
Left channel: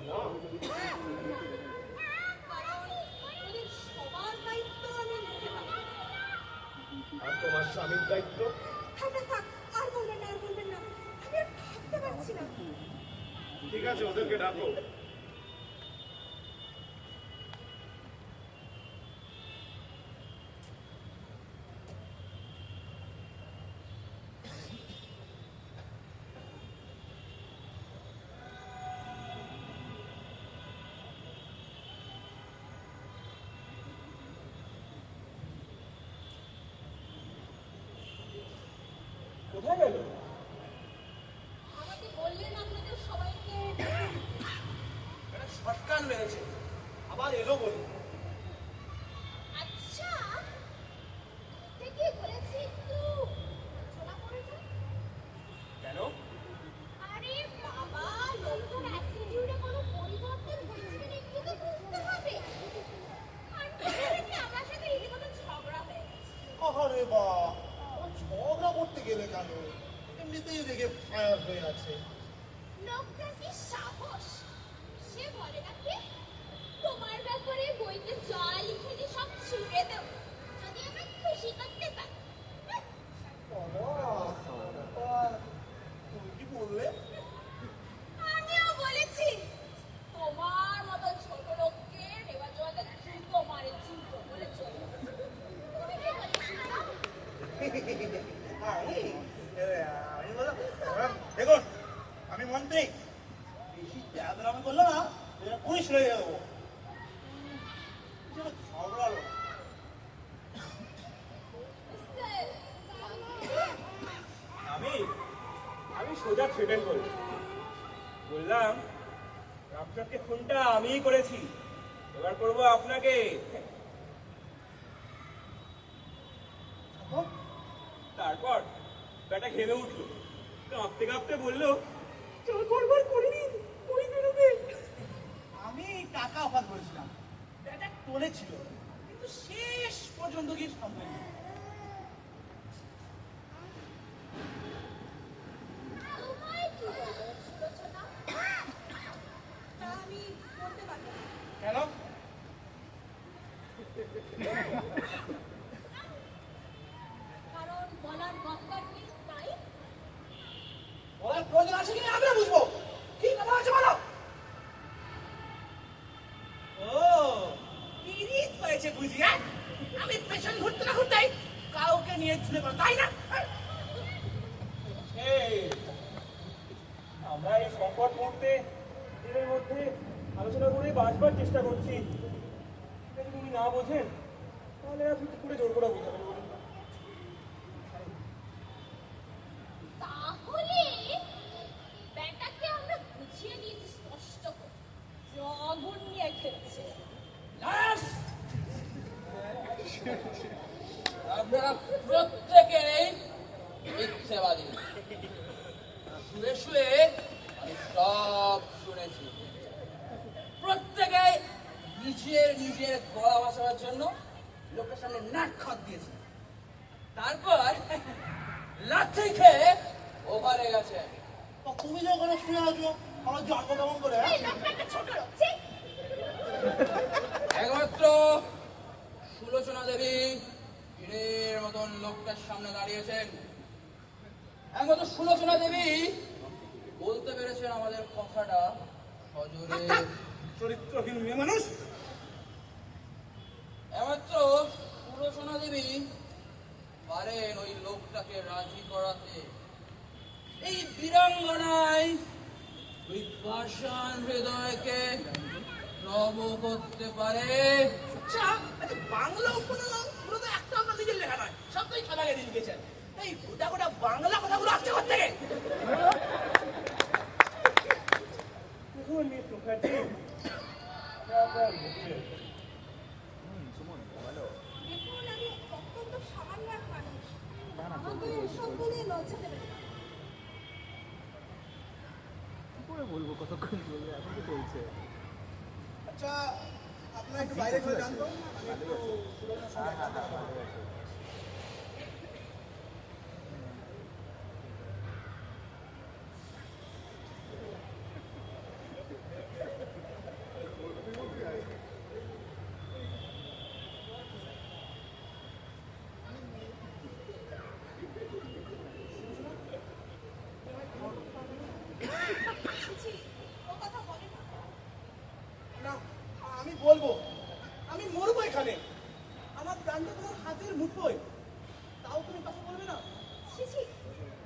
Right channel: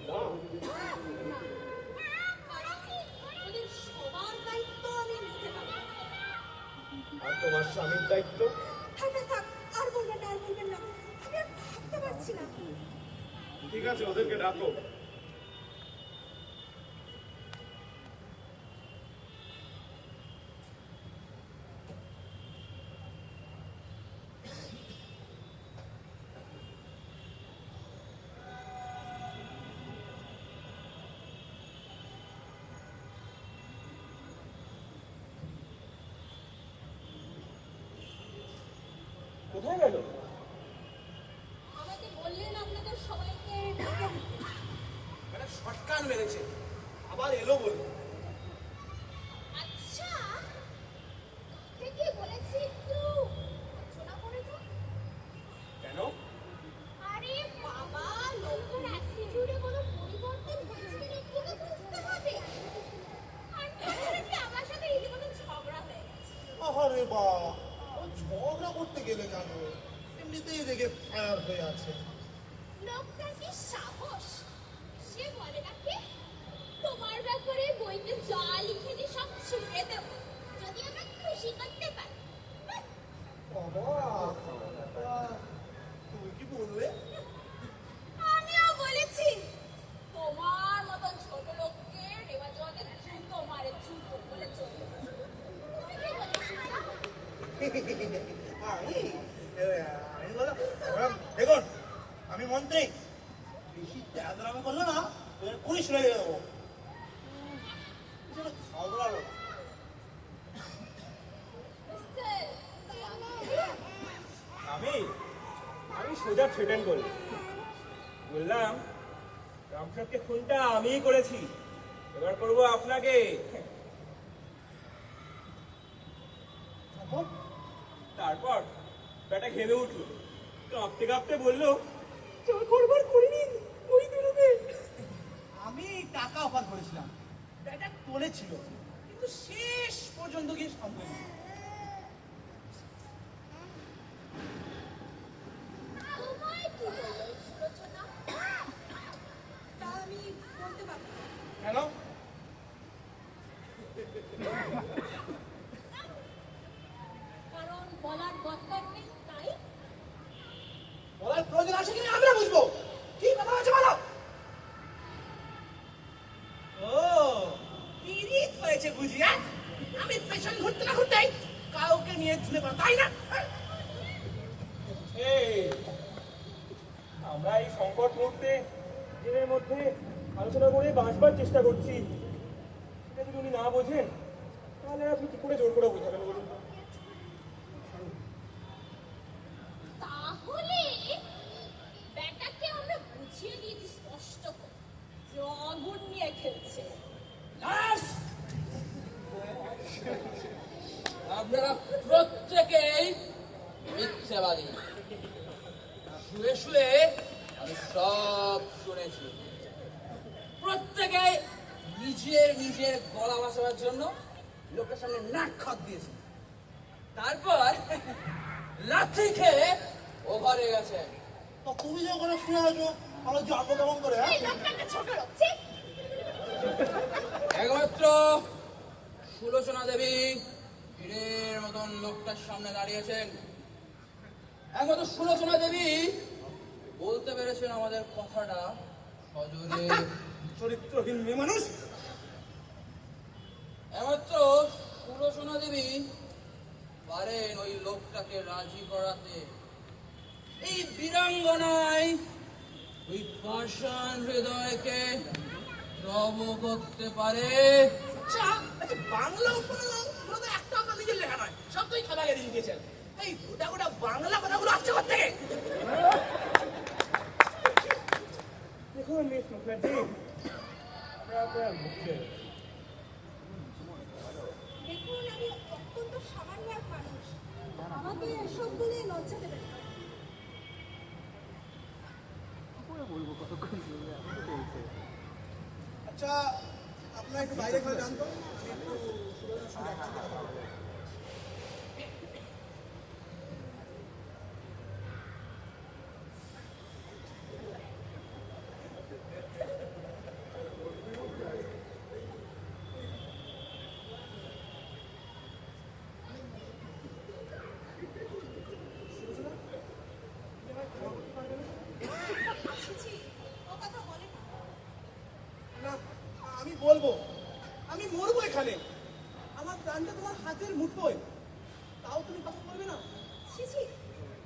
না। না, কারণ ওদের সবার দায়িত্ব আমি নিতে পারি না। আর তোমার স্বামীর দায়িত্ব? থাক থাক থাক, আর বলবেন না, আর বলবেন না, আমি আর ভাবতে পারছি না। ঠিক আছে, ওদেরকে ডাকো। কোথায় গেল? আমাকে বললেন আপনাদের সবাইকে ডেকে দিতে। শটকান মেরেছে, আবার এলো বলে। আচ্ছা, থেকে বলেছি একটু আলোচনা করে যান। কেন? আরে বাবা, লোকটার অ্যাটিটিউডে কোনো পরিবর্তন হয়েছে কিনা একটু তো বুঝতে হবে। আর তাছাড়া আমার সাথে রীতিমতো ঝগড়া হয়ে গেছে। আরে বা, ও ঝগড়া করতে গেলে কেন? এমনিতেই রেগে ফায়ার হয়ে আছে। লোকটার কি সাহস! সে বলে নাকি তোমার ব্যাপারে বইতে যা লিখেছি সব ছুঁড়ে দেব যদি আমায় খুশি করতে পারি। বাবা, তুমি কি বললে? আমিও বলেছি তোমার মতো ছোট লোককে রেওয়াজ জোয়াতে জুতো মারে, জুতো বলে চলবে। তুমি কি বলেছিলে? আমি বললাম, দেখুন আমি মন্ত্রী, বেশি আমি করলো না পুলিশ হয়ে যাবো। খাওয়ালো মিস্টার আমি আমি সোজা থ্রেটেন করি, বললাম রামপ্রসাদকে খুনটা আমিই করেছি, এবার করবো আপনাকে। তারপর ব্যাটা ঘেমে উঠলো, কাঁপতে কাঁপতে বললো যা করবার করে নিন, ওই বেরোবে। আমি টাকা অফার করেছিলাম, ব্যাটা টলে ছিল, কিন্তু শেষ পর্যন্ত গিয়ে সামনে তোমায় কি বললো সুলোচনা? তা আমি বলতে পারবো না। কেন? কারণ বলার দরকার নেই, তাই। বলার প্রয়োজন আছে কিনা আমরা বুঝবো। কি কথা আছে বলো। ও পিরিত হয়েছে বুঝি? আমি পেছন ঘুরতে না ঘুরতেই কাউকে নিয়ে চলে পড়, তাই না? এই, আমরা এই সংকট মুহূর্তে নিজেদের মধ্যে আলোচনা করে বাঁচবার চেষ্টা করছি, এটা যদি উনি না বোঝেন তাহলে আপনি কি করে জোর করে বোঝাবেন বলুন? তাহলে ব্যাটাকে আমরা বুঝিয়ে দিয়েছি স্পষ্ট করে যে ও আগুন নিয়ে খেলছে। আপনারা প্রত্যেকেই মিথ্যেবাদী। শুয়ে শুয়ে আমি সব শুনেছি। প্রত্যেকে নিজের নিজের গলা বাঁচাবার জন্য লোকের সামনে নাক খাত দিয়েছে, তারপর লাথি খেয়ে ওভারে গেছে। তো তুমি যে ওখানে শুয়ে আছো আমার জানবো কেমন করে? এই লোকটাকে ছোট লোক, ছি! একমাত্র সুলোচনা দেবী পীরের মতন লোকটার সামনে দাঁড়িয়েছেন। একমাত্র সুলোচনা দেবী বলতে পেরেছেন আমাদের কথাটা সজোরে। চরিত্রহীন মেয়ে মানুষ। একমাত্র সুলোচনা দেবী পারেন ওই লোকটাকে রাজি করাতে। এই বীরাঙ্গনায় ওই পাষাণ হৃদয়কে রব করতে পারে। আচ্ছা আচ্ছা, বাংলা উপন্যাস গুলো তো একটা আপনার নিজের লেখা নয়, সব তো খাতায় দিয়ে লিখেছেন। এই গোটা গোটা বাংলা কথাগুলো আসছে কোথেকে? দেখুন মিস মুখার্জি, আমরা আপনার মুখে দেখুন, আমি অত্যন্ত সামান্য এক মানুষ, আমাকে এসব বলে লজ্জা দেবেন না। আচ্ছা আপনারা একটু বাইরে ঘরে যান তো, আমি একটু সুলোচনার সঙ্গে একান্ত কথা বলবো। ছি, ও কথা বলে না। না আমি বলবো, আমি মরবো এখানে, আমার প্রাণটা তোমার হাতের মুঠোয়, তাও তুমি কথা বলবে না? ছি ছি,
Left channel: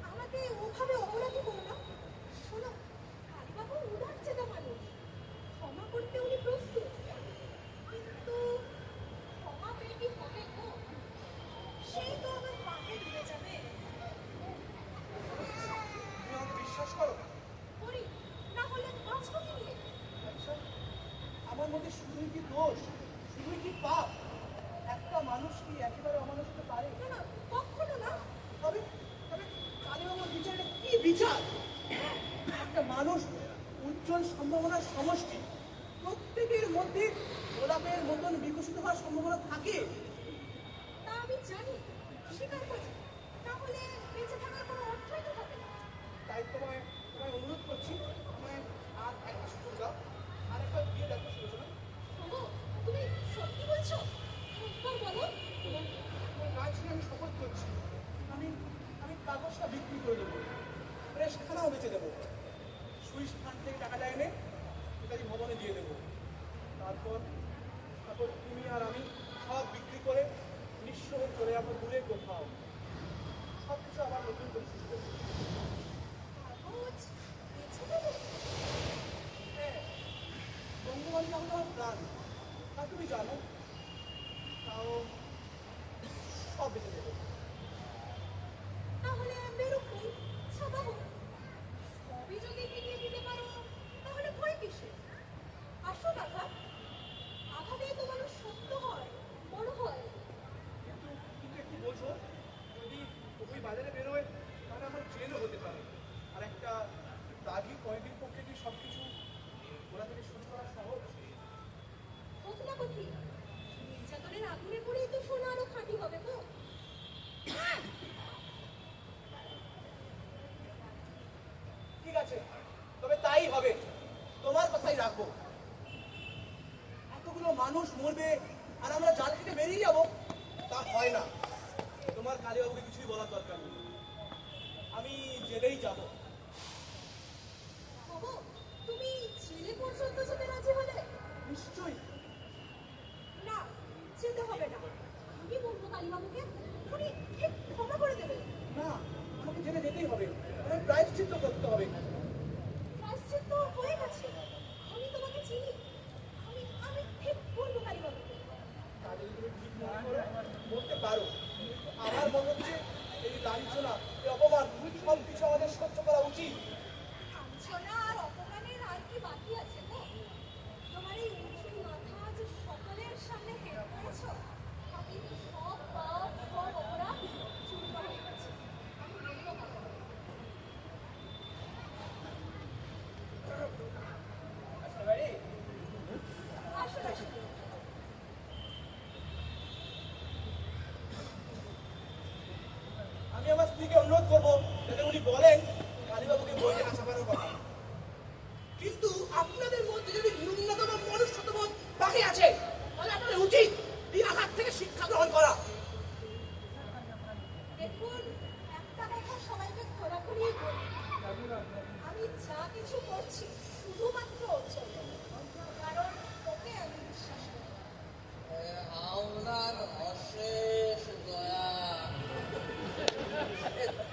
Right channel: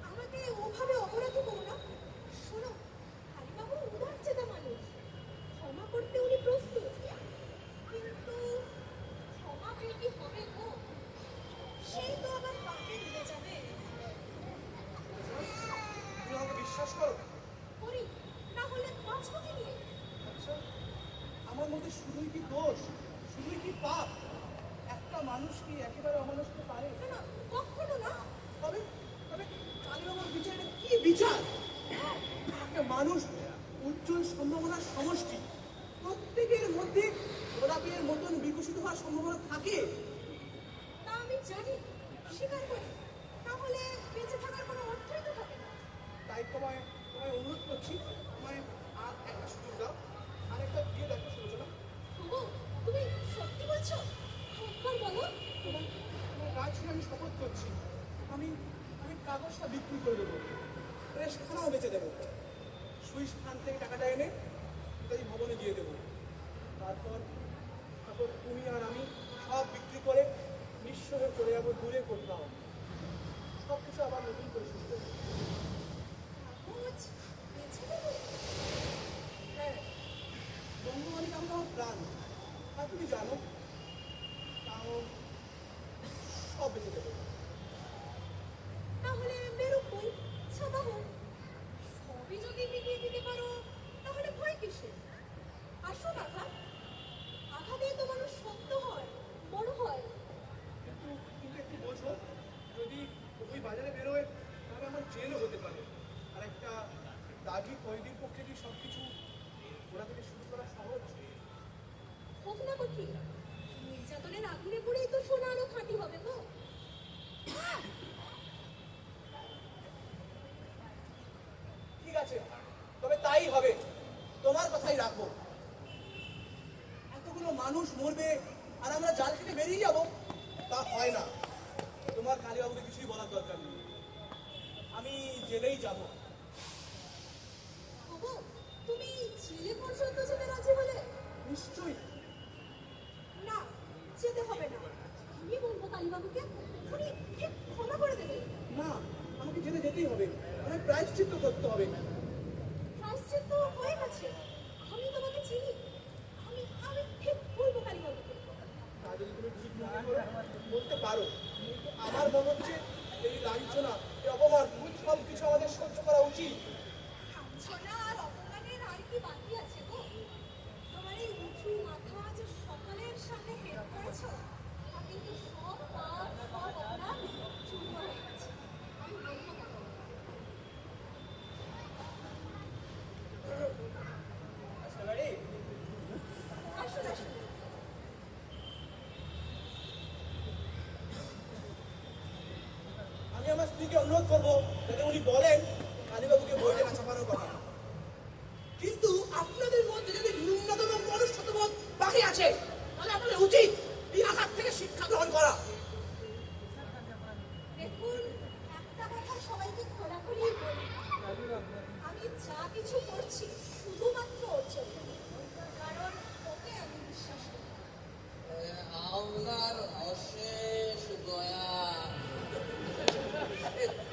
আমাকে ওভাবে অপরাধী করো না। শোনো, কালীবাবু উদার চেতা মানুষ, ক্ষমা করতে উনি প্রস্তুত, কিন্তু ক্ষমা পেয়ে কি হবে গো? সেই তো আবার পাপে ডুবে যাবে। তুমি আমাকে বিশ্বাস করো? করি, না হলে বাঁচবো কি নিয়ে? আচ্ছা আমার মধ্যে শুধুই কি দোষ, শুধুই কি পাপ? একটা মানুষ কি একেবারে অমানুষ হতে পারে? না না, কখনো না। তবে তবে কালীবাবুর বিচারে কি বিচার? একটা মানুষ উজ্জ্বল সম্ভাবনার সমষ্টি, প্রত্যেকের মধ্যে গোলাপের মতন বিকশিত হওয়ার সম্ভাবনা থাকে। তা আমি জানি, স্বীকার করি, তাহলে বেঁচে থাকার কোনো অর্থই তো থাকে না। তাই তোমায় তোমায় অনুরোধ করছি, আমায় আর একটা সুযোগ দাও, আর একবার দিয়ে দেখো সুলোচনা। তবু তুমি সত্যি বলছো? একবার বলো। তোমার তোমার কাছে আমি শপথ করছি, আমি আমি কাগজটা বিক্রি করে দেবো, প্রেসখানাও বেচে দেবো, সুইস ফান্ড থেকে টাকাটা এনে নেতাজি ভবনে দিয়ে দেবো। তারপর তারপর তুমি আর আমি সব বিক্রি করে নিঃস্ব হয়ে চলে যাবো দূরে কোথাও, সব কিছু আবার নতুন করে শুরু করবো। কাগজ বেছে দেবে? হ্যাঁ, বঙ্গবাণী নামটা আমার প্রাণ, আর তুমি জানো, তাও সব বেঁচে দেবো। তাহলে বেরোবই, ছাপা হোক। সবই যদি মিটিয়ে দিতে পারো, তাহলে ভয় কিসে? আসুন আঘাত, আঘাতেই তো মানুষ শক্ত হয়, বড় হয়। কিন্তু কিন্তু একটু বোঝো, যদি ওই বাজারে বেরোয় তাহলে আমার জেলও হতে পারে, আর একটা দাগি কয়েদির পক্ষে কি সব কিছু গোড়া থেকে শুরু করা সহজ? হোক না কঠিন, নির্যাতনের আগুনে পড়েই তো সোনা আরো খাঁটি হবে গো। ঠিক আছে, তবে তাই হবে, তোমার কথাই রাখবো। এতগুলো মানুষ মরবে আর আমরা জাল কেটে বেরিয়ে যাবো, তা হয় না। তোমার কালীবাবুকে কিছুই বলার দরকার নেই, আমি জেলেই যাব। বাবু, তুমি জেলে পর্যন্ত যেতে রাজি হলে? নিশ্চয়ই। না, যেতে হবে না। আমি বলবো কালীবাবুকে, উনি ঠিক ক্ষমা করে দেবেন। না, আমাকে জেলে যেতেই হবে, আমাকে প্রায়শ্চিত্ত করতে হবে। প্রায়শ্চিত্ত হয়ে গেছে, আমি তোমাকে চিনি। আমি আমি ঠিক বলবো কালীবাবুকে। তা যদি তুমি ঠিক মনে করো বলতে পারো, কিন্তু আমার মনে হচ্ছে এই লাঞ্ছনা, এই অপমান সব কিছু আমাদের সহ্য করা উচিত। লাঞ্ছনা আর অপমানের আর কি বাকি আছে গো? তোমার এই উঁচু মাথা যে সকলের সামনে হেট করেছো, তাতে তো সব পাপ, সব অপরাধ চূর্ণ হয়ে গেছে। আমি মানব না। আচ্ছা বাড়ি আসুন আসুন। মন্ত্রীকে অনুরোধ করবো যাতে উনি বলেন কালীবাবুকে বলতে আশাপাড়ার কথা। কিন্তু আপনাদের মধ্যে যদি ন্যূনতম মনুষ্যত্ববোধ বাকি আছে তাহলে আপনাদের উচিত এই আঘাত থেকে শিক্ষা গ্রহণ করা। দেখুন, একটা কথা সবাইকে খোলাখুলি বলি, আমি যা কিছু করছি শুধুমাত্র ওর জন্য, কারণ ওকে আমি বিশ্বাস করি। আপনার অশেষ দয়া।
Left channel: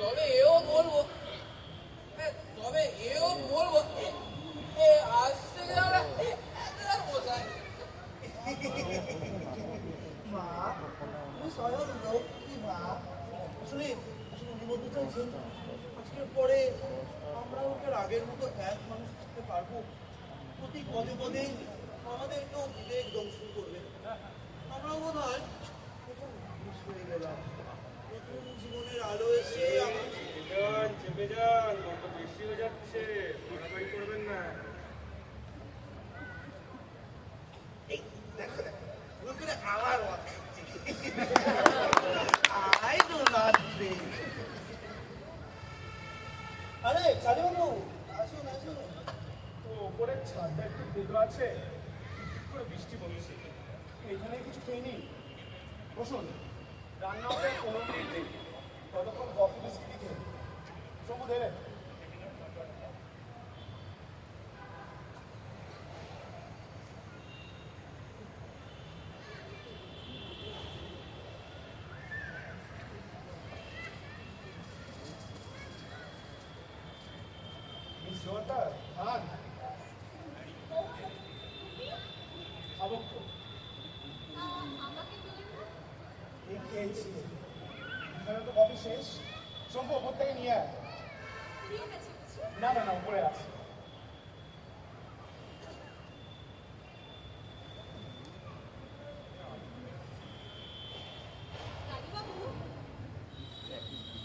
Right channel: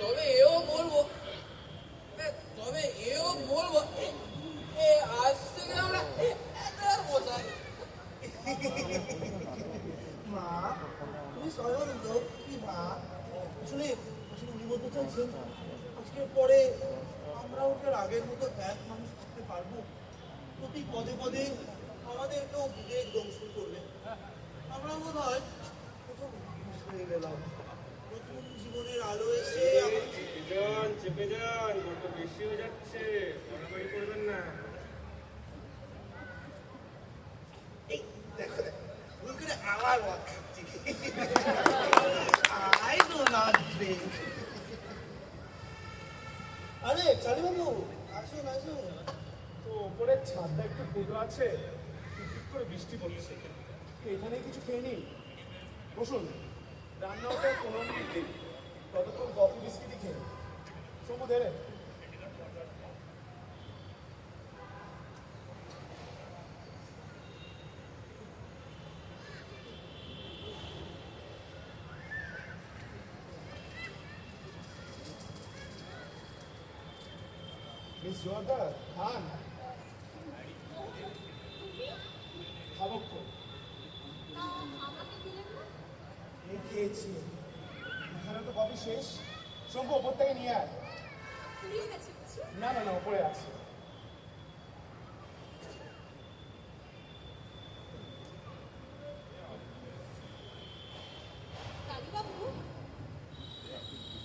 তবে এও বলবো আজ থেকে আমরা একলা বসাই। মা তুমি স্বয়ং লক্ষ্মী মা। আসলে আসলে উনি বলতে চাইছেন আজকের পরে আমরা ওকে আগের মতো এক মানুষ থাকতে পারবো। প্রতি পদে পদে আমাদেরকেও বিবেক দংশন করবে। আমরাও মনে হয় প্রথম মানুষ হয়ে গেলাম। নতুন জীবনের আলো এসে আমাদের চেপে যান, বড্ড বেশি হয়ে যাচ্ছে, বাড়াবাড়ি করবেন না। এই দেখো দেখো ভুল করে আমার মত খাচ্ছি। I do not drink. আরে কালীবাবু আসুন আসুন। তো উপরের ছাদটা একটু ক্ষুদ্র আছে, ঠিক করে বৃষ্টি পড়ছে, এখানে কিছু খেয়ে নিন, বসুন। রান্না হতে 15 মিনিট দেরি, ততক্ষণ কফি বিস্কিটই খেয়ে শম্ভু ধরে। মিস জোয়ারদার খান, খাবো কই? আমাকে দিলেন না? এই খেয়েছি, এখানে তো কফি শেষ। শম্ভু ওপর থেকে নিয়ে আয়। ফুরিয়ে গেছে বুঝি? না না না, উপরে আছে। কালীবাবু,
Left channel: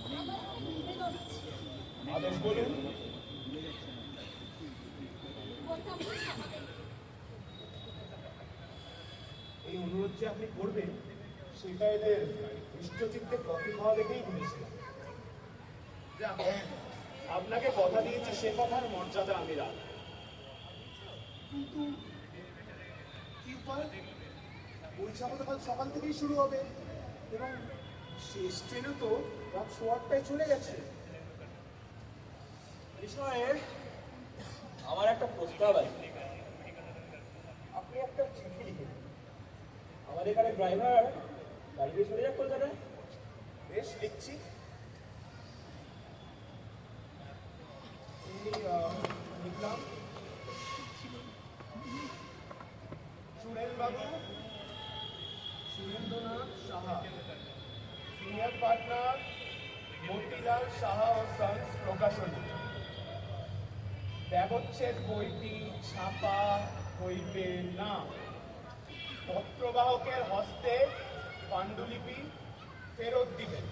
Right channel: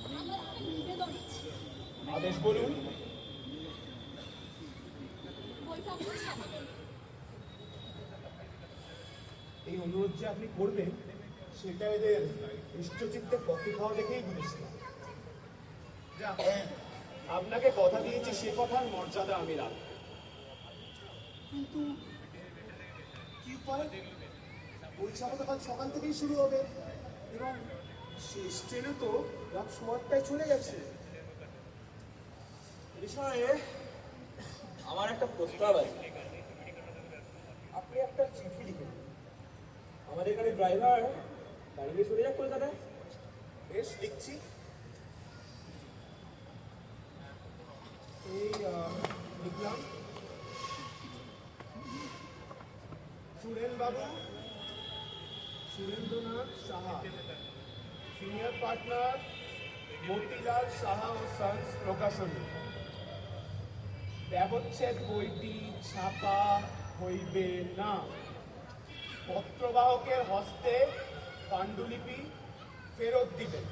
আমার একটা নিবেদন আছে। আদেশ বলুন। বইটা আপনি ছাপাবেন। এই অনুরোধ যে আপনি করবেন সেটা এদের ইষ্টচিত্তে কফি খাওয়া দেখেই বুঝেছি। যাক, আপনাকে কথা দিয়েছি, সে কথার মর্যাদা আমি রাখব। কিন্তু কি উপায়? পরীক্ষা তো কাল সকাল থেকেই শুরু হবে এবং শেষ ট্রেনে তো রাত 8টায় চলে গেছে। বিষয়ে আমার একটা প্রস্তাব আছে। আপনি একটা চিঠি লিখে দিন। আমাদের এখানে ড্রাইভার গাড়ি দিয়ে চলে যাক কলকাতা। বেশ, দেখছি। এই লিখলাম, সুরেন বাবু, সুরেন্দ্রনাথ সাহা, সিনিয়র পার্টনার, মতিলাল সাহা ও সন্স প্রকাশনী। ব্যবচ্ছেদ বইটি ছাপা হইবে না। পত্রবাহকের হস্তে পাণ্ডুলিপি ফেরত দিবেন।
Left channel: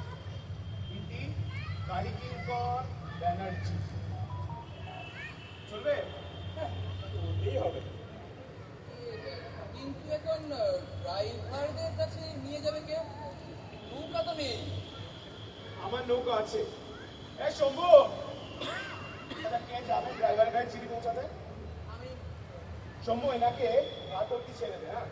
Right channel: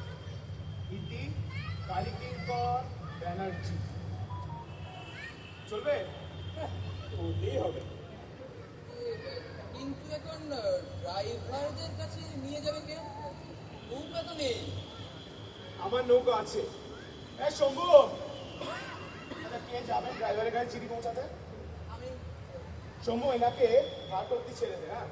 ইতি কারিকর ব্যানার্জি। চলবে? ওটাই হবে। কিন্তু এখন ড্রাইভারদের কাছে নিয়ে যাবে কে? নৌকা তো নেই। আমার নৌকা আছে। শম্ভু, কে যাবে ড্রাইভারের গাড়ি চিঠি পৌঁছাতে? আমি শম্ভু, এনাকে ঘাট অব্দি ছেড়ে দে। হ্যাঁ,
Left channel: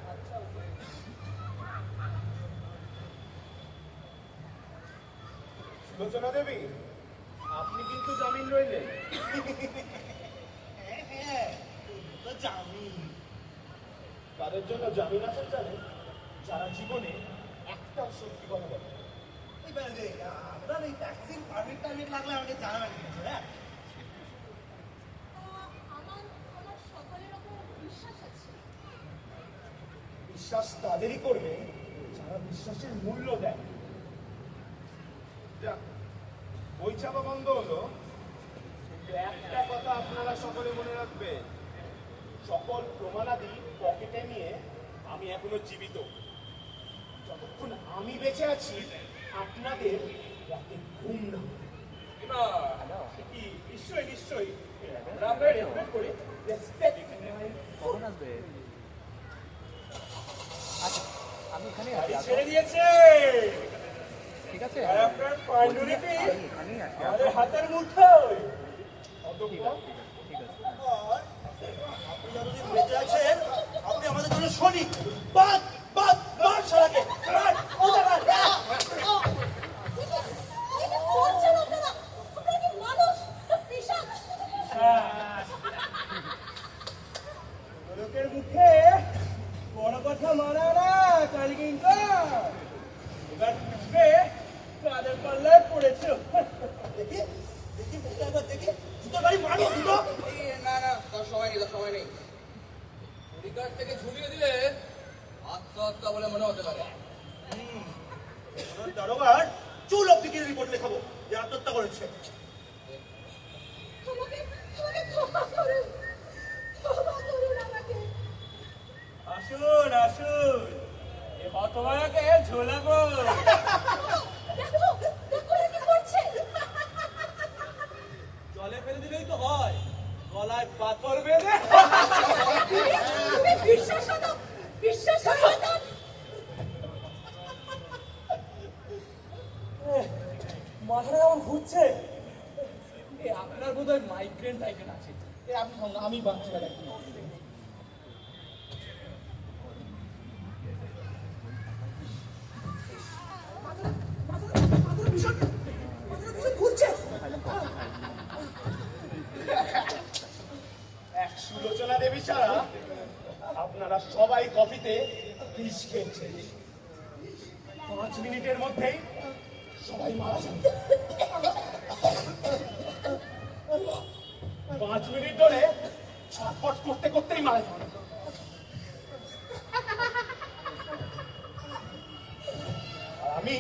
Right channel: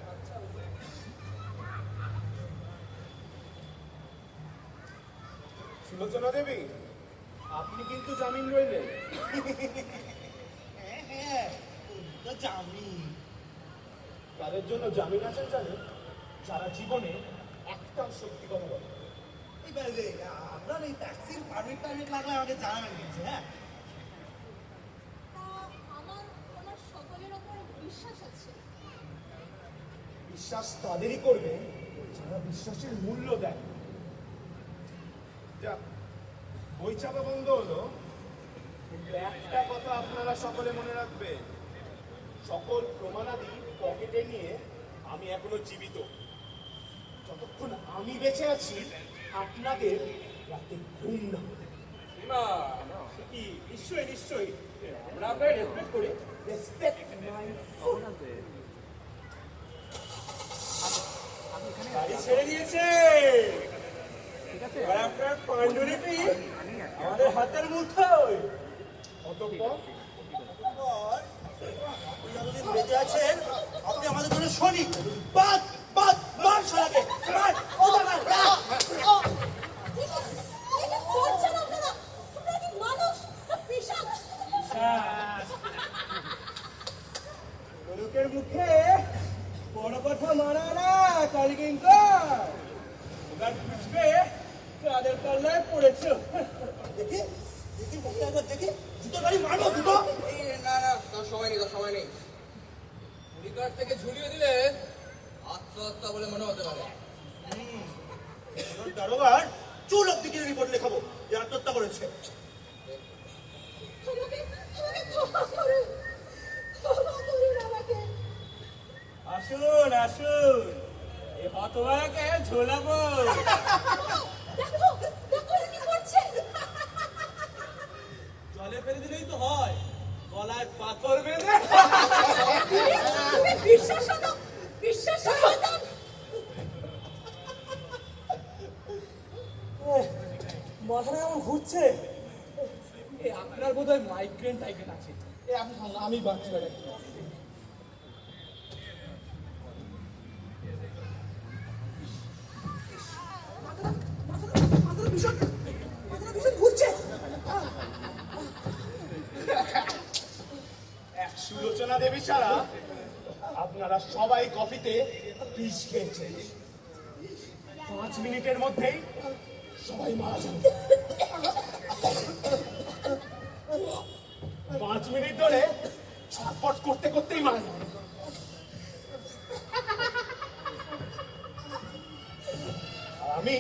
সুলোচনা দেবী, আপনি কিন্তু জামিন রইলেন। হ্যাঁ তো জামিন। তাদের জন্য জামিন আছেন জানেন, যারা জীবনে একটাও সত্যি কথা বলে। এইবার আপনার এই ট্যাক্সির পারমিট টারমিট লাগলে আমাকে জানাবেন কিন্তু। হ্যাঁ আমার আমার সকলের ওপর বিশ্বাস আছে। বিশ্বাস তাদেরই করবে যারা বিশ্বাসের মূল্য দেয়। যাক, বই চাপা বন্ধ হলো, কিন্তু একটা কথা আপনারা সকলে মনে রাখবে, সকল প্রমাণাদি পকেটে নিয়ে আমি এখনো জীবিত। যতক্ষণ আমি বেঁচে আছি আপনাদের রাতে ঘুম না হবে। না না, কি নিশ্চয়ই নিশ্চয়ই আমরা আপনাকে রেসপেক্ট করি। রেসপেক্ট মাই গাড়ি ছেড়ে দিয়েছে। আর আপনার পাণ্ডুলিপি আমাদের হাতের মুঠোয়। অতঃপর আপনি যতদিন বেঁচে আছেন আপনি আমাদের জন্য সৈনিক। বাদ বাদ বাদ শালাকে বাদ কোথাকার এটা করছেন আপনারা? আপনারা কি মানুষ না পিশাচ? লোকের মুখে বড় কথা মানা না কালকিঙ্কর। এবার বুঝবে কাদের পাল্লায় পড়েছ। দেখি দেখি দেখি একবার দেখি জুতোর বাড়ি মারো দুটো। না না তার সময় নেই, তার সময় নেই। পরিকার থেকে ঝুলিয়ে দিলে আত্মহত্যা বলে মনে হতে পারে। দারোগার চুল অব্দি কিনে রিপোর্ট লেখাবো যে আত্মহত্যা করেছে। আমাকে ক্ষমা করুন, ক্ষমা করুন আমাকে। আসুন আসুন, এই হতভাগাকে ঝোলাবো। দেখো দেখো এ কি করছে? জলে ফেলে দিলেই তো হয়, গলায় পাথর বেঁধে। তুমি বিশ্বাসঘাতক, বিশ্বাসঘাতক। মাথাটা এমন ঘুরছে। আপনার বোধহয় মাইগ্রেন টাইপের আছে। আপনি সঙ্গে আমি বাঁচি রাখি। এক সুলোচনা দেবী ছাড়া আপনারা সবাই কফিতে বিষ খেয়েছেন। 5 মিনিটের মধ্যেই সবাই মারা যাবে। 5 মিনিট ধরে ছটফট করতে করতেই মারা যাবে। আর আমি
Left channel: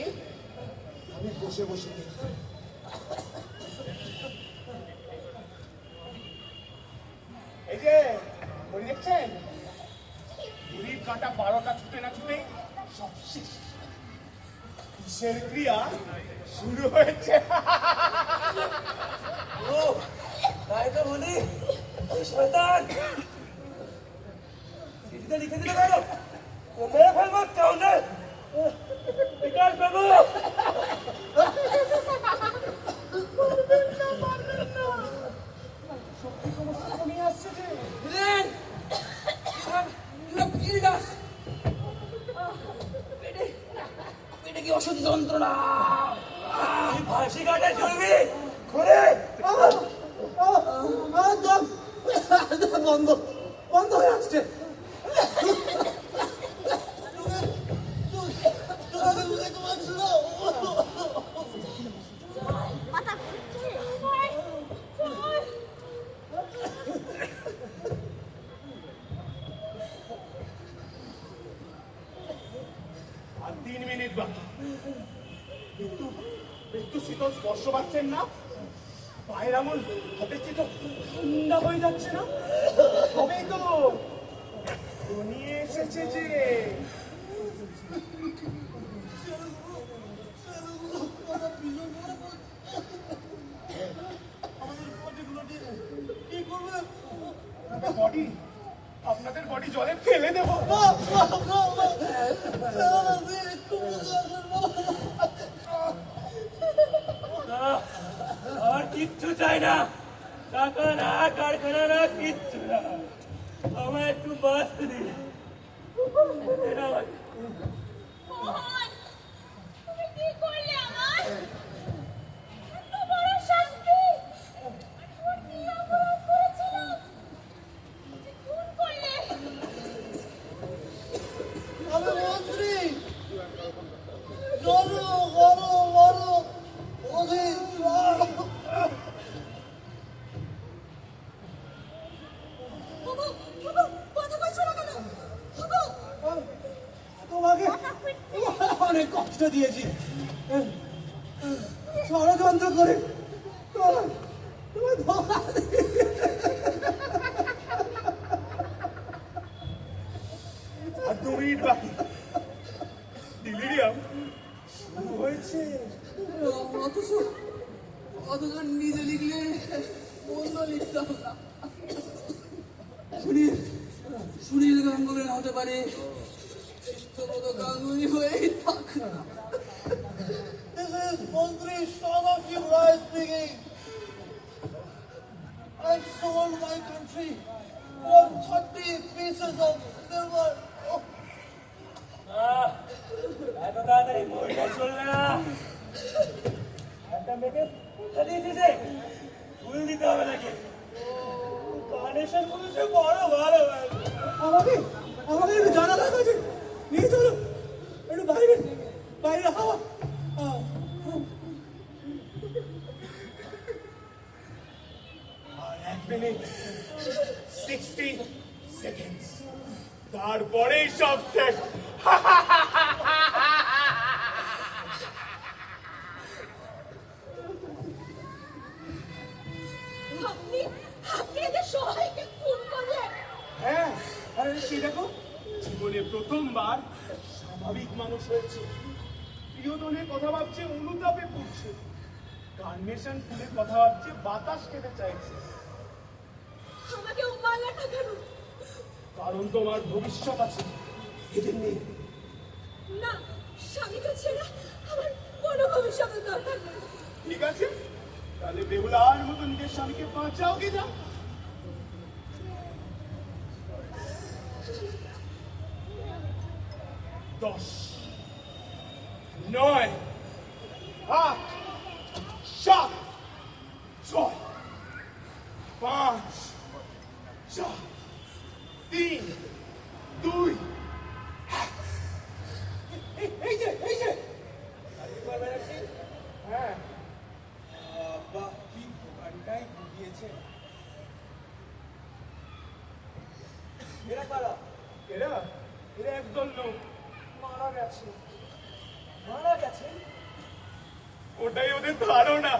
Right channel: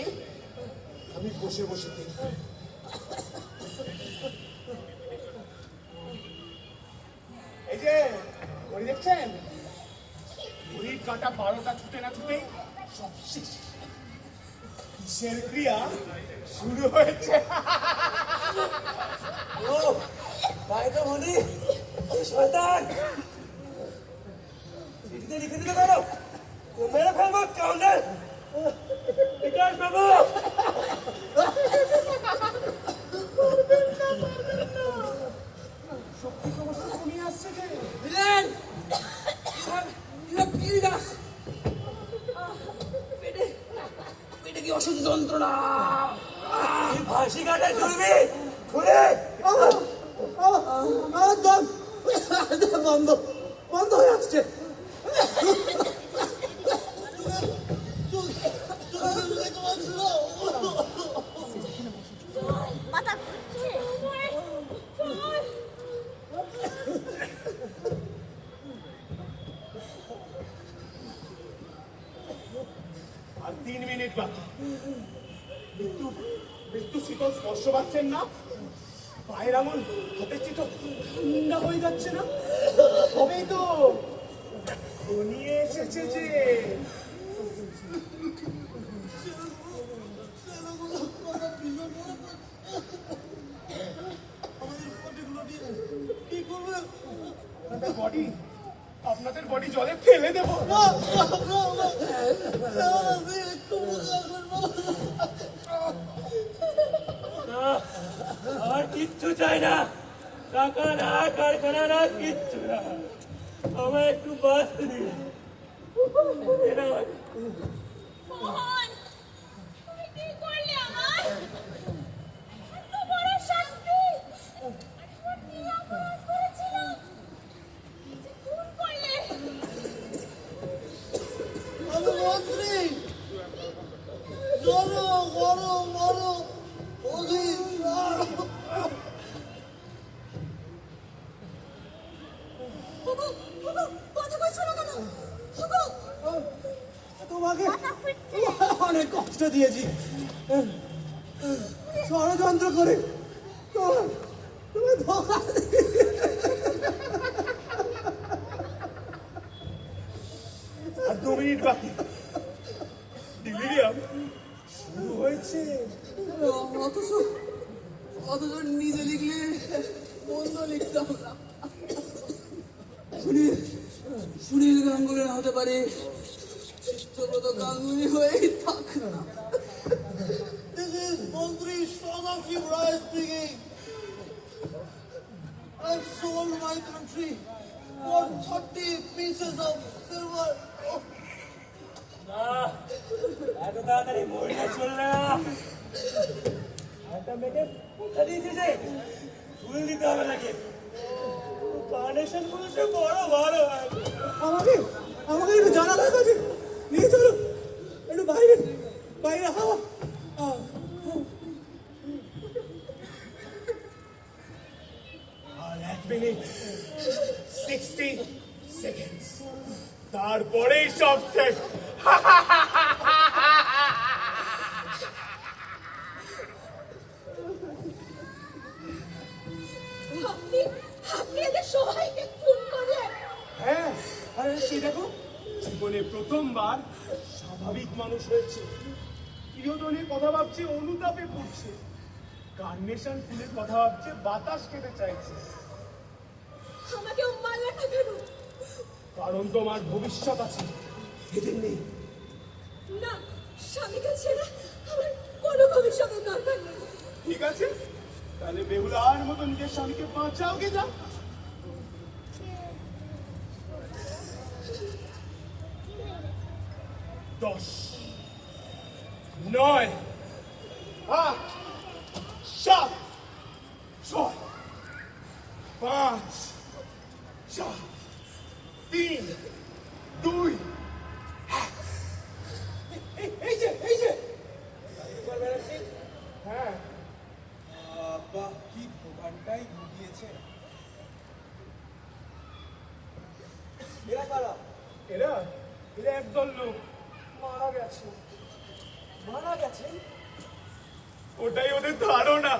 বসে বসে দেখি। এই যে ঘড়ি দেখছেন, ঘড়ির কাঁটা 12টা ছুটে না ছুটেই সব শেষ। কিসের ক্রিয়া শুরু হয়েছে। ও তাই তো বলি, শয়তান চিঠিতে লিখে দিল কেন? মেরে ফেলবো কাউন্টার। বিকাশ বাবু শক্তি ক্রমশ কমিয়ে আসছে যে। দিলেন পেটে কি অসহ্য যন্ত্রণা। ফাঁসি কাটে চলবি ঘুরে। বন্ধ বন্ধ হয়ে আসছে। মাথা সময় সময়। আর 3 মিনিট বাকি। একটু একটু শীতল স্পর্শ পাচ্ছেন না? পায়ের আঙুল হাতের চেয়ে তো ঠান্ডা হয়ে যাচ্ছে না? তবেই তো এখনই এসেছে যে। আপনাদের বডি জলে ফেলে দেবো। আর কিচ্ছু চাই না, টাকা না, কারখানা না, কিচ্ছু না। আমার একটু বাঁচতে দিন। মোহন, তুমি কি করলে আমার? এত বড় শাস্তি! তোমার কি অপরাধ করেছিলাম? যে খুন করলে? আমি মন্ত্রী বড় বড় বড় অধীর। বাবু, বাবু, কথা বলছো না কেন? বাবু, তোমাকে অনেক কষ্ট দিয়েছি, ষড়যন্ত্র করে তোমার ধোকা আর 2 মিনিট বাকি। ডিলিরিয়াম শুরু হয়েছে। অথচ নিজে লিখলে মন্দ লিখতাম না। সুনীল গাঙ্গুলি হতে পারে, চিত্রব্রত গাঙ্গুলি হয়েই থাক না। দেশে Mantri Sadashiv Rai speaking. I've sold my country for 30 pieces of silver. Oh. এত তাড়াতাড়ি বইটা চল না। একটা মেয়েকে কোথা দিয়েছিস রে? ফুল দিতে হবে নাকি? কার্নেশন ফুল সে বড় বড় হয়। আমাকে একটু জানা দরকার আছে, নিয়ে চলো একটু বাইরে বাইরে হাওয়া। আর 1 মিনিট 60 সেকেন্ডস, তারপরেই সব শেষ। আপনি আপনি এদের সবাইকে খুন করলেন। হ্যাঁ, আরে সেই দেখো, জীবনে প্রথমবার স্বাভাবিক মানুষ হয়েছে। প্রিয়জনের কথা ভাবছে, অনুতাপে পড়ছে। কার্নেশন ফুলের কথা ভাবছে, বাতাস খেতে চাইছে। আমাকে মারলে না কেন? কারণ তোমার ভবিষ্যৎ আছে, এদের নেই। না, স্বামীকে ছেড়ে আমার কোনো ভবিষ্যতের দরকার নেই। ঠিক আছে, তাহলে বেহুলার মতো নিজের স্বামীকে বাঁচাও গে যাও। 10 9 8 7 6 5 4 3 2 এই যে হ্যাঁ, বাহ, কি দোকানটাই দিয়েছে। এরা একদল লোক মারা গেছে। ওটাই ওদের ধারণা।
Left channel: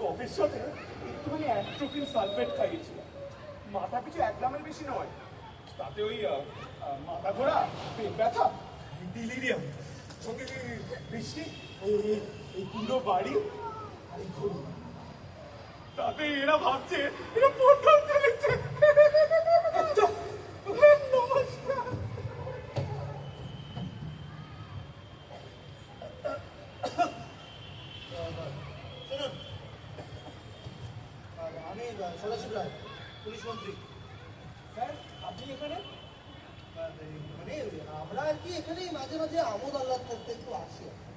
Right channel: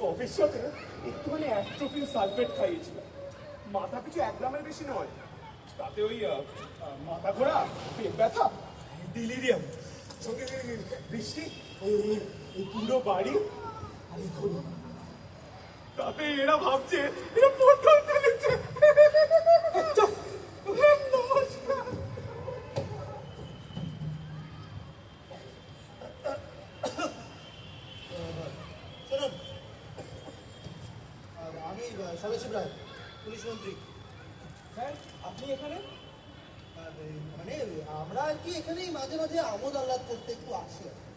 কফির সাথে একটুখানি অ্যাস্ট্রোফিন সালফেট খাইয়েছিল। মাথা পিছু 1 গ্রামের বেশি নয়। তাতে ওই মাথা ঘোরা, পেট ব্যথা, ডিলিরিয়াম, চোখে বৃষ্টি, এই পুরো বাড়ি আর এই ঘুম। তাতে এরা ভাবছে এরা প্রথম চলেছে। নমস্কার। শুনুন, আমি সদাশিব রায়, পুলিশ মন্ত্রী। স্যার, আপনি এখানে? মানে আমরা আর কি এখানেই মাঝে মাঝে আমোদ আহ্লাদ করতে একটু আসি আর কি।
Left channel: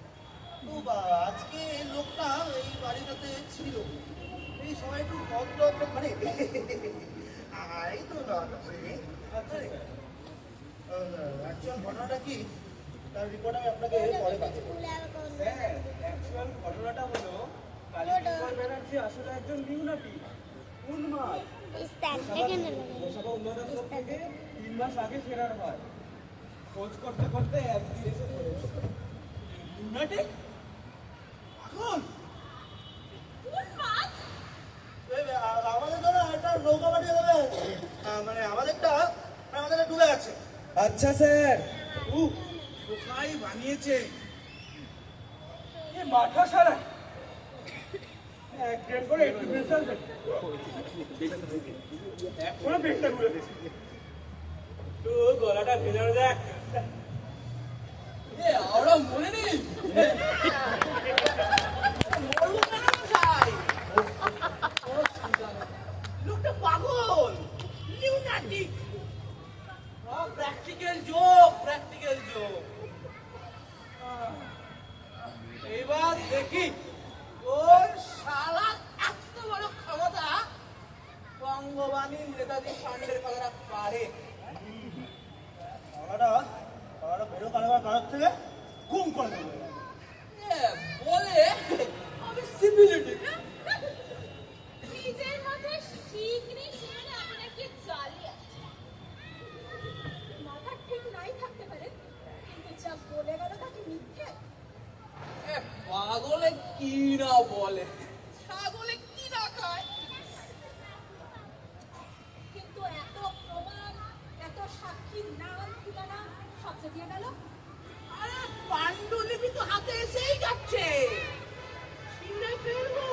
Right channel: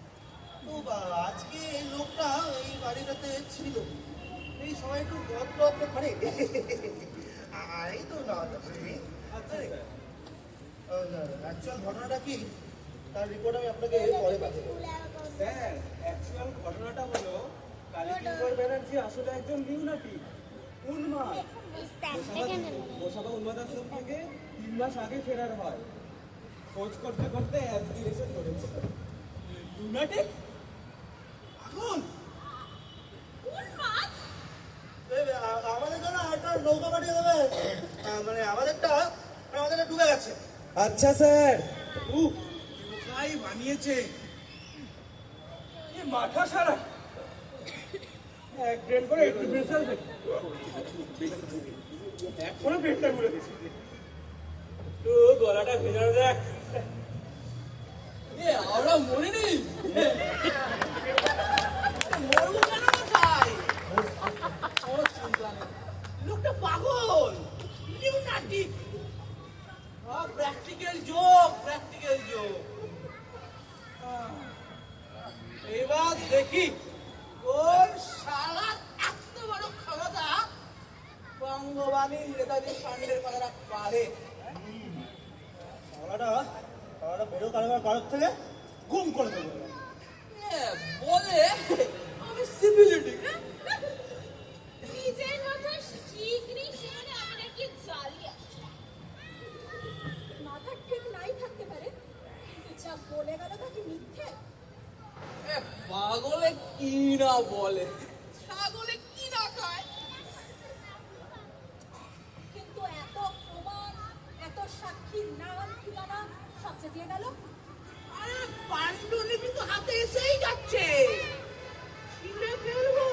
তো আজকে এই লোকটা এই বাড়িটাতে ছিল, এই সময় একটু ভদ্র মানে এই তো না অ্যাকচুয়াল ঘটনাটা কি তার রিপোর্ট আমি আপনাকে পরে পাঠিয়ে দেবো। স্যার, অ্যাকচুয়াল ঘটনাটা হলো কালীকিঙ্কর ব্যানার্জি আসলে একজন লিউনাটি, উন্মাদ। ওসাকা উন্মাদ আশ্রম থেকে 3 মাস আগে ফেরার হয়। খোঁজ করতে করতে একদিন এসে ধরেছে। লুনাটিক? এখন উন্মাদ? আমাদের জন্য একটা নৌকা পাঠিয়ে দেবে, মানে আমাদেরটা ডুবে গেছে। আচ্ছা স্যার। কোথায় বানিয়েছে? মাথা সারা এক ড্রেন করে একটু বেসাল এখনো পেটটা ঘুরে গেছে। তো গলাটা ভেজানো দেখ। আমরা মনে নেই মরবো কেন না ভাই? কোনো চিন্তা নেই, লোকটা পাগল, লিউনাটিক। Practical joke. এবার দেখি ওর শালা এত বড় ক্ষমতা বঙ্গবাণী নেতাজি ফান্ডের কথাটা পারে। আমরা বেরো কারোর থেকে গুম করে দেবো। বলে আমি সিভিলিটি নিজের মতো শিগগিরই শুনে আমি নাকি জালিয়া। মাথা ঠিক নাই থাকতে পারে, কিন্তু যা বলে গেল তা কি মিথ্যে? পাগলে কি না বলে, ছাগলে কি না খায়। কিন্তু এত প্রমাণ, এত সাক্ষীর নাম ঠিকানা সব যে দিয়ে গেল। আরে পাণ্ডুলিপি তো হাতে এসেই যাচ্ছে, ছিঁড়ে ফেলবো।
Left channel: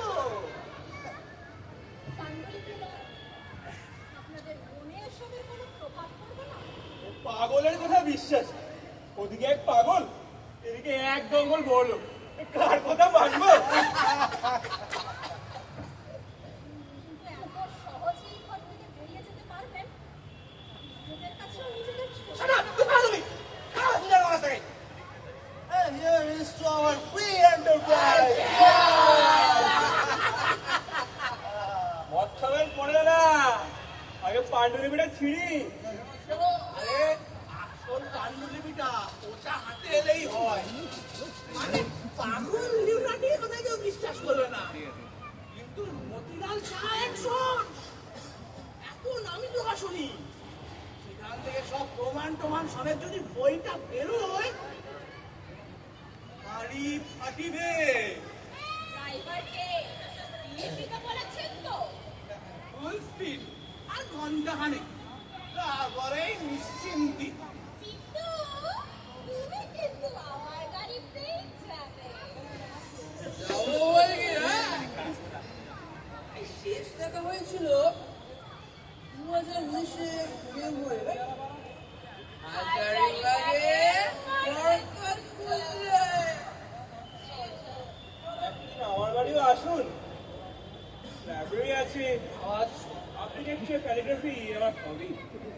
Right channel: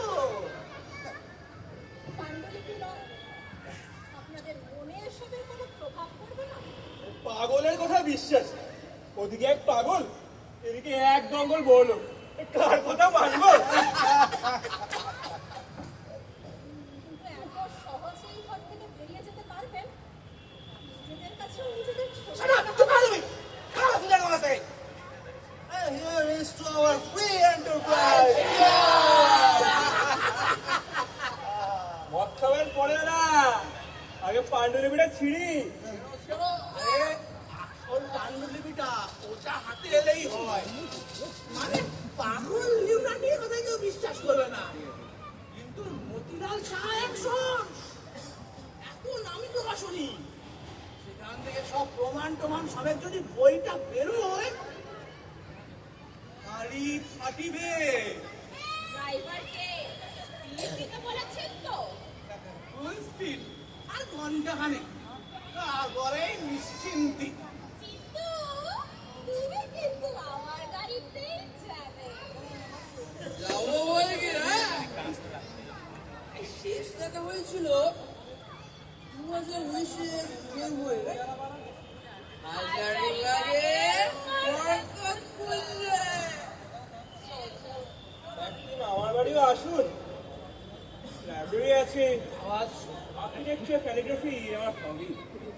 পাণ্ডুলিপি নয়, আপনাদের মনে এসবের কোনো প্রভাব পড়বে না? পাগলের কথা বিশ্বাস। ওদিকে এক পাগল, এদিকে এক দঙ্গল বলো, কার কথা মানবো? কিন্তু এত সহজেই ঘর থেকে বেরিয়ে যেতে পারবেন? নিজেদের কাছেও নিজেদের ছোট Shut up! ভাবা- Come on, say. And here is to our free enterprise. মদ খাবেন পরে না, আগে পাণ্ডুলিপিটা ছিঁড়ি। আরে আসল পাণ্ডুলিপিটা ওটা হাতে এলেই হয়। মানে পাগল নিউরাটির কথা কেউ বিশ্বাস করবে না, কিন্তু মতিলাল শাহ একজন এত নামি প্রকাশনী, সেখান থেকে সব প্রমাণ টমান সবের যদি বইটা বেরোয়, বাড়ি ফাটিবে। ড্রাইভারকে দিয়ে দিতে বলেছেন তো? ফুল স্পিড আর ঘন্টাখানেক, তারপরেই নিশ্চিন্তি। কিন্তু তুমি কিন্তু আমার গাড়িতেই যাবে। যাবো বলে কি, হ্যাঁ? এই শেষ দেখা হয়েছিল 2019-এ ফেব্রুয়ারি। হাজারীবাগে বরকতপুরে। আমার বাড়িও আসুন, লাইব্রেরি আছে, আওয়াজ আর্কিটেকচার, ক্যালিগ্রাফি আমার হবি।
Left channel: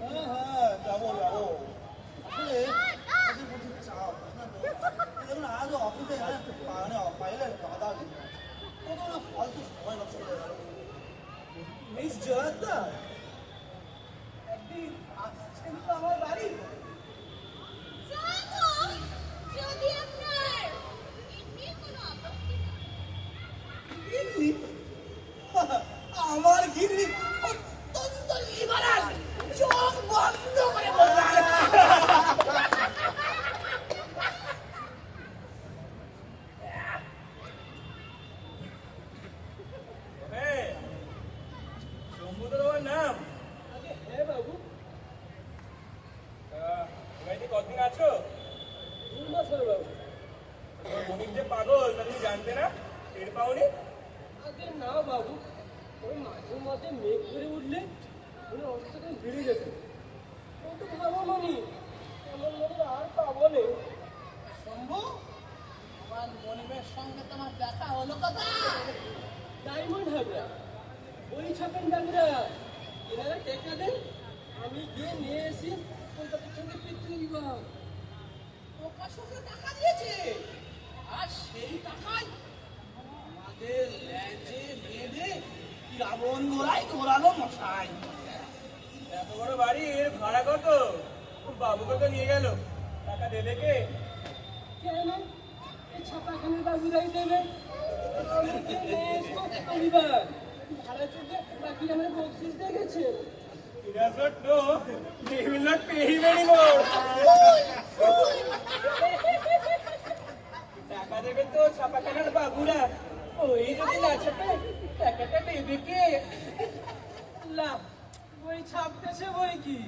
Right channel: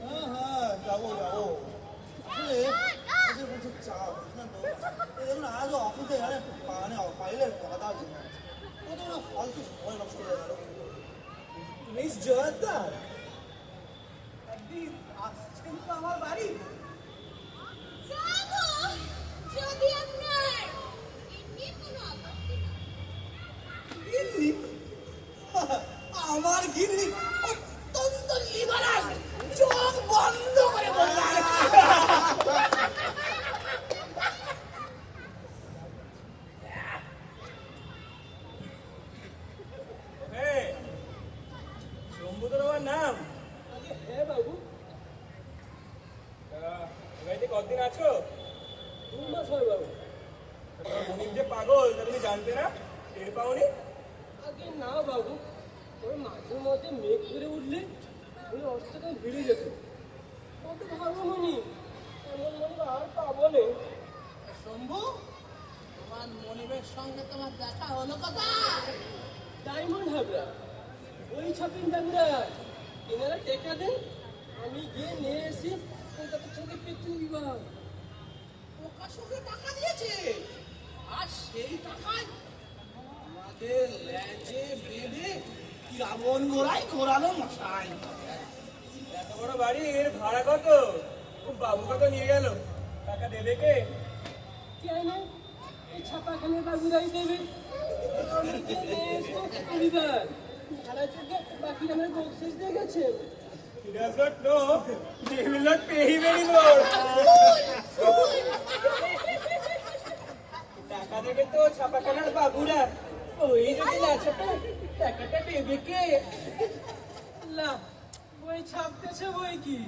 হ্যাঁ, যাবো যাবো। আসলে কাজের প্রচুর চাপ, বুঝলেন তো? এই দেখুন আজও অফিসে মানে ফাইলের গাদা দিন, কত না ফালতু সময় নষ্ট করে গেল। মিস জয়াদা, একদিন আসছেন তো আমার বাড়ি? জানো, যদি আপনার এমনি কোনো আপত্তি না গিন্নি? আমার গিন্নি অত্যন্ত লিবারাল, চোখ বন্ধ করে বলতে হ্যাঁ, শম্ভুদার আমার নাম? হ্যাঁ বাবু। বাড়িতে কতদিন আছো? 2 মাস হয় বাবু। তোমার বোনির যে পাগল, তা তুমি জানতে না? টের পাওনি? আগে না বাবু, ওই মাঝে মধ্যে মেঘ করে উঠলে মনে অবস্থাটা বেড়ে যেত। কত ভালো মনি, এমন মনে আর পাবো না। শম্ভু, আমার মনিবের সঙ্গে তোমার দেখা হলো কথা? ডায়মন্ড হাবড়া, ওই ছাপেন ডাবরা, এনারা টেকা দেন, আমি গিয়ে নিয়ে এসি কলকাতার সঙ্গে কীর্তন বিভাগ। প্রকাশকে টাকা দিয়েছে, আর সেই টাকায় আমাদের ল্যাজে বেঁধে রাবণ গোড়ায় ঘোরালো মশাই। এত বড় বাড়ির ভাড়া কত? বাবু কত নিয়ে গেল, টাকা দেবে কে? কেন এই ছাপাখানে বাবুরাই দেবে, আমি গিয়ে নিয়ে এসবো পরিবার। ভাড়া থেকে বাকি আমার বকশিস দিয়ে গেছে। He does not know, they will not pay him anymore. টাকা দেবে তো ছাপাখানার বাবুরা, ওই যদি না ছাপে টাকাটা দেবে কে? লা, বই ছাপতেছে বই কি?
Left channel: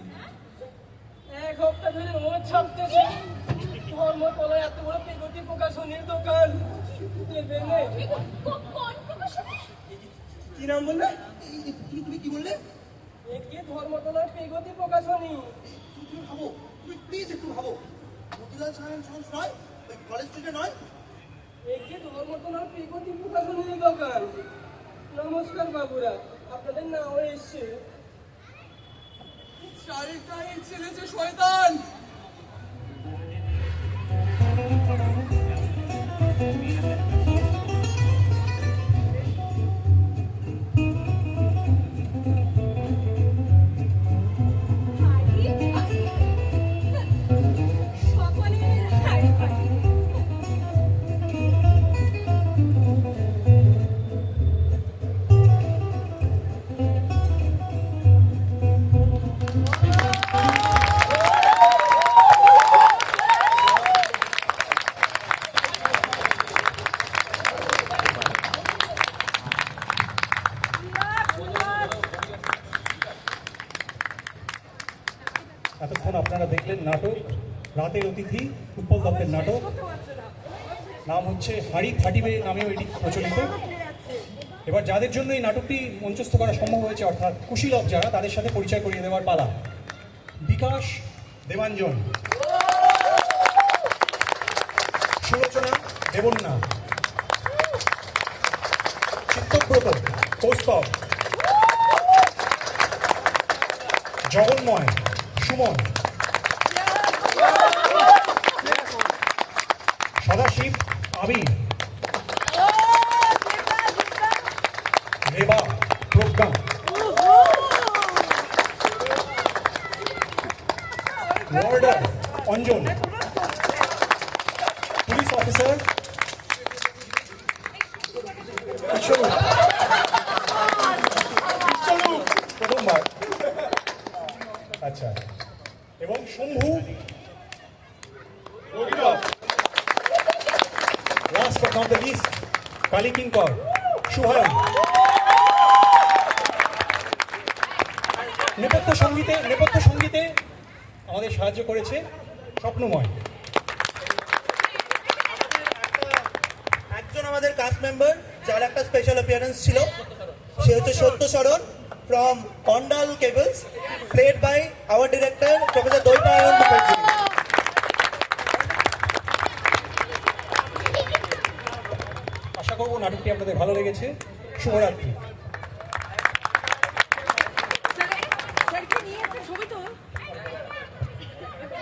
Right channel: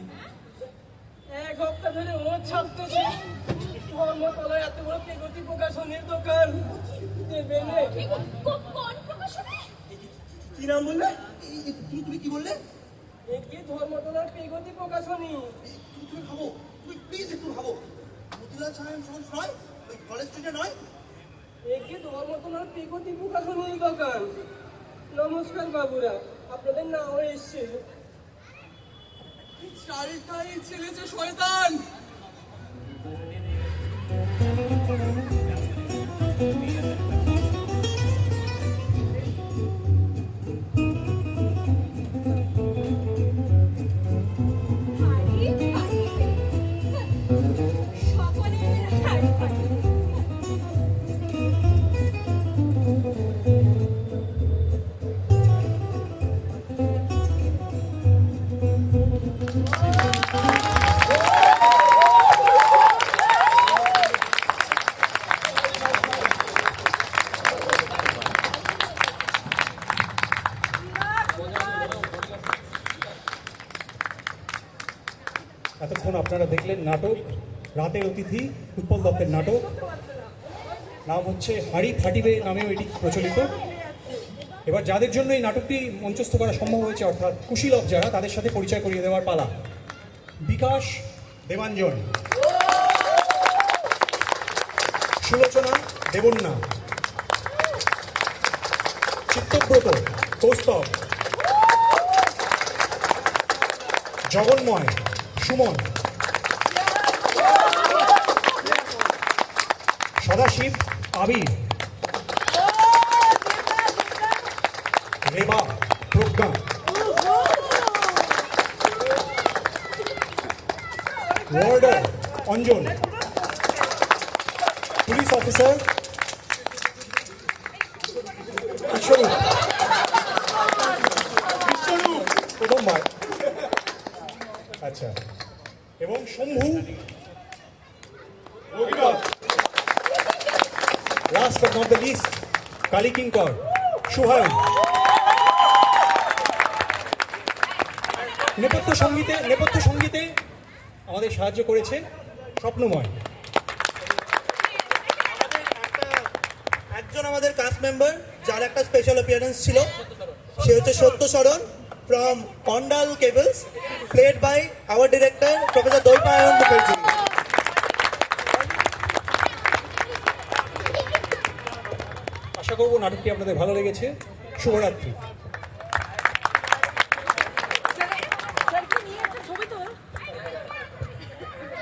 1 সপ্তাহ ধরে ও ছাপতেছে। ধর্মতলায় এত বড় পেগতি প্রকাশনীর দোকান দেবে নে। কোন প্রকাশনে? কি নাম বললে? তুমি কি বললে? একে ধর্মতলার পেগতি প্রকাশনী। তুমি ভাবো, তুমি প্লিজ একটু ভাবো, মতিলাল সাহেব সন্স নয়, ওই কলেজ স্ট্রিটে নয়? একে ধর্মতলার পেগতি প্রকাশনীর দোকান। নমস্কার বাবুরা, আপনাদের নাও এসছে। শাড়িটাই ছেড়েছে শয়তান। হাড়ি ফাটিবে, সকলের হাড়ি ফাটিবে। এতক্ষণ আপনারা দেখলেন নাটক রাতের অতিথি, উৎপল দত্তের নাটক। নাম হচ্ছে হাড়ি ফাটিবে নামেও এটি প্রচলিত। এবার যাদের জন্য এই নাটকটি মঞ্চস্থ করা সম্ভব হয়েছে, অর্থাৎ কুশীলব যারা, তাদের সাথে পরিচয় করিয়ে দেওয়ার পালা। Bikash Debanjan, Sulochana Debanna, Chittabrata Kaustav, Jaganmoy Suman, Sadashiv Abir, Reba Pragya, warder Anjan, police officer Biswarup প্রথমবার, আচ্ছা, এবং Shambhu last but not the least Kali Kinkar Suhan. নেপথ্য সঙ্গীতে আমাদের সাহায্য করেছে স্বপ্নময়। একজন আমাদের কাস্ট মেম্বার যার একটা স্পেশাল অ্যাপিয়ারেন্স ছিল, সে হচ্ছে সত্যশরণ ফ্রম কন্ডাল cables, played by our director professor Dwaipayan Mukherjee. আশা করবো নাটকটি আপনাদের ভালো লেগেছে। শুভরাত্রি।